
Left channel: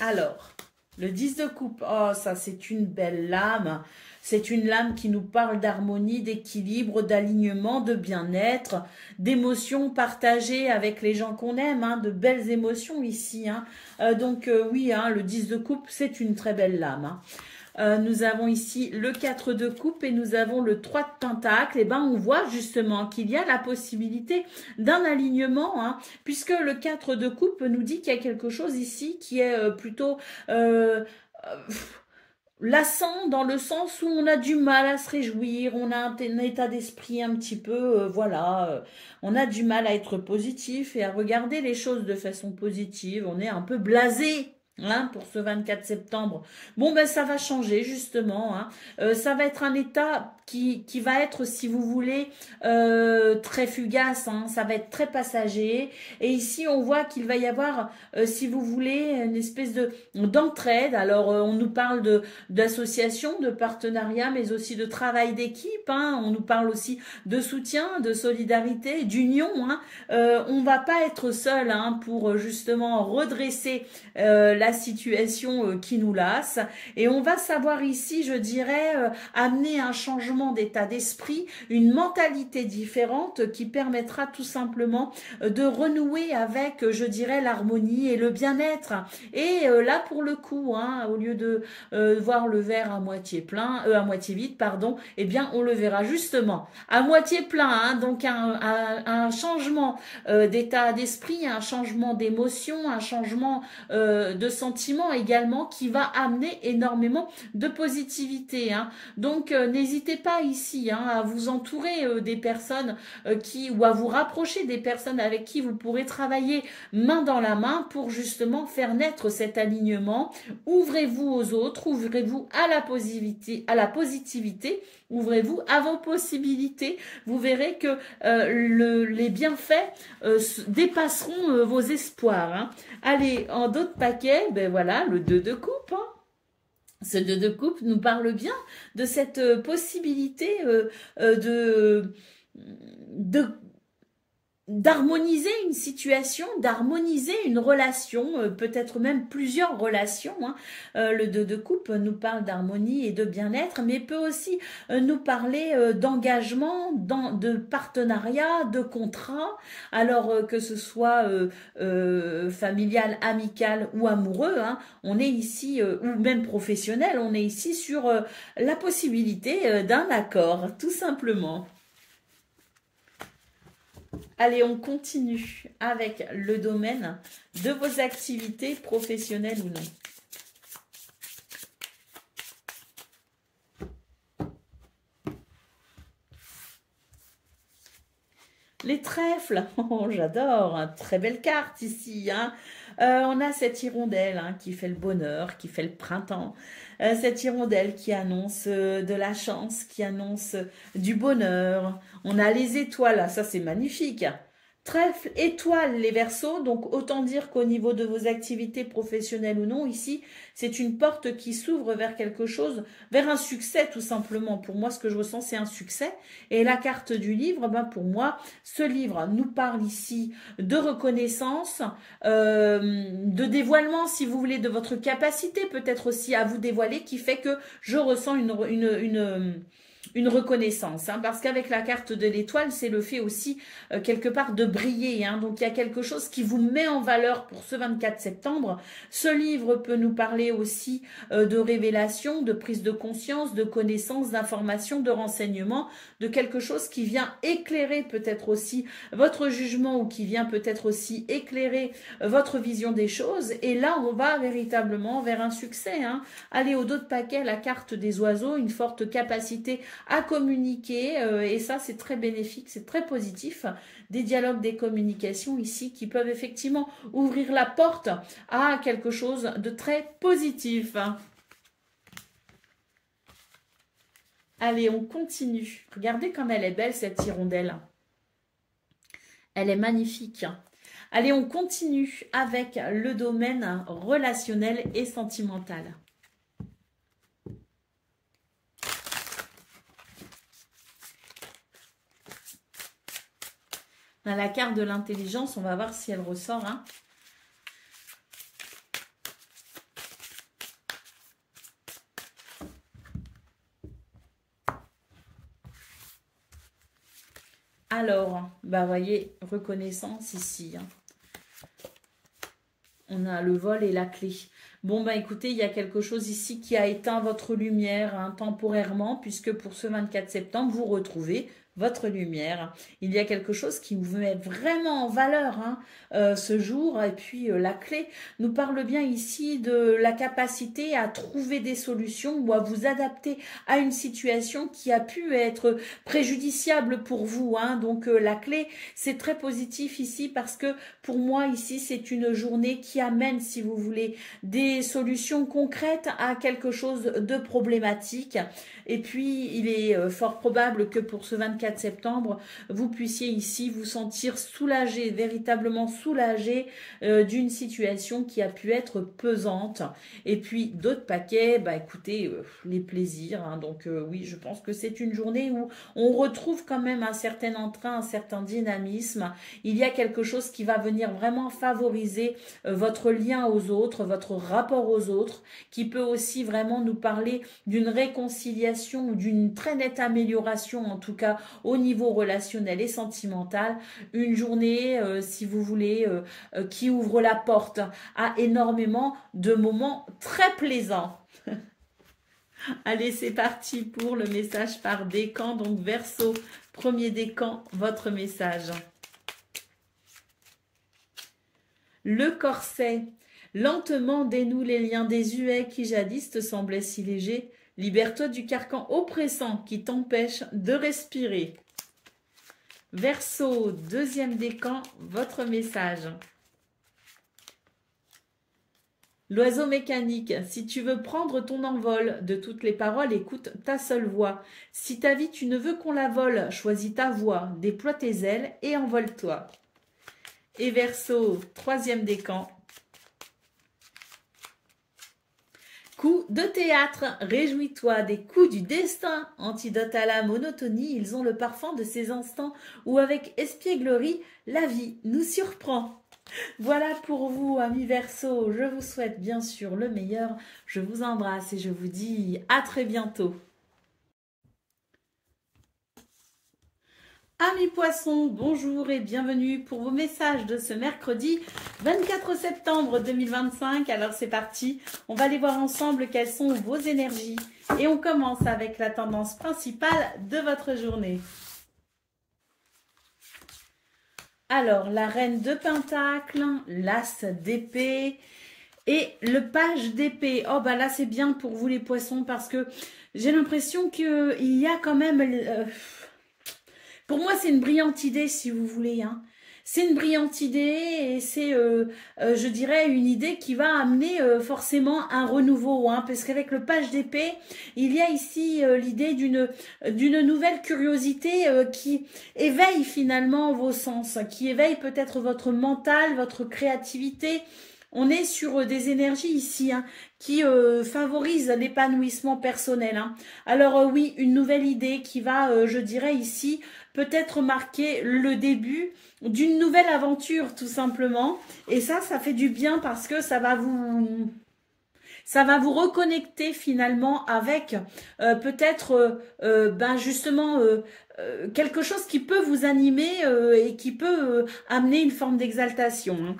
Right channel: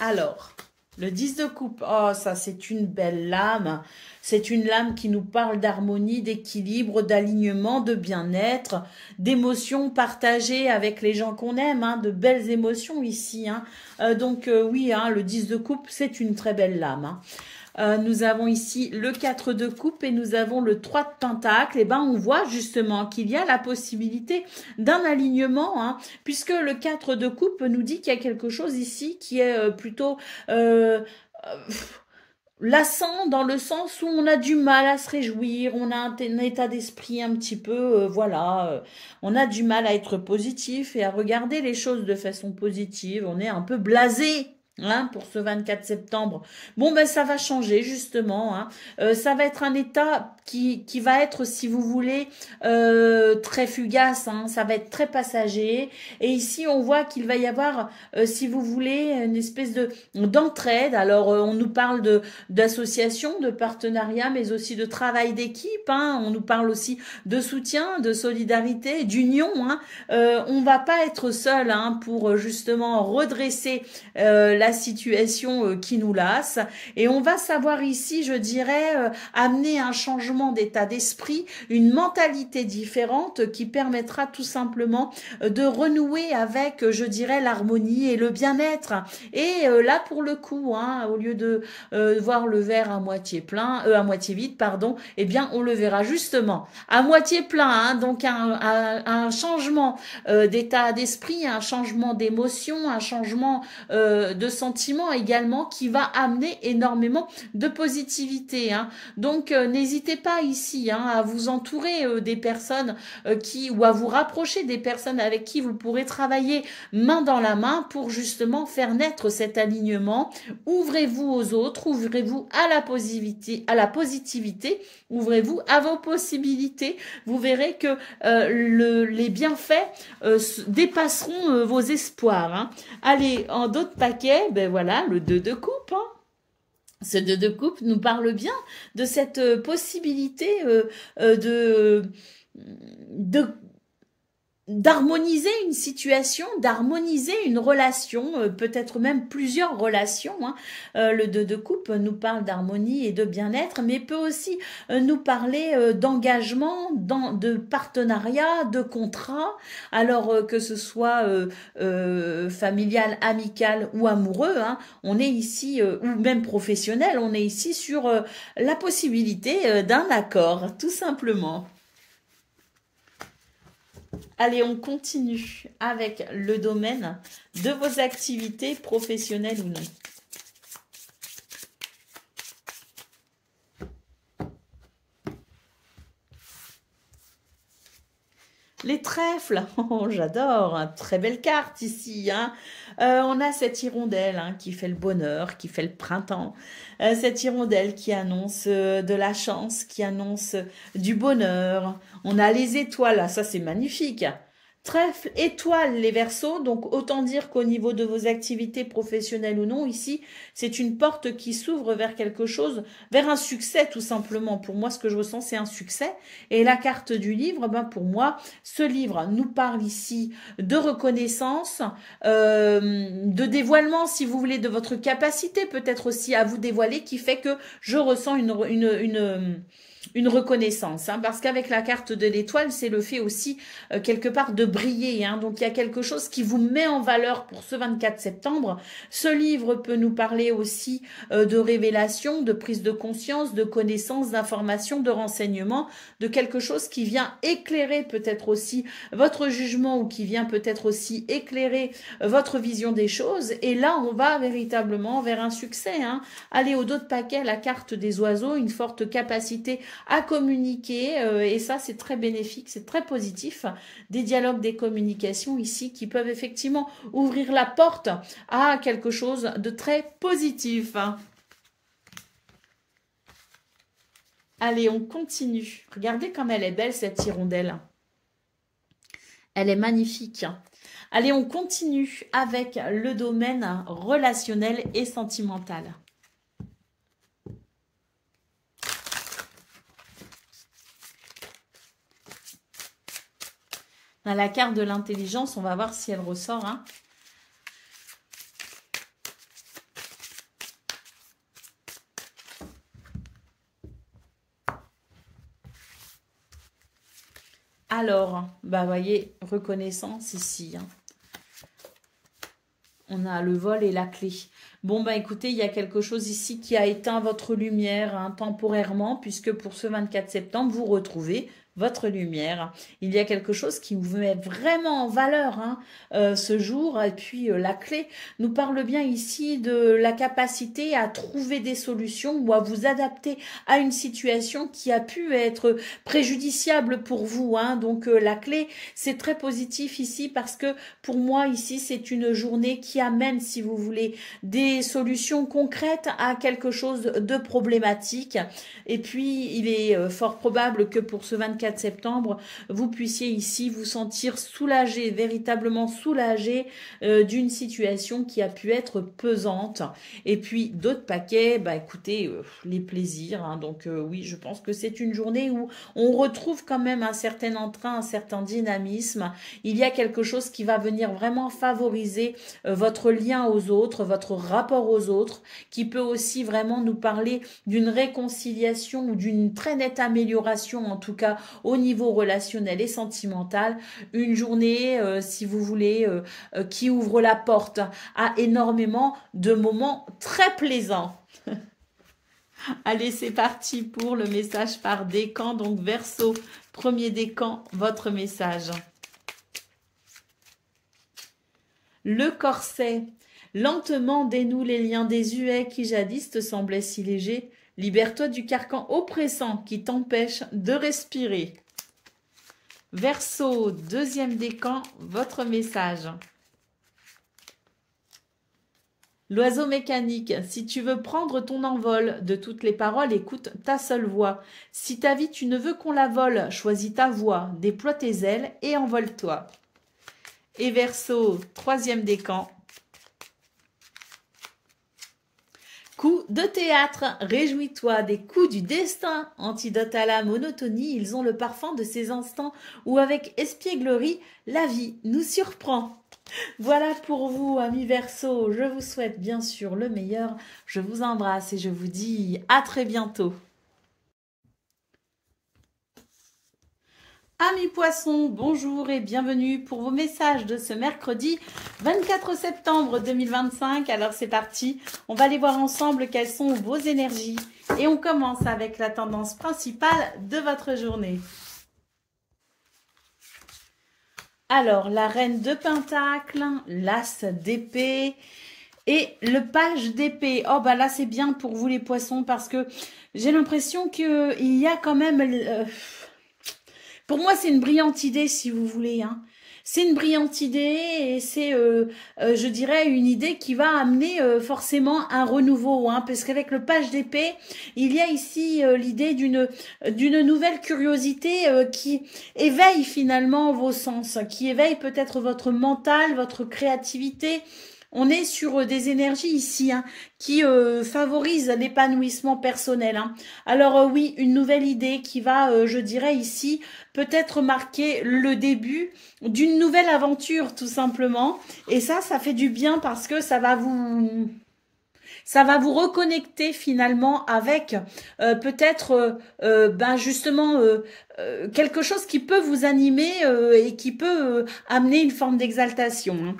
Alors, le 10 de coupe, oh ça c'est une belle lame. C'est une lame qui nous parle d'harmonie, d'équilibre, d'alignement, de bien-être, d'émotions partagées avec les gens qu'on aime, hein, de belles émotions ici. Hein. Oui, hein, le 10 de coupe, c'est une très belle lame. Hein. Nous avons ici le 4 de coupe et nous avons le 3 de pentacle. Et ben on voit justement qu'il y a la possibilité d'un alignement, hein, puisque le 4 de coupe nous dit qu'il y a quelque chose ici qui est plutôt lassant dans le sens où on a du mal à se réjouir, on a un état d'esprit un petit peu, on a du mal à être positif et à regarder les choses de façon positive, on est un peu blasé. Hein, pour ce 24 septembre. Bon, ben ça va changer justement. Hein. Ça va être un état qui va être, si vous voulez, très fugace. Hein. Ça va être très passager. Et ici, on voit qu'il va y avoir, si vous voulez, une espèce d'entraide. Alors, on nous parle d'association, de partenariat, mais aussi de travail d'équipe. Hein. On nous parle aussi de soutien, de solidarité, d'union. Hein. On va pas être seul hein, pour justement redresser la situation qui nous lasse et on va savoir ici, je dirais, amener un changement d'état d'esprit, une mentalité différente qui permettra tout simplement de renouer avec, je dirais, l'harmonie et le bien-être. Et là, pour le coup, hein, au lieu de voir le verre à moitié plein, à moitié vide, pardon, eh bien, on le verra justement à moitié plein. Hein, donc, un changement d'état d'esprit, un changement d'émotion, un changement de sentiment également qui va amener énormément de positivité, hein. Donc, n'hésitez pas ici, hein, à vous entourer des personnes ou à vous rapprocher des personnes avec qui vous pourrez travailler main dans la main pour justement faire naître cet alignement. Ouvrez-vous aux autres, ouvrez-vous à la positivité, ouvrez-vous à vos possibilités. Vous verrez que les bienfaits dépasseront vos espoirs, hein. Allez, en d'autres paquets, ben voilà, le 2 de coupe, hein. Ce 2 de coupe nous parle bien de cette possibilité d'harmoniser une situation, d'harmoniser une relation, peut-être même plusieurs relations, hein. Le 2 de coupe nous parle d'harmonie et de bien-être, mais peut aussi nous parler d'engagement, de partenariat, de contrat, alors que ce soit familial, amical ou amoureux, hein. On est ici, ou même professionnel, on est ici sur la possibilité d'un accord, tout simplement. Allez, on continue avec le domaine de vos activités professionnelles ou non. Les trèfles, oh, j'adore, très belle carte ici, hein. On a cette hirondelle, hein, qui fait le bonheur, qui fait le printemps. Cette hirondelle qui annonce de la chance, qui annonce du bonheur. On a les étoiles, ça c'est magnifique. Trèfle, étoile, les Verseaux, donc autant dire qu'au niveau de vos activités professionnelles ou non, ici, c'est une porte qui s'ouvre vers quelque chose, vers un succès tout simplement. Pour moi, ce que je ressens, c'est un succès. Et la carte du livre, ben pour moi, ce livre nous parle ici de reconnaissance, de dévoilement, si vous voulez, de votre capacité peut-être aussi à vous dévoiler, qui fait que je ressens une reconnaissance, hein, parce qu'avec la carte de l'étoile, c'est le fait aussi quelque part de briller, hein. Donc il y a quelque chose qui vous met en valeur pour ce 24 septembre. Ce livre peut nous parler aussi de révélation, de prise de conscience, de connaissance, d'information, de renseignement, de quelque chose qui vient éclairer peut-être aussi votre jugement ou qui vient peut-être aussi éclairer votre vision des choses. Et là, on va véritablement vers un succès, hein. Allez, au dos de paquet, la carte des oiseaux, une forte capacité à communiquer, et ça c'est très bénéfique, c'est très positif, des dialogues, des communications ici qui peuvent effectivement ouvrir la porte à quelque chose de très positif, hein. Allez, on continue. Regardez comme elle est belle cette hirondelle. Elle est magnifique. Allez, on continue avec le domaine relationnel et sentimental. Dans la carte de l'intelligence, on va voir si elle ressort, hein. Alors, bah voyez, reconnaissance ici, hein. On a le vol et la clé. Bon, bah écoutez, il y a quelque chose ici qui a éteint votre lumière, hein, temporairement, puisque pour ce 24 septembre, vous retrouvez votre lumière. Il y a quelque chose qui vous met vraiment en valeur, hein, ce jour. Et puis la clé nous parle bien ici de la capacité à trouver des solutions ou à vous adapter à une situation qui a pu être préjudiciable pour vous, hein. Donc la clé, c'est très positif ici parce que pour moi ici, c'est une journée qui amène, si vous voulez, des solutions concrètes à quelque chose de problématique. Et puis, il est fort probable que pour ce 24 septembre, vous puissiez ici vous sentir soulagé, véritablement soulagé d'une situation qui a pu être pesante. Et puis, d'autres paquets, bah écoutez, les plaisirs, hein. Donc oui, je pense que c'est une journée où on retrouve quand même un certain entrain, un certain dynamisme. Il y a quelque chose qui va venir vraiment favoriser votre lien aux autres, votre rapport aux autres, qui peut aussi vraiment nous parler d'une réconciliation ou d'une très nette amélioration, en tout cas au niveau relationnel et sentimental. Une journée, si vous voulez, qui ouvre la porte à énormément de moments très plaisants. Allez, c'est parti pour le message par décan. Donc Verseau, premier décan, votre message. Le corset. Lentement dénoue les liens désuets qui jadis te semblaient si légers. Libère-toi du carcan oppressant qui t'empêche de respirer. Verseau, deuxième décan, votre message. L'oiseau mécanique, si tu veux prendre ton envol, de toutes les paroles, écoute ta seule voix. Si ta vie tu ne veux qu'on la vole, choisis ta voix, déploie tes ailes et envole-toi. Et Verseau, troisième décan. Coup de théâtre, réjouis-toi des coups du destin. Antidote à la monotonie, ils ont le parfum de ces instants où avec espièglerie, la vie nous surprend. Voilà pour vous, amis Verseau. Je vous souhaite bien sûr le meilleur. Je vous embrasse et je vous dis à très bientôt. Amis Poissons, bonjour et bienvenue pour vos messages de ce mercredi 24 septembre 2025. Alors c'est parti, on va aller voir ensemble quelles sont vos énergies. Et on commence avec la tendance principale de votre journée. Alors, la reine de Pentacle, l'as d'épée et le page d'épée. Oh, bah là, c'est bien pour vous les poissons parce que j'ai l'impression qu'il y a quand même... pour moi, c'est une brillante idée, si vous voulez, hein. C'est une brillante idée et c'est, je dirais, une idée qui va amener forcément un renouveau, hein, parce qu'avec le page d'épée, il y a ici l'idée d'une nouvelle curiosité qui éveille finalement vos sens, qui éveille peut-être votre mental, votre créativité. On est sur des énergies ici hein, qui favorisent l'épanouissement personnel. Hein. Alors oui, une nouvelle idée qui va, je dirais ici, peut-être marquer le début d'une nouvelle aventure tout simplement. Et ça fait du bien parce que ça va vous reconnecter finalement avec peut-être ben justement quelque chose qui peut vous animer et qui peut amener une forme d'exaltation. Hein.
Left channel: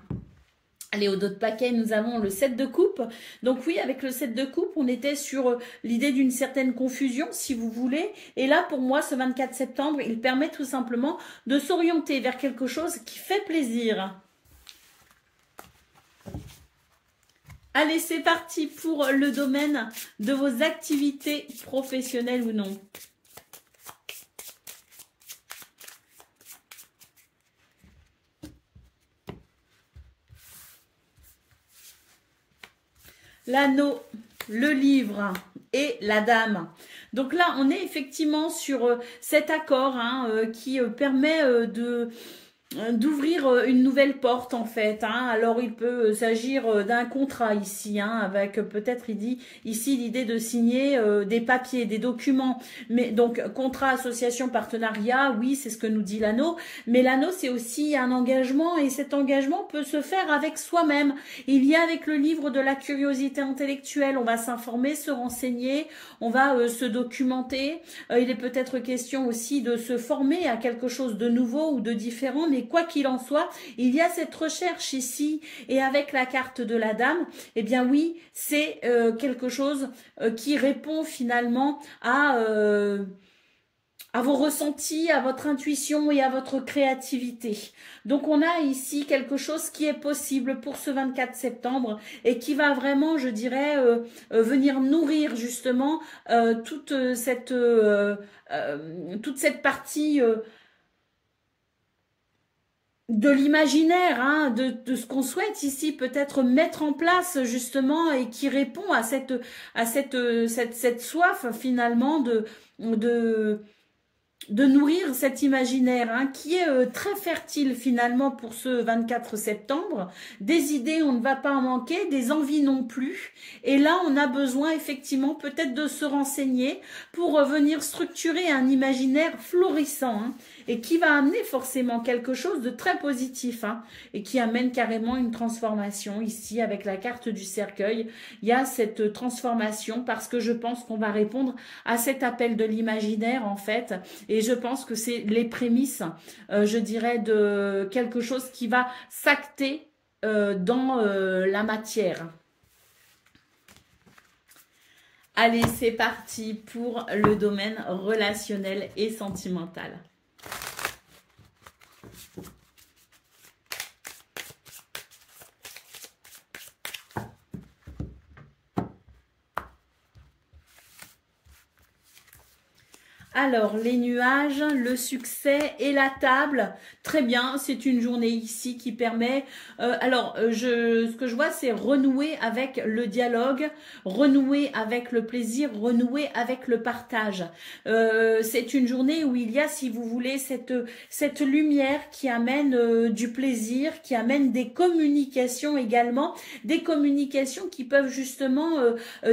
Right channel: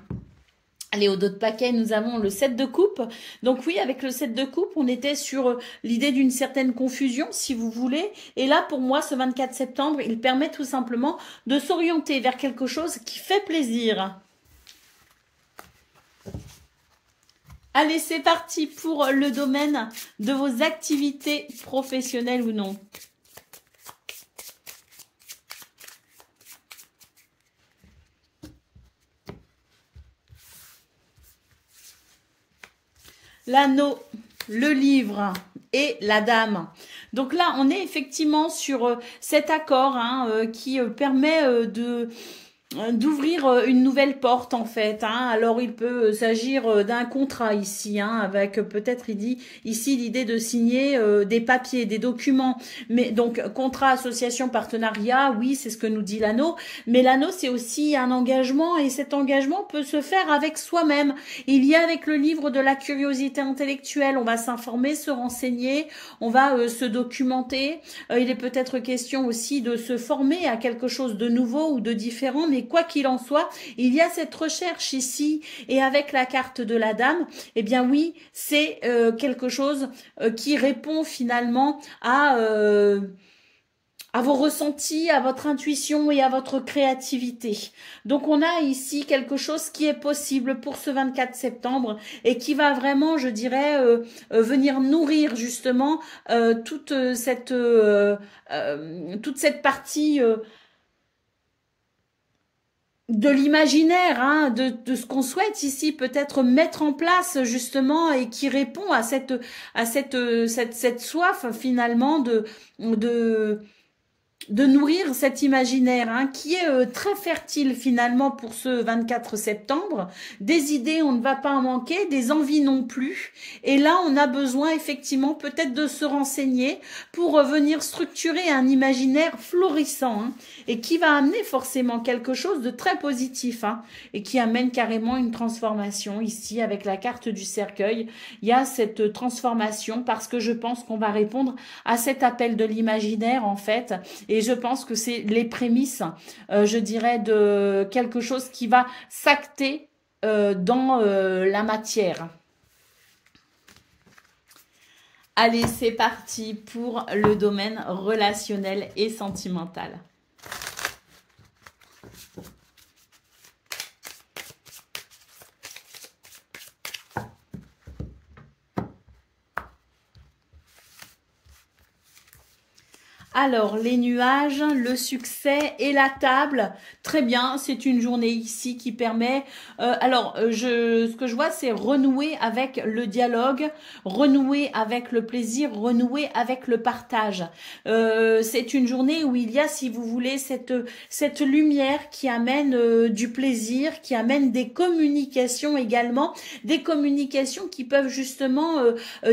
Allez, au dos de paquet, nous avons le 7 de coupe. Donc oui, avec le 7 de coupe, on était sur l'idée d'une certaine confusion, si vous voulez. Et là, pour moi, ce 24 septembre, il permet tout simplement de s'orienter vers quelque chose qui fait plaisir. Allez, c'est parti pour le domaine de vos activités professionnelles ou non. L'anneau, le livre et la dame. Donc là, on est effectivement sur cet accord hein, qui permet d'ouvrir une nouvelle porte en fait. Hein. Alors il peut s'agir d'un contrat ici, hein, avec peut-être il dit ici l'idée de signer des papiers, des documents. Mais donc contrat, association, partenariat, oui c'est ce que nous dit l'anneau. Mais l'anneau c'est aussi un engagement et cet engagement peut se faire avec soi-même. Il y a avec le livre de la curiosité intellectuelle, on va s'informer, se renseigner, on va se documenter. Il est peut-être question aussi de se former à quelque chose de nouveau ou de différent, mais quoi qu'il en soit, il y a cette recherche ici et avec la carte de la dame, eh bien oui, c'est quelque chose qui répond finalement à vos ressentis, à votre intuition et à votre créativité. Donc on a ici quelque chose qui est possible pour ce 24 septembre et qui va vraiment, je dirais, venir nourrir justement toute cette partie de l'imaginaire, hein, de ce qu'on souhaite ici peut-être mettre en place justement et qui répond à cette soif finalement de nourrir cet imaginaire hein, qui est très fertile finalement pour ce 24 septembre. Des idées, on ne va pas en manquer, des envies non plus. Et là, on a besoin effectivement peut-être de se renseigner pour venir structurer un imaginaire florissant hein, et qui va amener forcément quelque chose de très positif hein, et qui amène carrément une transformation. Ici, avec la carte du cercueil, il y a cette transformation parce que je pense qu'on va répondre à cet appel de l'imaginaire en fait. Et je pense que c'est les prémices, je dirais, de quelque chose qui va s'acter dans la matière. Allez, c'est parti pour le domaine relationnel et sentimental. Alors, les nuages, le succès et la table, très bien, c'est une journée ici qui permet, ce que je vois, c'est renouer avec le dialogue, renouer avec le plaisir, renouer avec le partage. C'est une journée où il y a, si vous voulez, cette lumière qui amène du plaisir, qui amène des communications également, des communications qui peuvent justement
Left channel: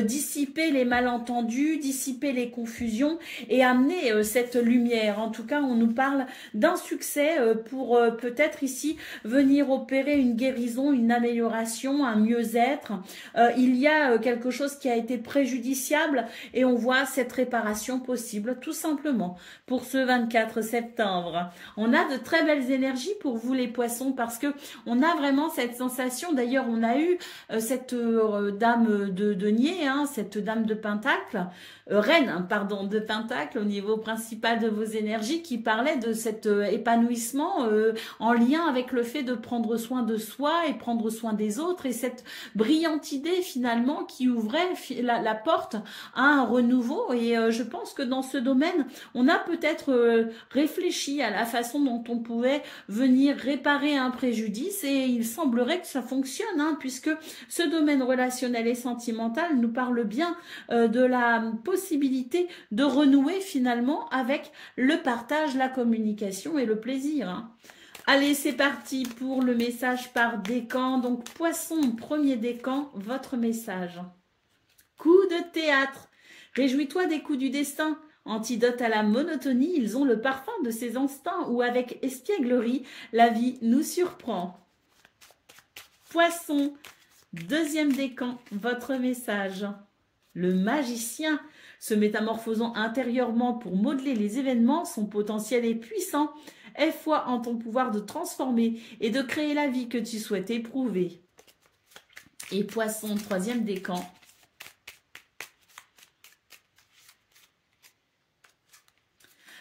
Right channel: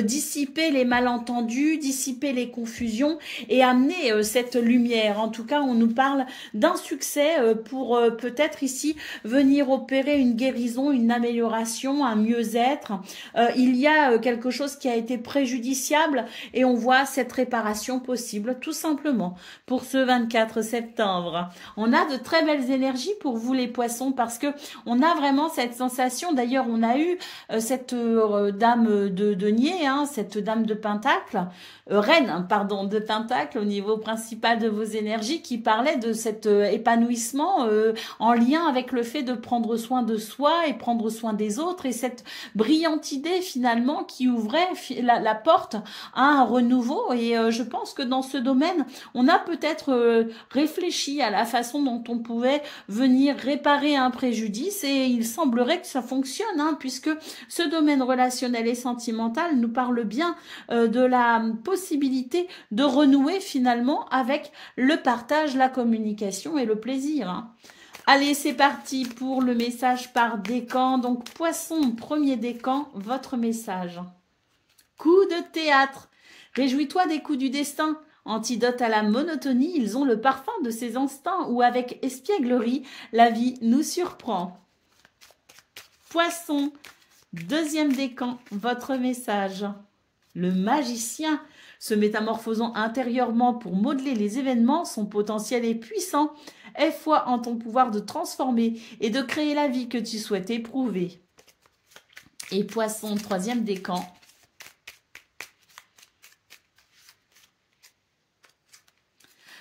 dissiper les malentendus, dissiper les confusions et amener cette lumière. En tout cas, on nous parle d'un succès pour peut-être ici venir opérer une guérison, une amélioration, un mieux-être. Il y a quelque chose qui a été préjudiciable et on voit cette réparation possible tout simplement pour ce 24 septembre. On a de très belles énergies pour vous les poissons parce que on a vraiment cette sensation. D'ailleurs, on a eu cette dame de denier, hein, cette dame de pentacle, reine, pardon, de pentacle au niveau principal de vos énergies qui parlait de cet épanouissement en lien avec le fait de prendre soin de soi et prendre soin des autres et cette brillante idée finalement qui ouvrait la porte à un renouveau et je pense que dans ce domaine, on a peut-être réfléchi à la façon dont on pouvait venir réparer un préjudice et il semblerait que ça fonctionne hein, puisque ce domaine relationnel et sentimental nous parle bien de la possibilité de renouer finalement avec le partage, la communication et le plaisir. Hein. Allez, c'est parti pour le message par décan. Donc, poisson, premier décan, votre message. Coup de théâtre. Réjouis-toi des coups du destin. Antidote à la monotonie, ils ont le parfum de ces instants où avec espièglerie, la vie nous surprend. Poisson, deuxième décan, votre message. Le magicien, se métamorphosant intérieurement pour modeler les événements, son potentiel est puissant. Aie foi en ton pouvoir de transformer et de créer la vie que tu souhaites éprouver. Et poisson, troisième décan.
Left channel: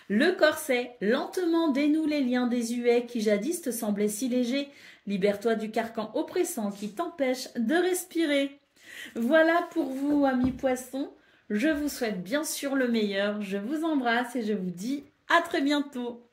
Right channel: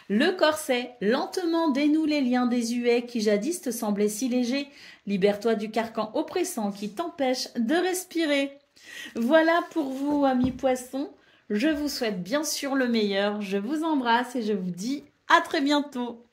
Le corset, lentement dénoue les liens désuets qui jadis te semblaient si légers. Libère-toi du carcan oppressant qui t'empêche de respirer. Voilà pour vous, amis poissons. Je vous souhaite bien sûr le meilleur. Je vous embrasse et je vous dis à très bientôt.